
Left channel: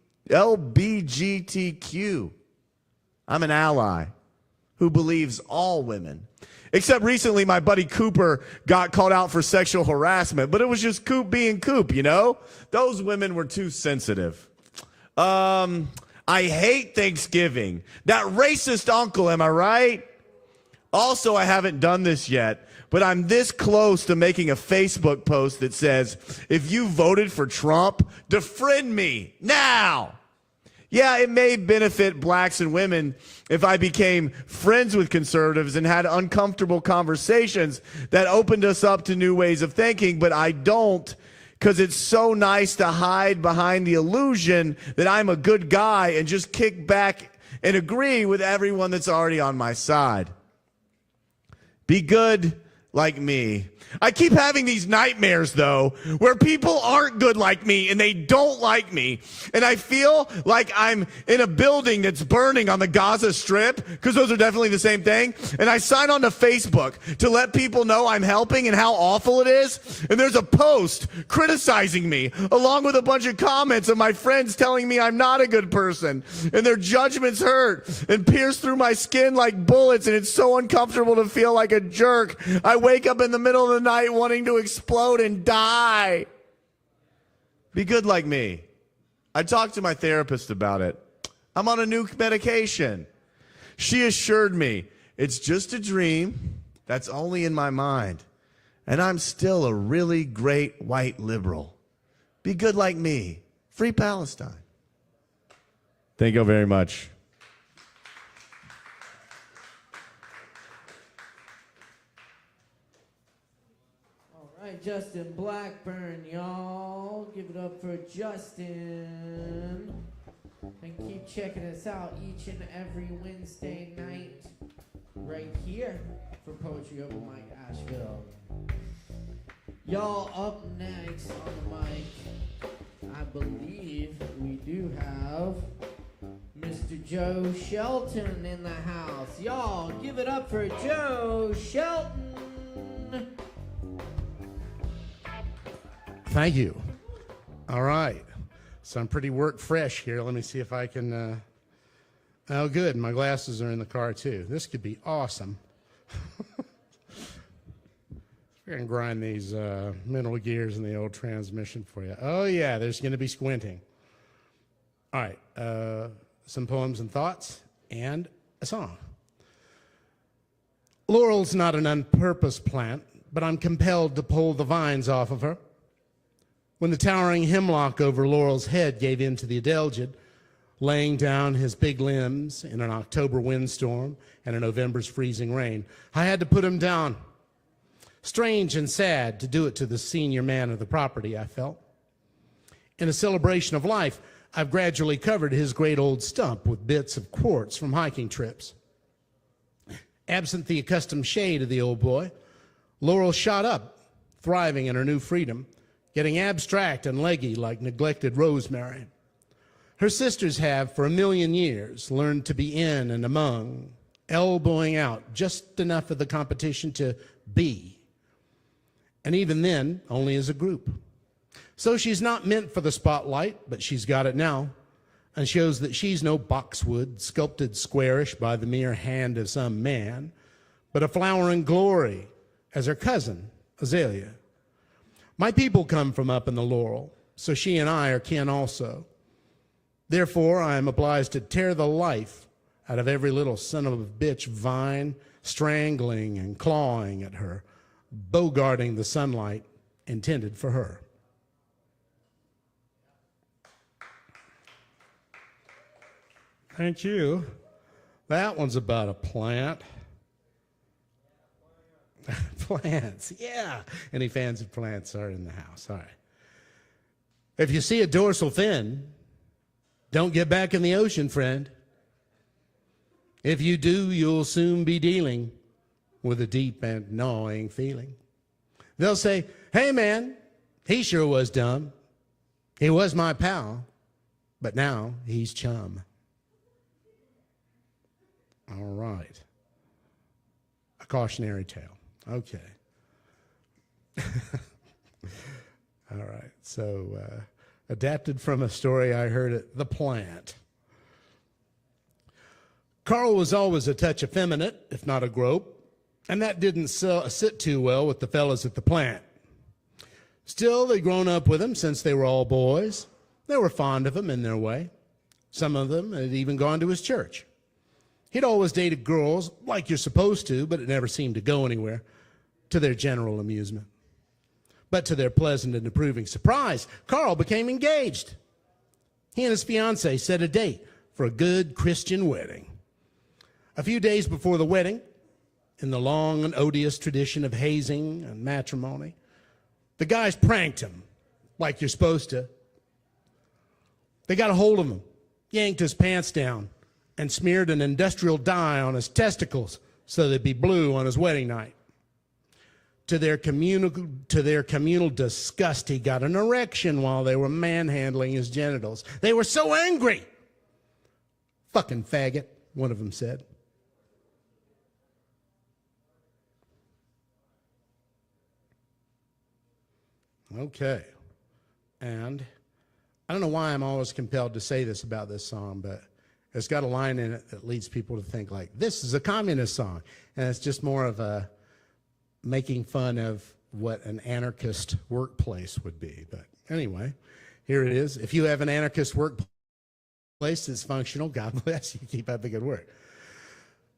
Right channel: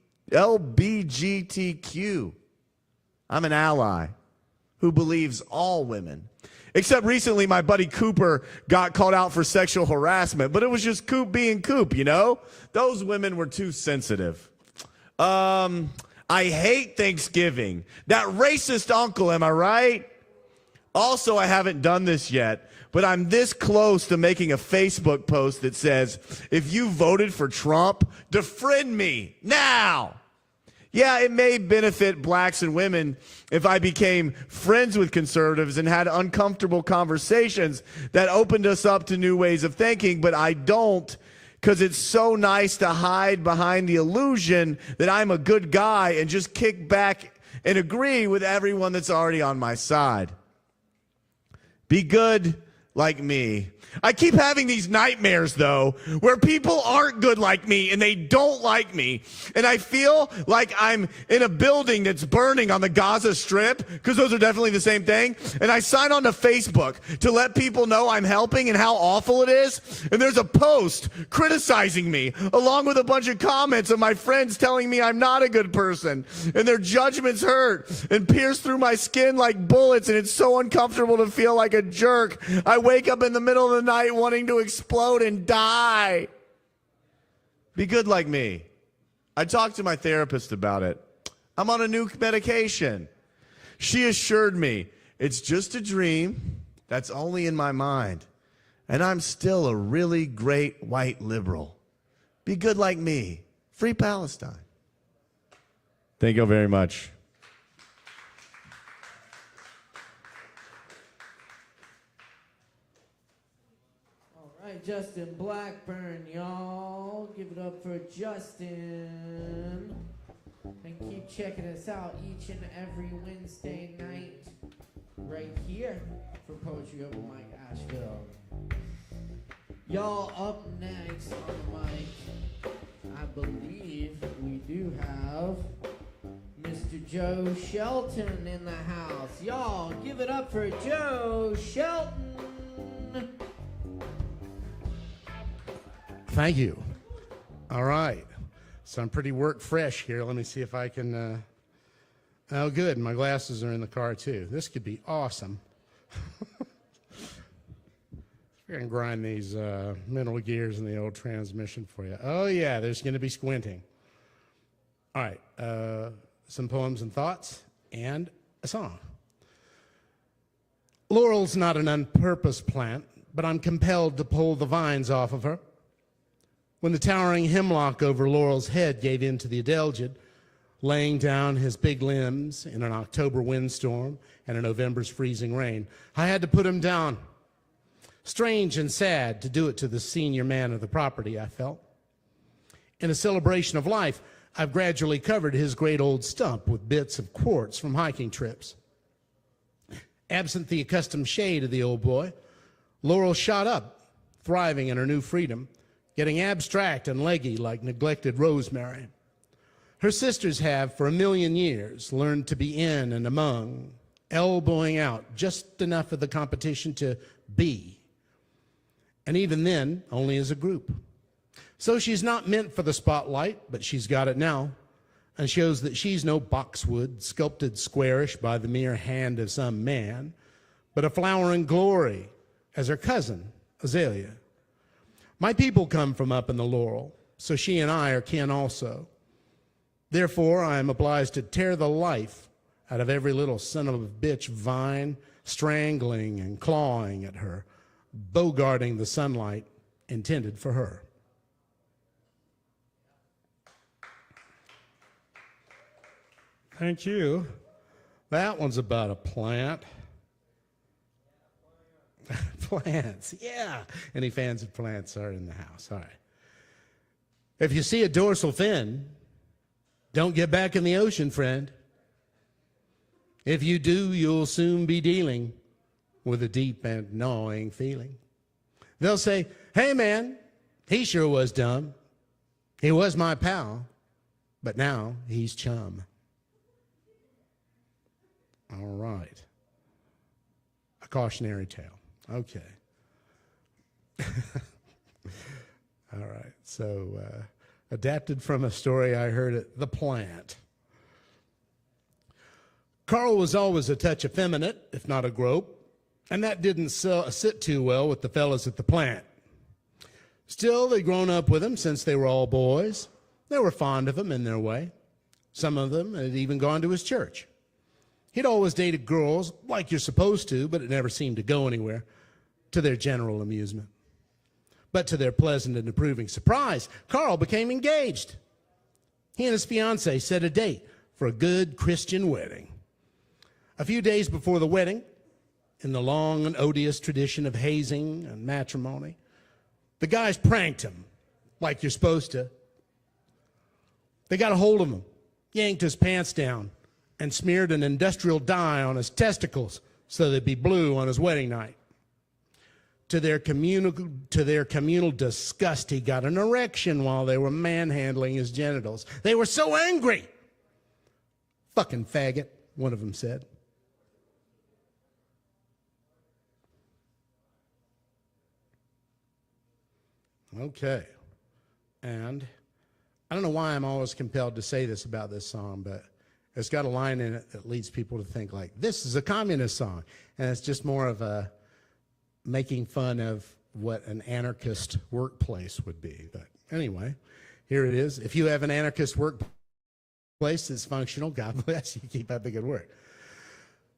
I'm an ally who believes all women. Except recently my buddy Cooper got called out for sexual harassment, but it was just Coop being Coop, you know? Those women were too sensitive. I hate Thanksgiving. That racist uncle, am I right? Also, I haven't done this yet, but I'm this close to making a Facebook post that says, if you voted for Trump, defriend me now. Yeah, it may benefit blacks and women if I became friends with conservatives and had uncomfortable conversations that opened us up to new ways of thinking, but I don't, because it's so nice to hide behind the illusion that I'm a good guy and just kick back and agree with everyone that's already on my side. Be good like me. I keep having these nightmares, though, where people aren't good like me and they don't like me. And I feel like I'm in a building that's burning on the Gaza Strip, because those are definitely the same thing. And I sign on to Facebook to let people know I'm helping and how awful it is. And there's a post criticizing me, along with a bunch of comments of my friends telling me I'm not a good person. And their judgments hurt and pierce through my skin like bullets. And it's so uncomfortable to feel like a jerk. I wake up in the middle of the night wanting to explode and die. Be good like me. I talked to my therapist about it. I'm on a new medication. She assured me it's just a dream that's only in my mind. And I'm still a really great white liberal. Be good like me. Free Palestine. Thank you very much. All right, Justin Blackburn, y'all. Give it up for Justin. And keep checking us out each and every Wednesday night right here for Poetry Open Mic Asheville. Y'all, up next on the mic, I believe we do have Mr. Joe Shelton in the house. Y'all, give it up for Joe Shelton. Thank you. All right. So I'm pretty work fresh here. Let me see if I can. Oh, good. My glasses are in the car, too. This could be awesome. We're going to grind these mental gears in the old transmission for you. Oh, yeah, there's going to be squinting. All right. Some poems and thoughts and a song. Laurel's not an unpurposed plant, but I'm compelled to pull the vines off of her. When the towering hemlock over Laurel's head gave in to the adelgid, laying down his big limbs in an October windstorm and a November's freezing rain, I had to put him down. Strange and sad to do it to the senior man of the property, I felt. In a celebration of life, I've gradually covered his great old stump with bits of quartz from hiking trips. Absent the accustomed shade of the old boy, Laurel shot up, thriving in her new freedom, getting abstract and leggy like neglected rosemary. Her sisters have, for 1,000,000 years, learned to be in and among, elbowing out just enough of the competition to be. And even then, only as a group. So she's not meant for the spotlight, but she's got it now, and shows that she's no boxwood, sculpted squarish by the mere hand of some man, but a flower in glory, as her cousin, Azalea. My people come from up in the laurel, so she and I are kin also. Therefore, I am obliged to tear the life out of every little son of a bitch vine, strangling and clawing at her, bogarting the sunlight intended for her. Thank you. That one's about a plant. Plants, yeah. Any fans of plants are in the house. All right. If you see a dorsal fin, don't get back in the ocean, friend. If you do, you'll soon be dealing with a deep and gnawing feeling. They'll say, hey, man, he sure was dumb. He was my pal, but now he's chum. All right. A cautionary tale. Okay. All right. So, adapted from a story I heard at The Plant. Carl was always a touch effeminate, if not a grope, and that didn't sit too well with the fellas at the plant. Still, they'd grown up with him since they were all boys. They were fond of him in their way. Some of them had even gone to his church. He'd always dated girls, like you're supposed to, but it never seemed to go anywhere, to their general amusement. But to their pleasant and approving surprise, Carl became engaged. He and his fiancée set a date for a good Christian wedding. A few days before the wedding, in the long and odious tradition of hazing and matrimony, the guys pranked him, like you're supposed to. They got a hold of him, yanked his pants down, and smeared an industrial dye on his testicles so they'd be blue on his wedding night. To their communal disgust, he got an erection while they were manhandling his genitals. They were so angry. Fucking faggot, one of them said. Okay. And I don't know why I'm always compelled to say this about this song, but it's got a line in it that leads people to think like, this is a communist song. And it's just more of a making fun of what an anarchist workplace would be. But anyway, here it is. If you have an anarchist workplace that's functional, God bless you. Keep up the good work.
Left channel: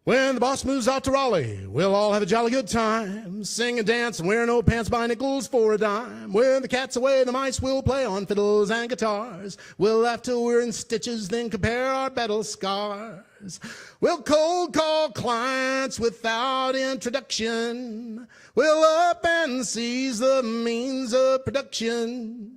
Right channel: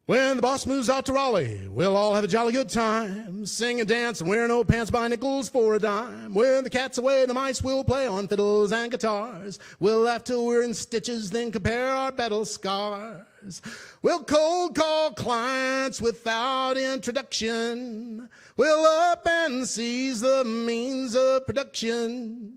When the boss moves out to Raleigh, we'll all have a jolly good time. Sing and dance and wear no pants, buy nickels for a dime. When the cat's away, the mice will play on fiddles and guitars. We'll laugh till we're in stitches, then compare our battle scars. We'll cold call clients without introduction. We'll up and seize the means of production.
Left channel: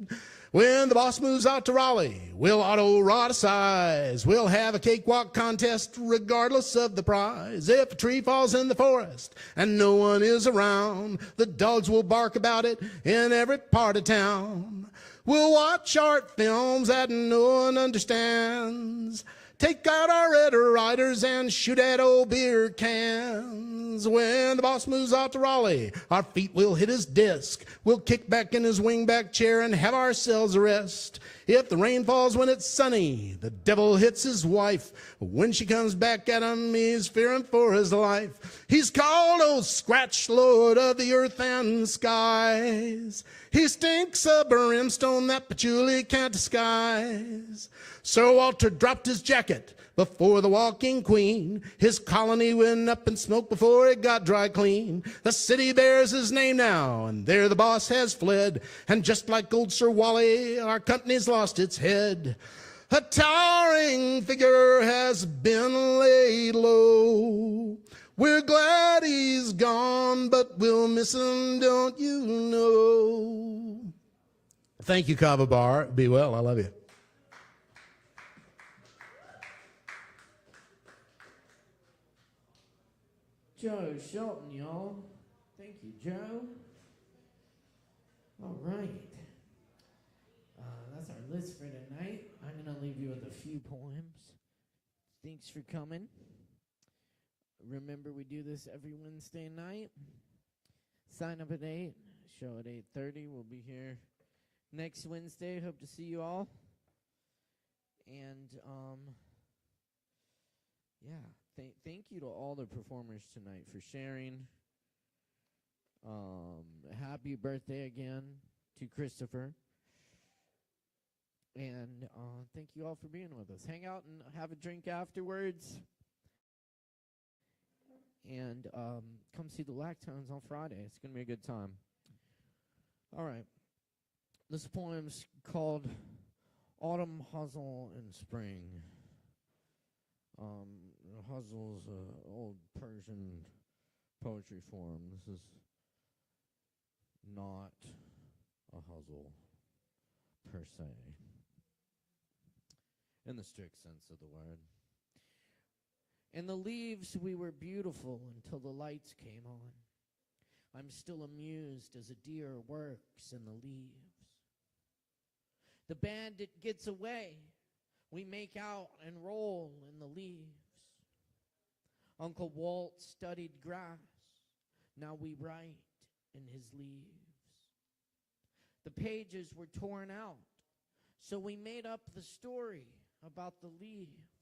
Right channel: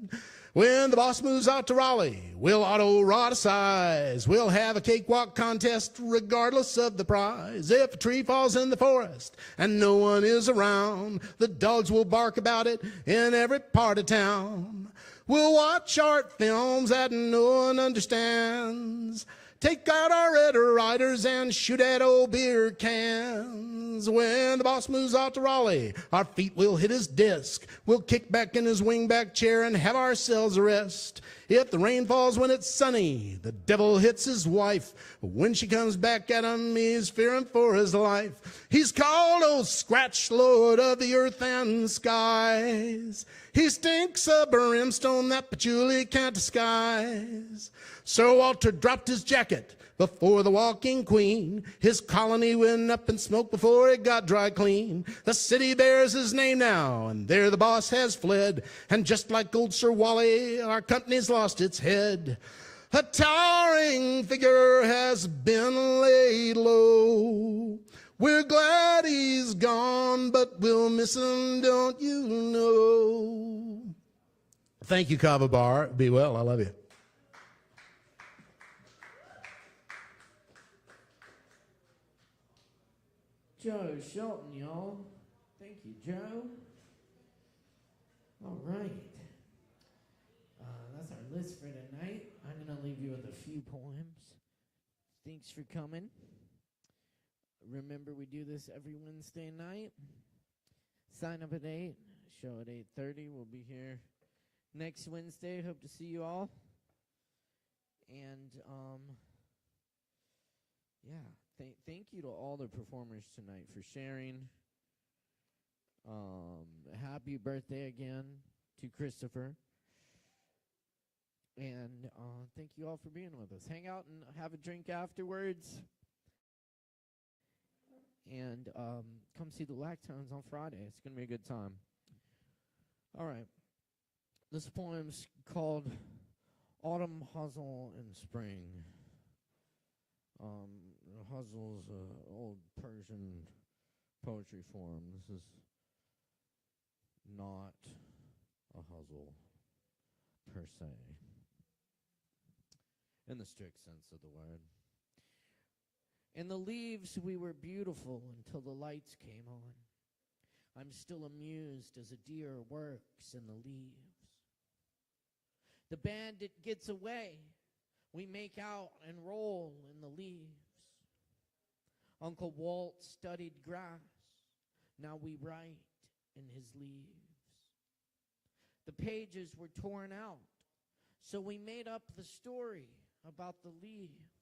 When the boss moves out to Raleigh, we'll auto-rodicize. We'll have a cakewalk contest regardless of the prize. If a tree falls in the forest and no one is around, the dogs will bark about it in every part of town. We'll watch art films that no one understands. Take out our Red Riders and shoot at old beer cans. When the boss moves out to Raleigh, our feet will hit his desk. We'll kick back in his wingback chair and have ourselves a rest. If the rain falls when it's sunny, the devil hits his wife. When she comes back at him, he's fearing for his life. He's called old Scratch, Lord of the earth and skies. He stinks of brimstone that patchouli can't disguise. Sir Walter dropped his jacket before the walking queen. His colony went up in smoke before it got dry clean. The city bears his name now, and there the boss has fled. And just like old Sir Wally, our company's lost its head. A towering figure has been laid low. We're glad he's gone, but we'll miss him, don't you know? Thank you, Kava Bar. Be well. I love you. Joe Shelton, y'all. Thank you, Joe. All right. That's our list for tonight. I'm going to leave you with a few poems. Thanks for coming. Remember, we do this every Wednesday night. Sign up at 8, show at 8:30. We'll be here next Wednesday. Hope to see you all. And, yeah. Thank you to all the performers tonight for sharing. Happy birthday again to Christopher. And thank you all for being with us. Hang out and have a drink afterwards. And come see the Lactones on Friday. It's going to be a good time. All right. This poem's called Autumn, Hustle, and Spring. Hustle is an old Persian poetry form. This is not a hustle per se, in the strict sense of the word. In the leaves we were beautiful until the lights came on. I'm still amused as a deer works in the leaves. The bandit gets away. We make out and roll in the leaves. Uncle Walt studied grass. Now we write in his leaves. The pages were torn out, so we made up the story about the leaves.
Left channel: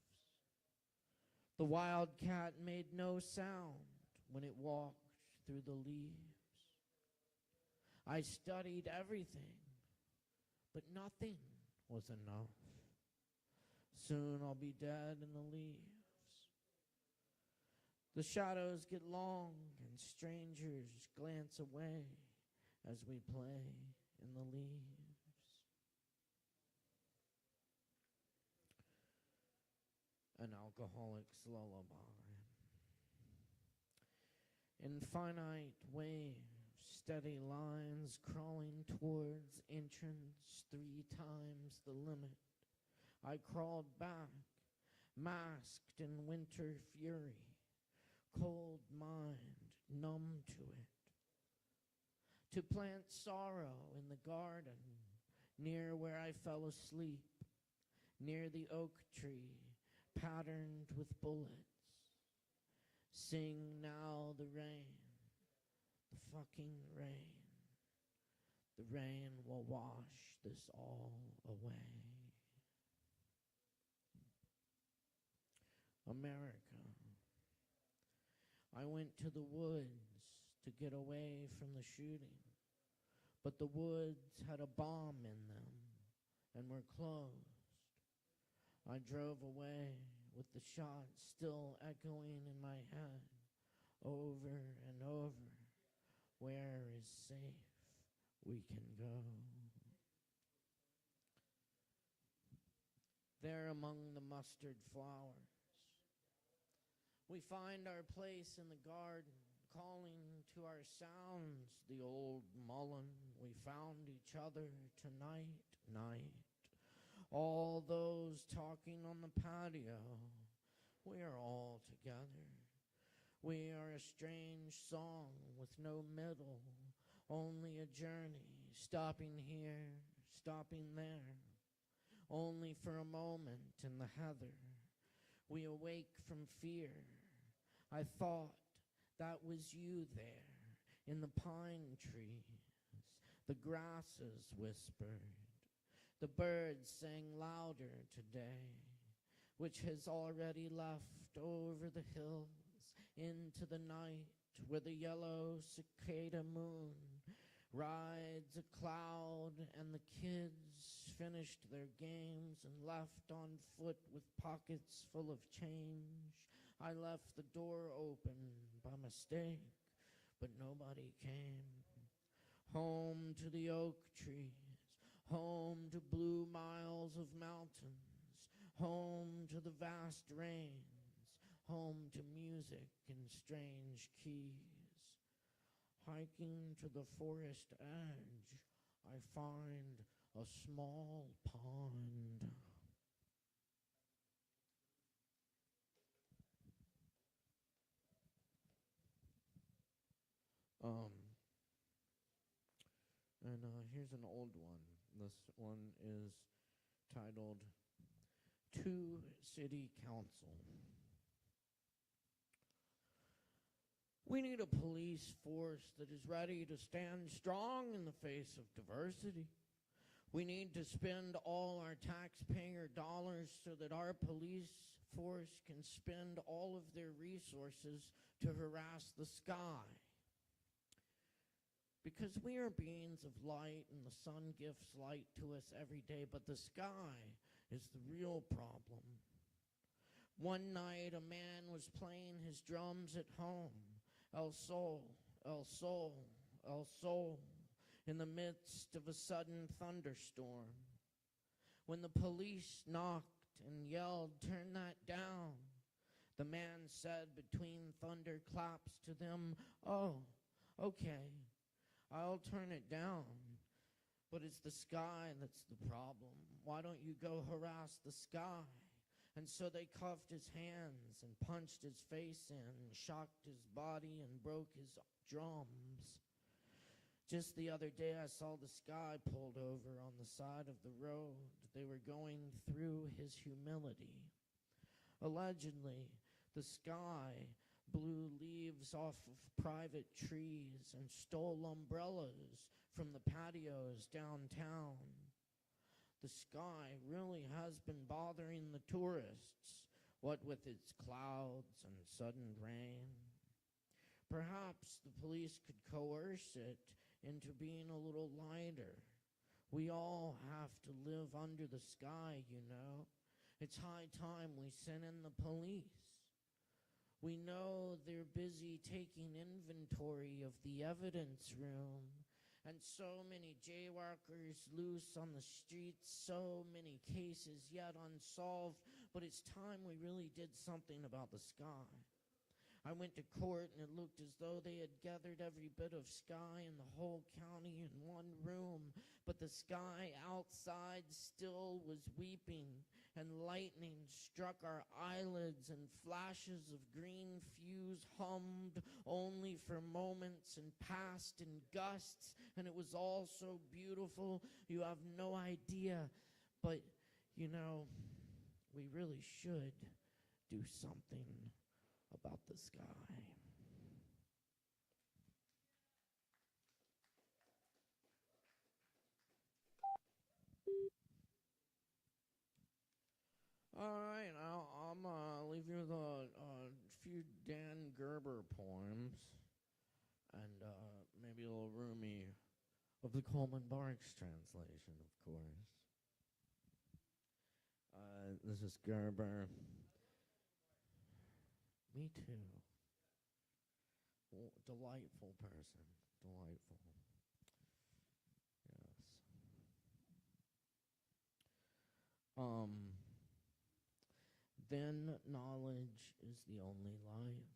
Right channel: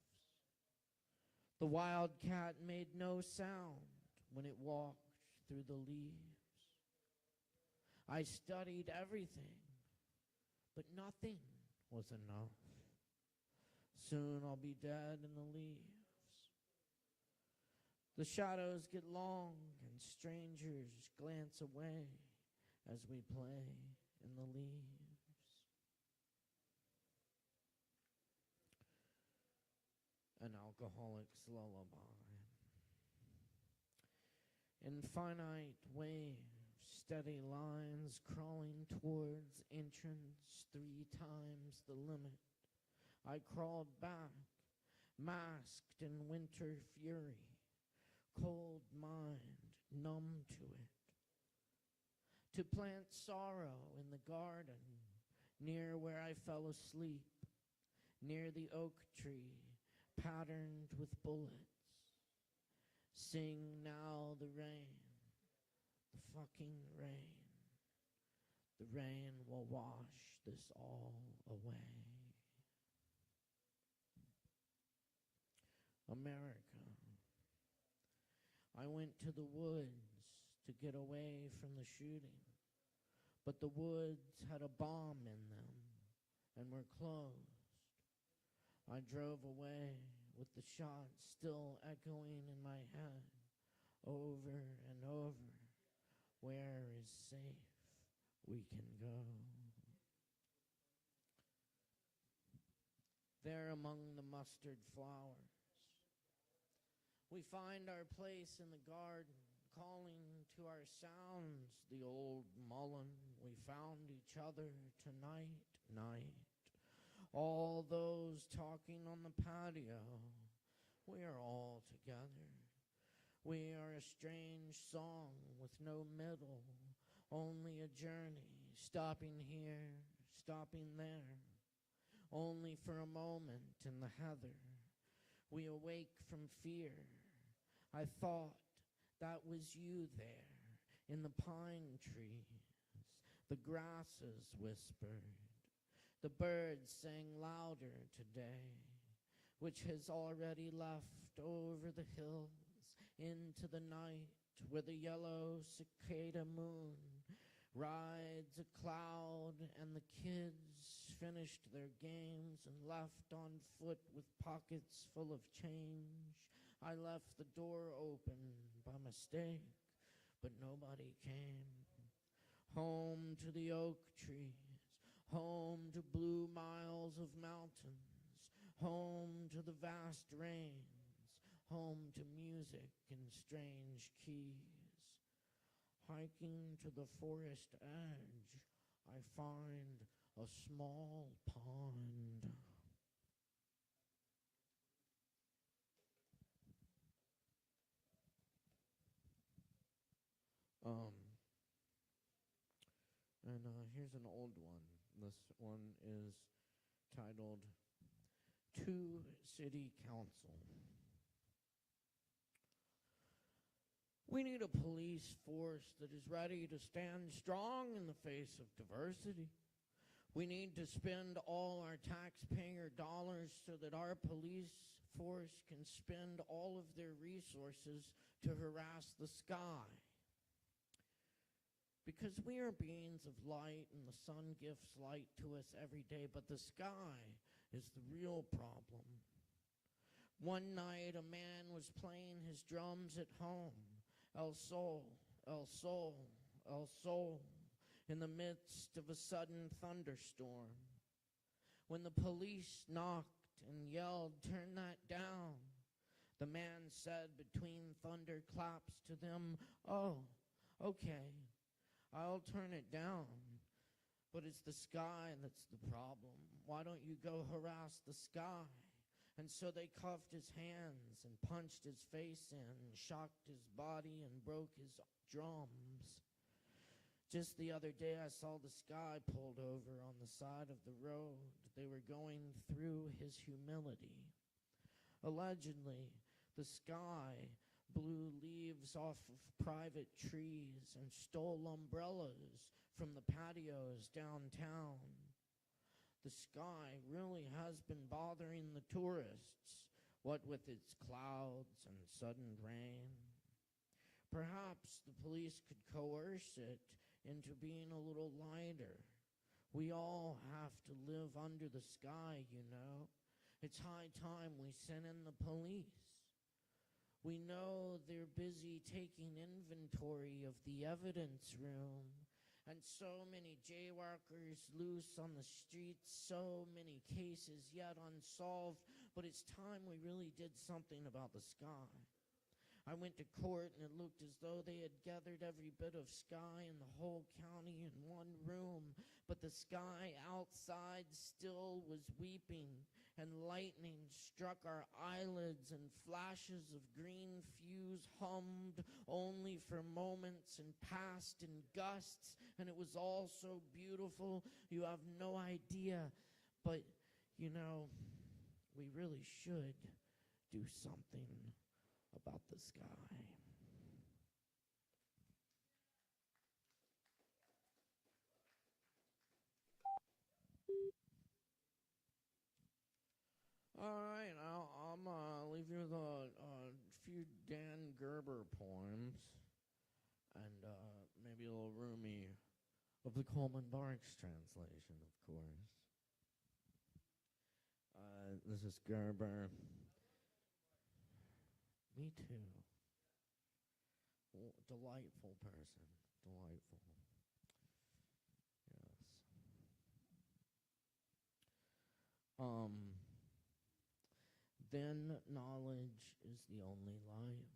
The wildcat made no sound when it walked through the leaves. I studied everything, but nothing was enough. Soon I'll be dead in the leaves. The shadows get long and strangers glance away as we play in the leaves. An alcoholic's lullaby. Infinite waves, steady lines crawling towards entrance 3 times the limit. I crawled back, masked in winter fury. Cold mind, numb to it. To plant sorrow in the garden, near where I fell asleep, near the oak tree, patterned with bullets. Sing now the rain, the fucking rain. The rain will wash this all away. America. I went to the woods to get away from the shooting. But the woods had a bomb in them and were closed. I drove away with the shot still echoing in my head over and over. Where is safe? We can go. There among the mustard flowers, we find our place in the garden, calling to our sounds the old mullen. We found each other tonight, night. All those talking on the patio, we are all together. We are a strange song with no middle, only a journey, stopping here, stopping there, only for a moment in the heather. We awake from fear. I thought that was you there in the pine trees. The grasses whispered. The birds sang louder today, which has already left over the hills into the night where the yellow cicada moon rides a cloud, and the kids finished their games and left on foot with pockets full of change. I left the door open by mistake, but nobody came. Home to the oak trees, home to blue miles of mountains, home to the vast rains, home to music in strange keys. Hiking to the forest edge, I find a small pond. Here's an old one. This one is titled To City Council. We need a police force that is ready to stand strong in the face of diversity. We need to spend all our taxpayer dollars so that our police force can spend all of their resources to harass the sky. Because we are beings of light and the sun gives light to us every day, but the sky is the real problem. One night a man was playing his drums at home. El Sol, El Sol, El Sol, in the midst of a sudden thunderstorm. When the police knocked and yelled, "Turn that down," the man said between thunderclaps to them, "Oh, okay, I'll turn it down, but it's the sky that's the problem. Why don't you go harass the sky?" And so they cuffed his hands and punched his face in, shocked his body and broke his drums. Just the other day I saw the sky pulled over on the side of the road. They were going through his humility. Allegedly, the sky blew leaves off of private trees and stole umbrellas from the patios downtown. The sky really has been bothering the tourists, what with its clouds and sudden rain. Perhaps the police could coerce it into being a little lighter. We all have to live under the sky, you know. It's high time we sent in the police. We know they're busy taking inventory of the evidence room, and so many jaywalkers loose on the streets, so many cases yet unsolved, but it's time we really did something about the sky. I went to court and it looked as though they had gathered every bit of sky in the whole county in one room, but the sky outside still was weeping, and lightning struck our eyelids, and flashes of green fuse hummed only for moments and passed in gusts, and it was all so beautiful, you have no idea. But, you know, we really should do something about the sky. All right, now I'm leave you with a few Dan Gerber poems, and maybe a little roomy of the Coleman Barks translation, of course. This is Gerber. Me too. Oh, delightful person. Delightful. Yes. Then knowledge is the only life.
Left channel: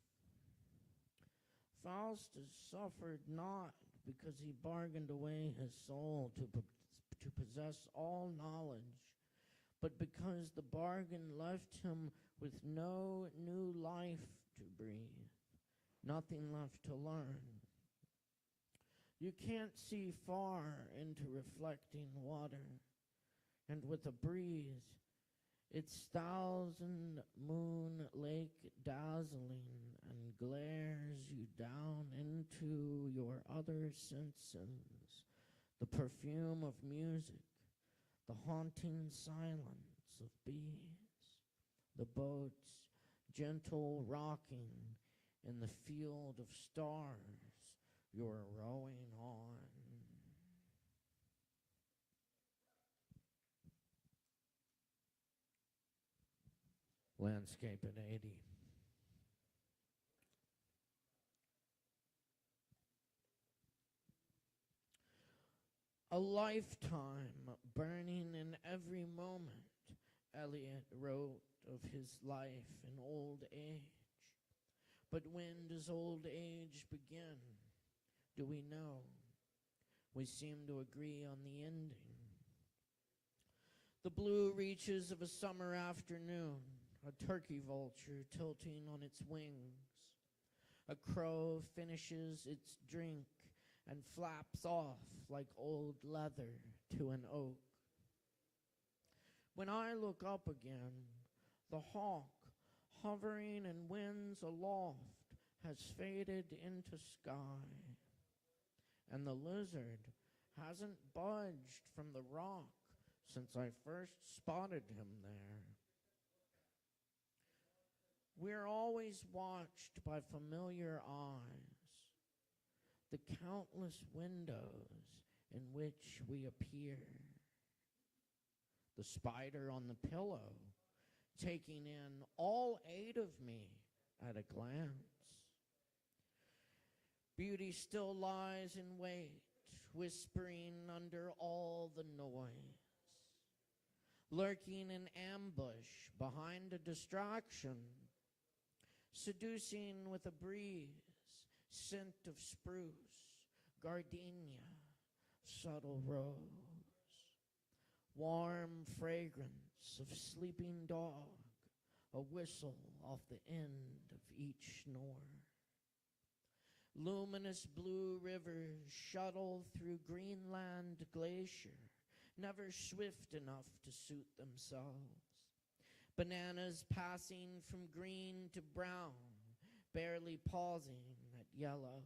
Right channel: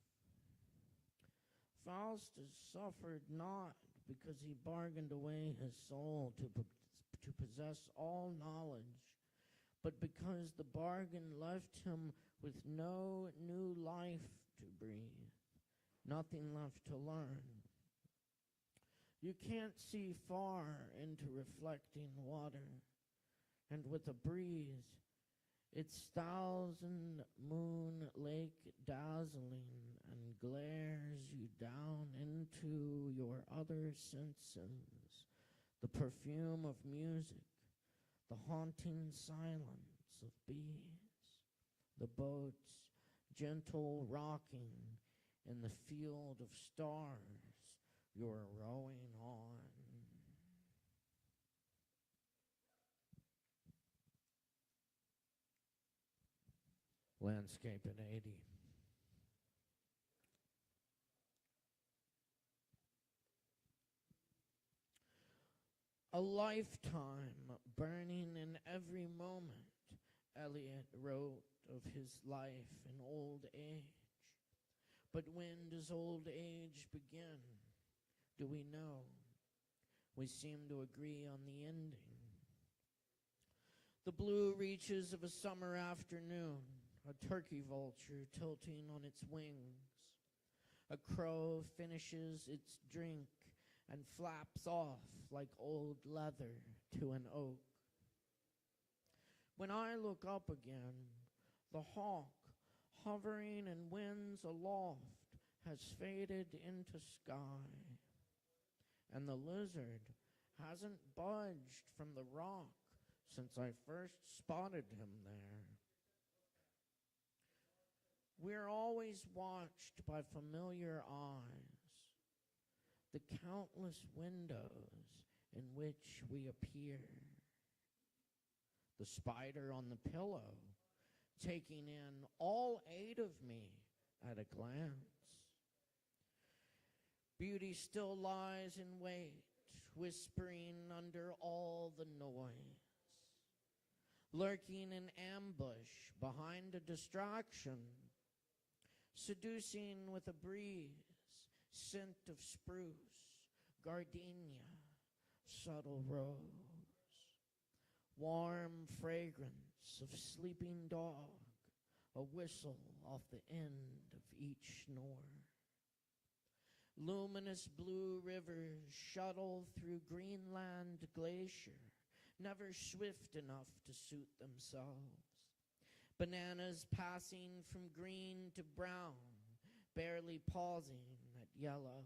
Faustus suffered not because he bargained away his soul to possess all knowledge, but because the bargain left him with no new life to breathe, nothing left to learn. You can't see far into reflecting water, and with a breeze, its thousand-moon lake dazzling and glares you down into your other senses, the perfume of music, the haunting silence of bees, the boat's gentle rocking in the field of stars you're rowing on. Landscape in 80. A lifetime burning in every moment, Eliot wrote of his life in old age. But when does old age begin? Do we know? We seem to agree on the ending. The blue reaches of a summer afternoon, a turkey vulture tilting on its wings. A crow finishes its drink and flaps off like old leather to an oak. When I look up again, the hawk, hovering in winds aloft, has faded into sky, and the lizard hasn't budged from the rock since I first spotted him there. We're always watched by familiar eyes, the countless windows in which we appear. The spider on the pillow, taking in all 8 of me at a glance. Beauty still lies in wait, whispering under all the noise, lurking in ambush behind a distraction, seducing with a breeze, scent of spruce, gardenia, subtle rose, warm fragrance of sleeping dog, a whistle off the end of each snore. Luminous blue rivers shuttle through Greenland glacier, never swift enough to suit themselves. Bananas passing from green to brown, barely pausing at yellow.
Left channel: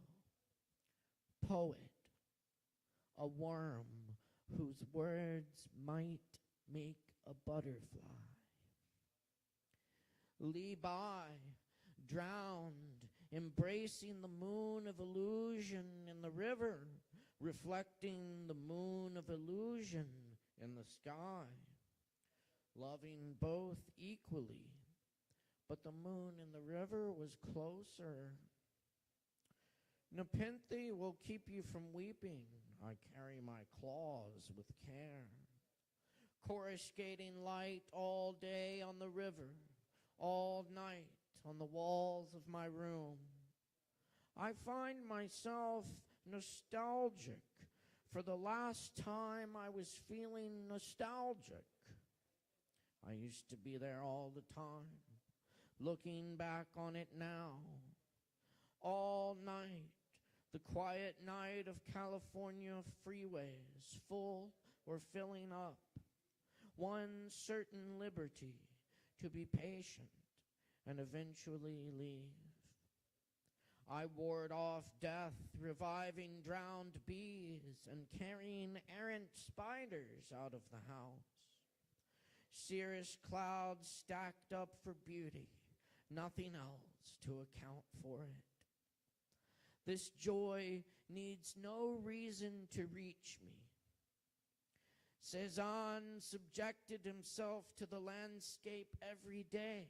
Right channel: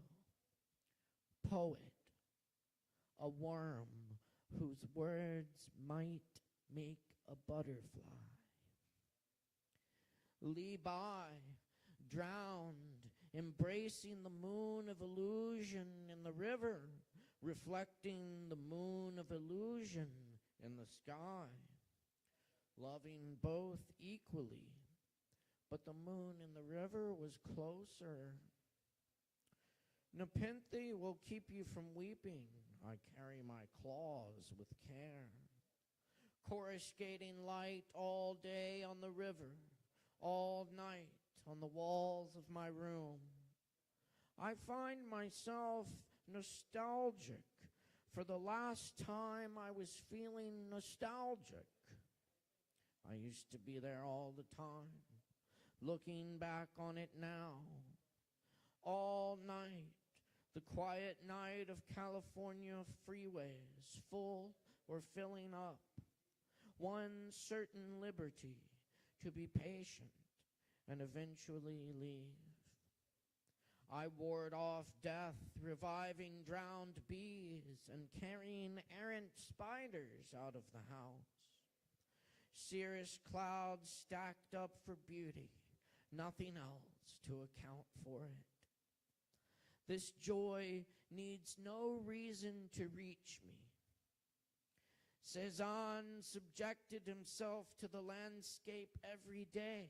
Poet, a worm whose words might make a butterfly. Lee by, drowned, embracing the moon of illusion in the river, reflecting the moon of illusion in the sky, loving both equally, but the moon in the river was closer. Nepenthe will keep you from weeping. I carry my claws with care. Coruscating light all day on the river, all night on the walls of my room. I find myself nostalgic for the last time I was feeling nostalgic. I used to be there all the time, looking back on it now. All night, the quiet night of California freeways, full or filling up. One certain liberty, to be patient and eventually leave. I ward off death, reviving drowned bees and carrying errant spiders out of the house. Cirrus clouds stacked up for beauty, nothing else to account for it. This joy needs no reason to reach me. Cezanne subjected himself to the landscape every day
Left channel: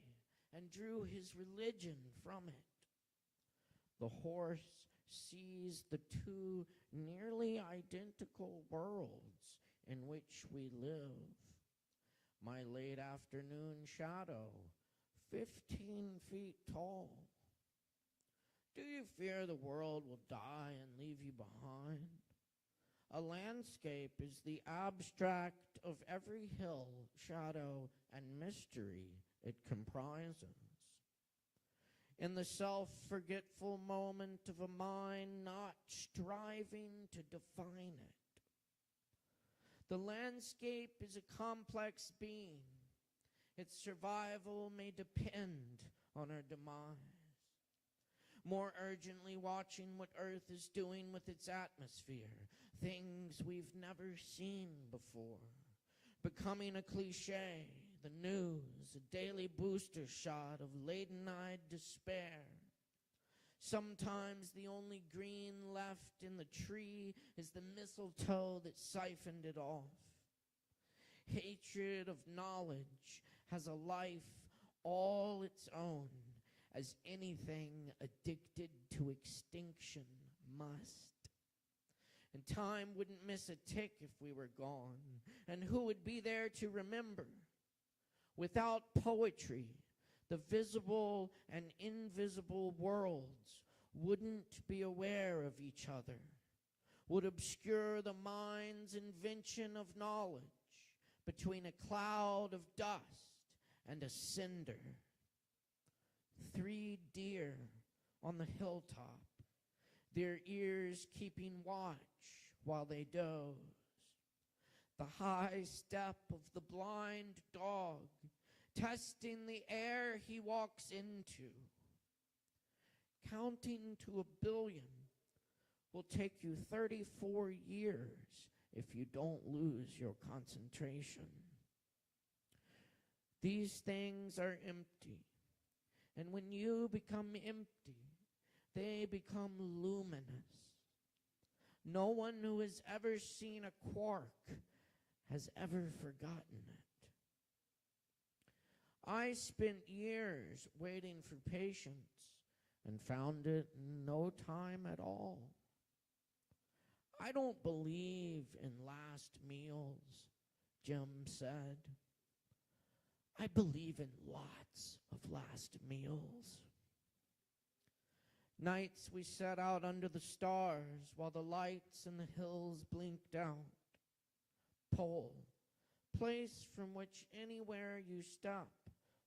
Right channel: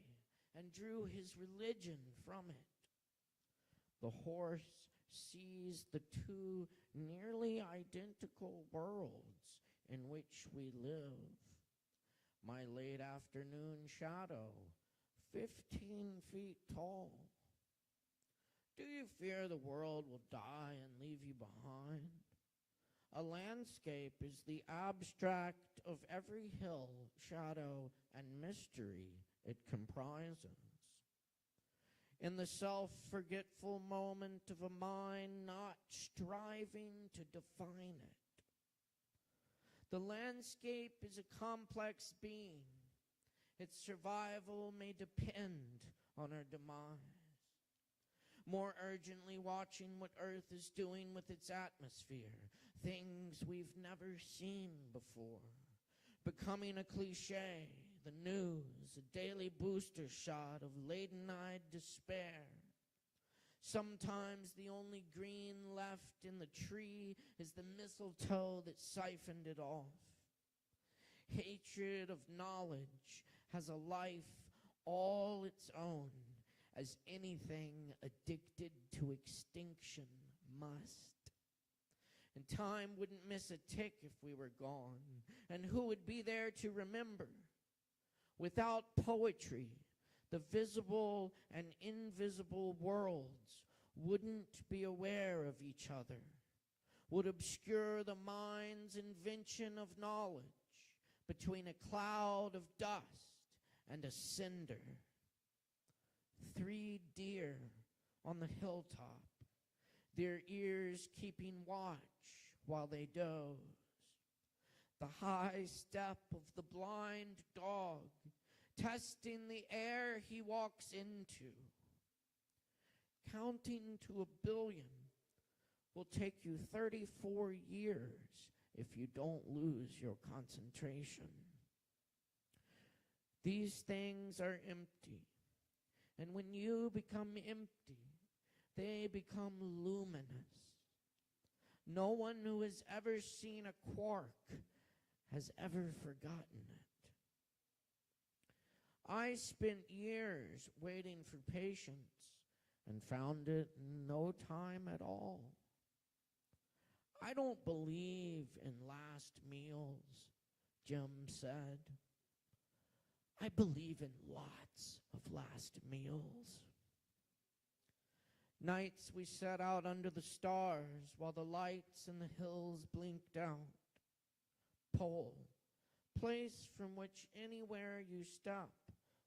and drew his religion from it. The horse sees the two nearly identical worlds in which we live. My late afternoon shadow, 15 feet tall. Do you fear the world will die and leave you behind? A landscape is the abstract of every hill, shadow, and mystery it comprises. In the self-forgetful moment of a mind not striving to define it. The landscape is a complex being. Its survival may depend on our demise. More urgently watching what Earth is doing with its atmosphere, things we've never seen before. Becoming a cliche, the news, a daily booster shot of laden-eyed despair. Sometimes the only green left in the tree is the mistletoe that siphoned it off. Hatred of knowledge has a life all its own, as anything addicted to extinction must. And time wouldn't miss a tick if we were gone, and who would be there to remember? Without poetry, the visible and invisible worlds wouldn't be aware of each other, would obscure the mind's invention of knowledge between a cloud of dust and a cinder. 3 deer on the hilltop, their ears keeping watch while they doze. The high step of the blind dog, testing the air he walks into. Counting to 1 billion will take you 34 years if you don't lose your concentration. These things are empty, and when you become empty, they become luminous. No one who has ever seen a quark has ever forgotten it. I spent years waiting for patience and found it in no time at all. I don't believe in last meals, Jim said. I believe in lots of last meals. Nights we sat out under the stars while the lights in the hills blinked out. Pole, place from which anywhere you step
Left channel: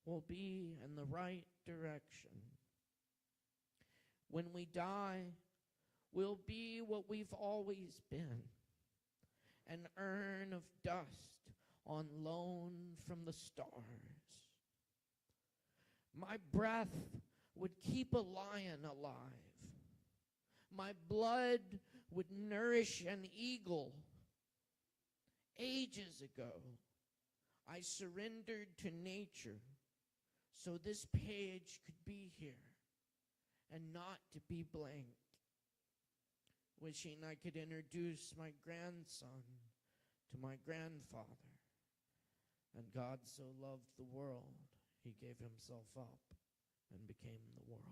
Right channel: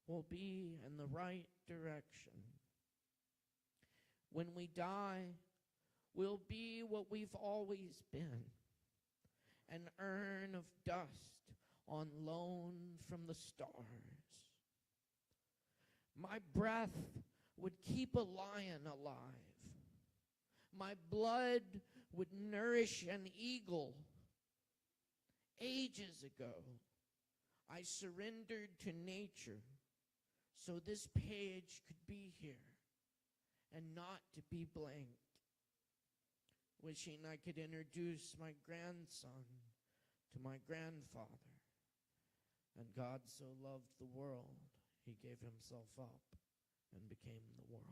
will be in the right direction. When we die, we'll be what we've always been, an urn of dust on loan from the stars. My breath would keep a lion alive. My blood would nourish an eagle. Ages ago, I surrendered to nature so this page could be here and not to be blank. Wishing I could introduce my grandson to my grandfather. And God so loved the world, he gave himself up and became the world.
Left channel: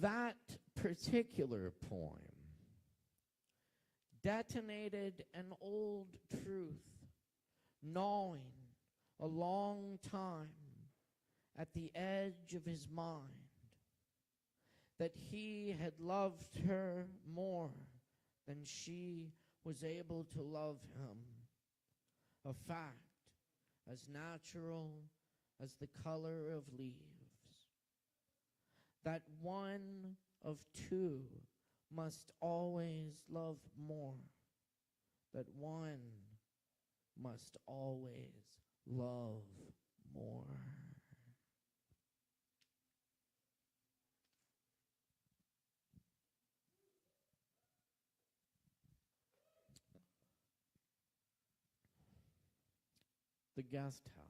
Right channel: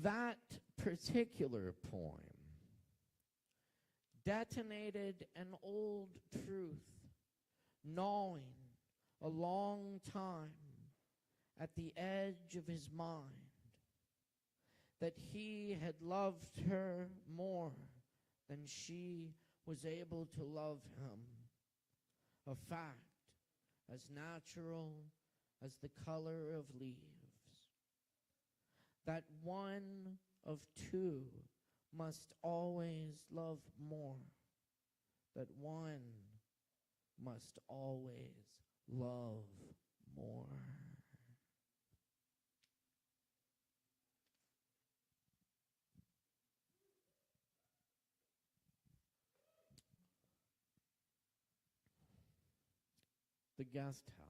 That particular poem detonated an old truth, gnawing a long time at the edge of his mind, that he had loved her more than she was able to love him, a fact as natural as the color of leaves. That one of two must always love more, that one must always love more. the guest house.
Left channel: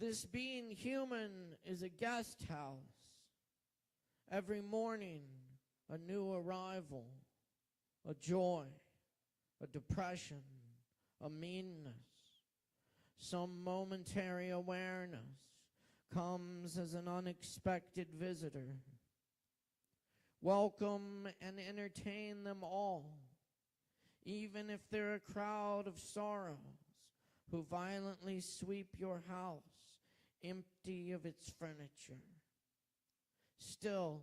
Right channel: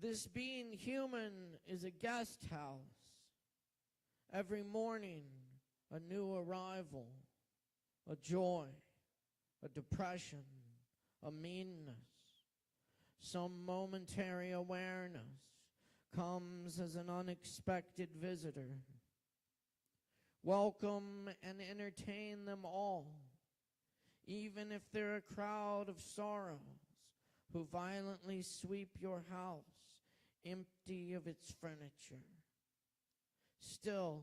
This being human is a guest house. Every morning, a new arrival, a joy, a depression, a meanness. Some momentary awareness comes as an unexpected visitor. Welcome and entertain them all, even if they're a crowd of sorrows who violently sweep your house empty of its furniture. Still,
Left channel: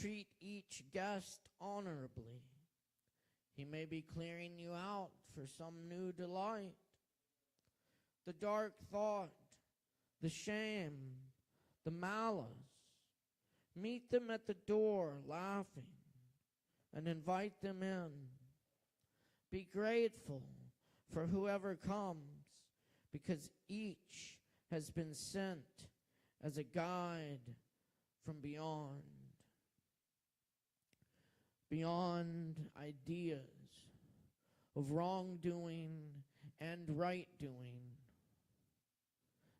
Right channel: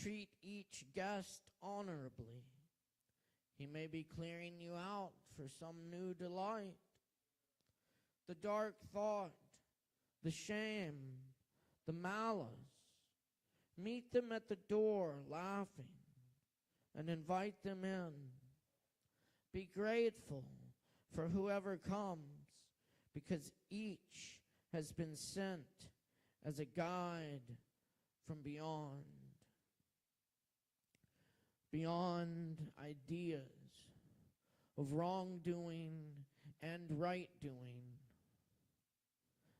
treat each guest honorably. He may be clearing you out for some new delight. The dark thought, the shame, the malice. Meet them at the door laughing and invite them in. Be grateful for whoever comes, because each has been sent as a guide from beyond. Beyond ideas of wrongdoing and right doing.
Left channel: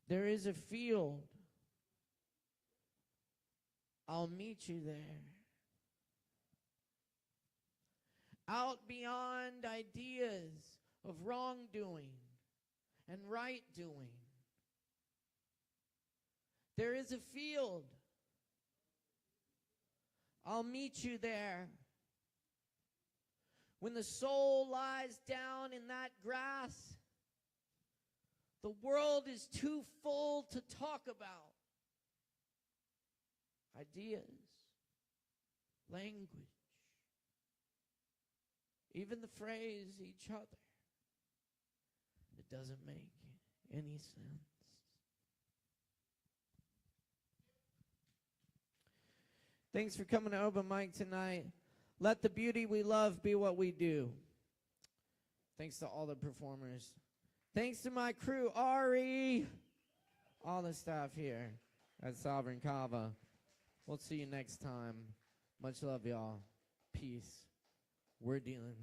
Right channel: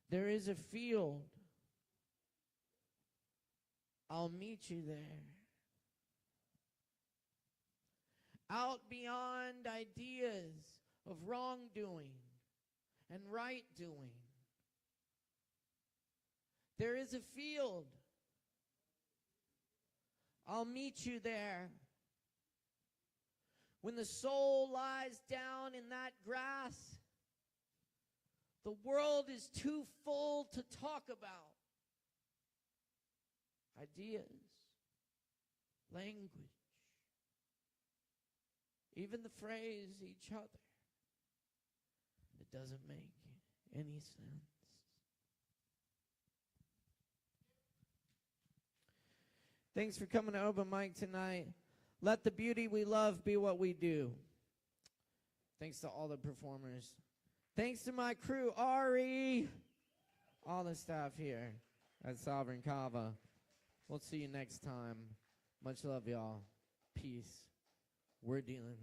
There is a field. I'll meet you there. Out beyond ideas of wrongdoing and right doing. There is a field. I'll meet you there. When the soul lies down in that grass, the world is too full to talk about. Ideas, language, even the phrase each other. It doesn't make any sense. Thanks for coming to Open Mic tonight. Let the beauty we love be what we do. Thanks to all the performers. Thanks to my crew, Ari, all the staff here at Sovereign Kava. We'll see you next time. Much love, y'all. Peace. We're dealing.